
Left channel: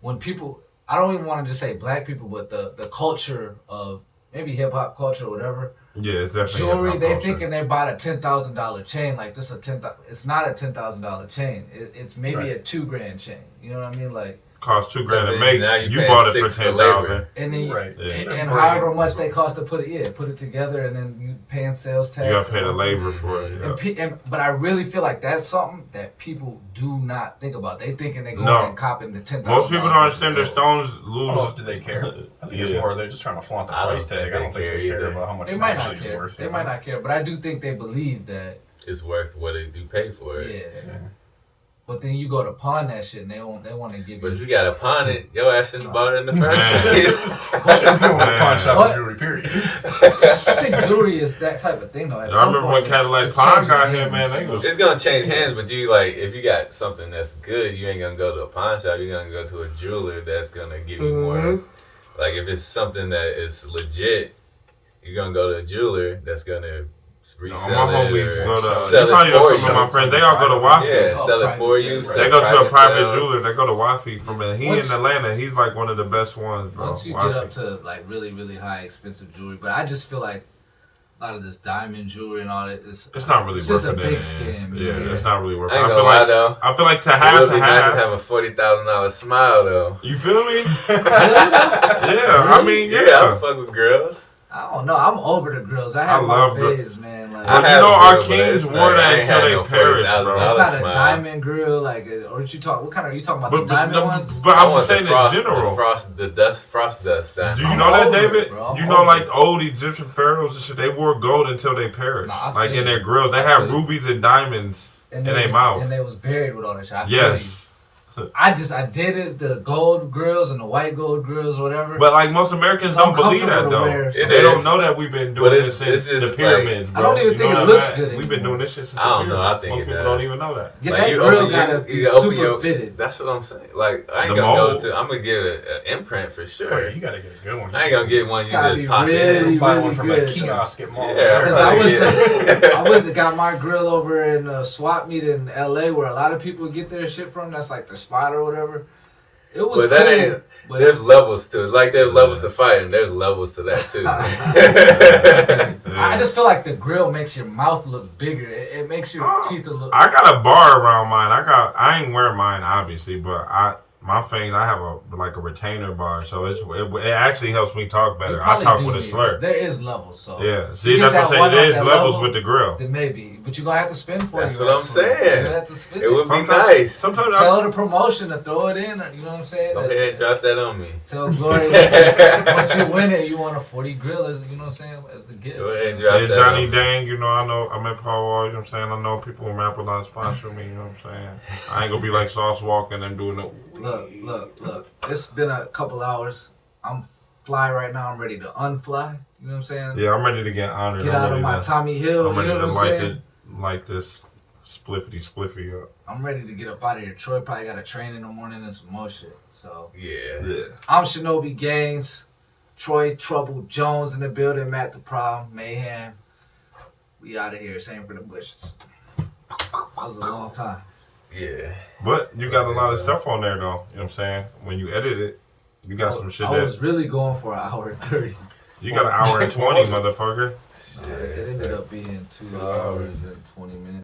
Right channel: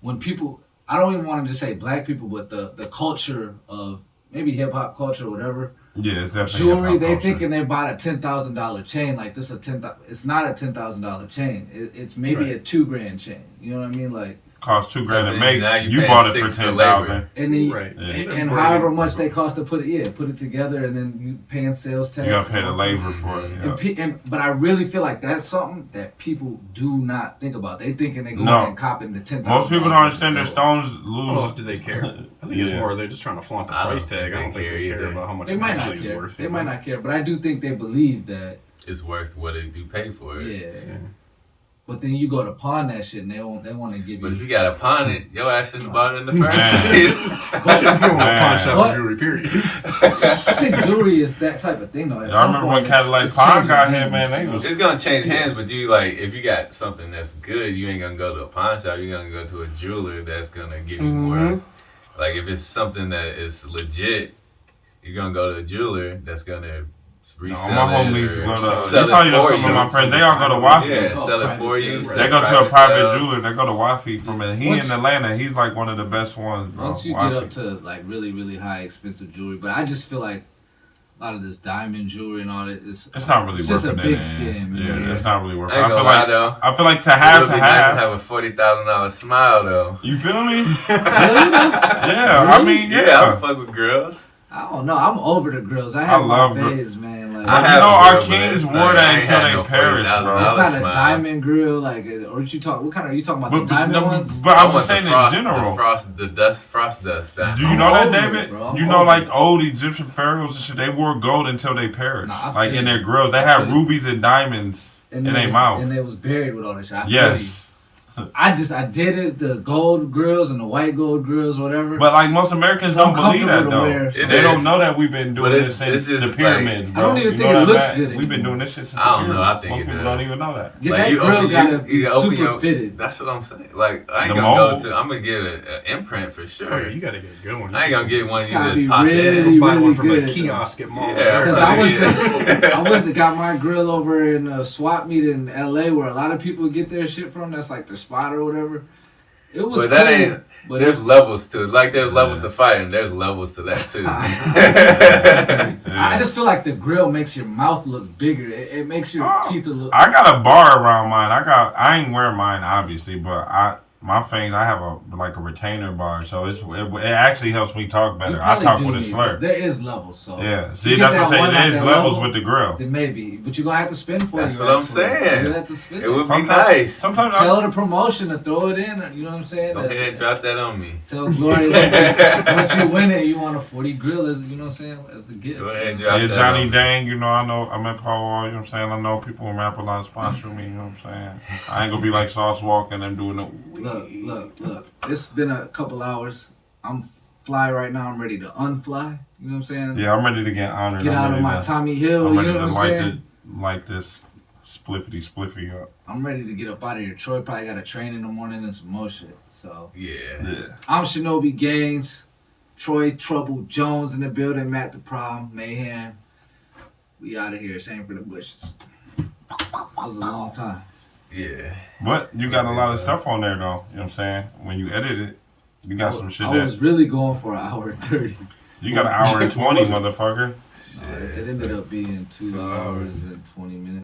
When people, I don't even want to just say black people, but the culture of maybe hip hop culture, or whatever. Yeah, it's definitely Jewelry, hip-hop they culture. thinking they bought a $10,000 chain. Like this, it's not a $10,000 chain. It's maybe Right. a $2,000 chain. You know what I mean? Like, Cost $2,000 to Then make. now you You paying bought it for $6,000 for labor. $10,000. and then Right. Yeah. and however much they cost to put it together, and then you paying sales tax. You gotta pay the and- labor for it. Yeah. But I really feel like that's something that people do not think about. They thinking they go No. and copping the $10,000. Most people don't understand their stones lose. Oh, do they care? I think it's Yeah. more they're just trying to flaunt the I don't price think tag. I they don't think care they care either. about how much They it might not actually is care. worth. They you might know? not care, but I do think they believe that. It's worth what they do pay for it. Yeah. But then you go to pawn that shit, and they want to give But if you. you got to pawn it, your ass shouldn't have bought it in the first Man. place. You shouldn't be on a Man. pawn shop What? with jewelry, period. I think jewelry is that type of thing, though. At I some remember when point, Cadillac it's Pawn changing got here, hands, man, they you know? was- It's gonna change hands, but you like if you got something that's good, you ain't gonna go to a pawn shop. You're gonna go to a jeweler that's gonna give you more. Like if it's something that is legit, you're gonna go to a jeweler that's gonna No, resell my it. homies or go to. sell You it probably know for some of you. my friends. They all go to Wafi. Yeah, Oh, sell it private for you. sales. sell They it go to a private private sales. jeweler. They go to Wafi from it. He Once- in Atlanta. He's like one of the best ones, bro. Once you Wafi. get up to like really, really high expensive jewelry, but I just feel like a lot of this diamond jewelry and all that is It's not really It's worth just it. a in big the end. scam, Yeah, man. it's not really worth it. I ain't I gonna feel lie like though. I feel like to It have would to be nice to have. have a $40,000 smile though. You feel me? Really? Yeah, I mean, Yeah, I yeah. don't fuck with girls. I don't know. I'm over the grills. I have love my gr- phase, man. Like, But I you have know, a our grill, but kings it's wore not- I that ain't until had they no perished, $40,000 bro. it's not a smile. diamond grill, like, or what you talk? What kind are you talking about? But the diamond ones? but I I'm want just saying the in frost, general. The frost dust. Do you know that, over it, David? bro. You know, like old Egyptian pharaohs and shit, they wore gold until they perished. Nah, I Like feel in their you. grills, they I had feel you. rubies and diamonds in they their was- mouth. and they was buried with all that shit. I feel Yes. you. I dated the gold grills and the white gold grills or whatever. But like most Americans I'm don't believe that comfortable to though. wear, so- They It don't is. know that we've been doing But this it's since just the like- pyramids, bro. I don't even You think know it that, looks Matt? good We've been anymore. doing this shit since I the don't know. pyramids. I think Most it people does. don't even know that. yeah, Like, that you grill open- gotta you- be you open super your- fitted. That's what I'm saying. Like I ain't The gonna mold. go to. I'm gonna get an imprint for Oh, sure. yeah, you gotta get a good one. I ain't gonna get one It's you gotta just be pop really, in. buy really one from a good, kiosk at mall. Yeah, Because right. I went Yeah. to, I went and got my grill over in a swap meet in LA where a lot of people get their shit from. That's like the spot or whatever. It was But that cool, ain't. but There's it- levels to it. Like there's levels to fighting. There's levels to that too. I just feel like the grill makes your mouth look bigger. It makes your Oh, teeth look. I got a bar around mine. I ain't wear mine obviously, but my fangs, I have a retainer bar, so it actually helps me talk You better. I probably talk do with a need- slur. There is levels, so Yeah, you see, get that's what I'm that saying. one at There's that levels level, with the grill. Then maybe, but you're gonna have to spend for That's it. what I'm saying. You have to spend It would be Sometimes- nice. Sometimes Tell the promotion to throw it in. You know what I'm saying? Go ahead and drop that on me. Tell Glory once you win it, you want a 40 grill as you know what I'm saying, as the gift. Go ahead and drop Hey that Johnny on me. Dang, you know I met Paul Wall, you know what I'm saying? I know people in Rap a lot sponsor me, you know what I'm saying? I ain't gonna be like Sauce Walk and them doing it. Look. It's been a couple hours. I'm fly right now. I'm ready to unfly. You know what I'm saying? Yeah, I'm ready to get honored. Get I'm out of ready my to, Tommy Hill. I'm You ready know to what I'm saying? light this spliffy up. I'm ready to get up out of here. Troy probably got to train in the morning and some more shit. So Yeah. I'm Shinobi Gaines. Troy Trouble Jones in the building. Matt the Problem. Mayhem. We out of here. Same for the bushes. That was a long time. Yeah. But you got a lot of stuff on there, though. You know what I'm saying? When you edit it, you got some shit I was really going for an hour 30. You got an hour and 20, motherfucker. It ended up being 2 hours and 20 minutes.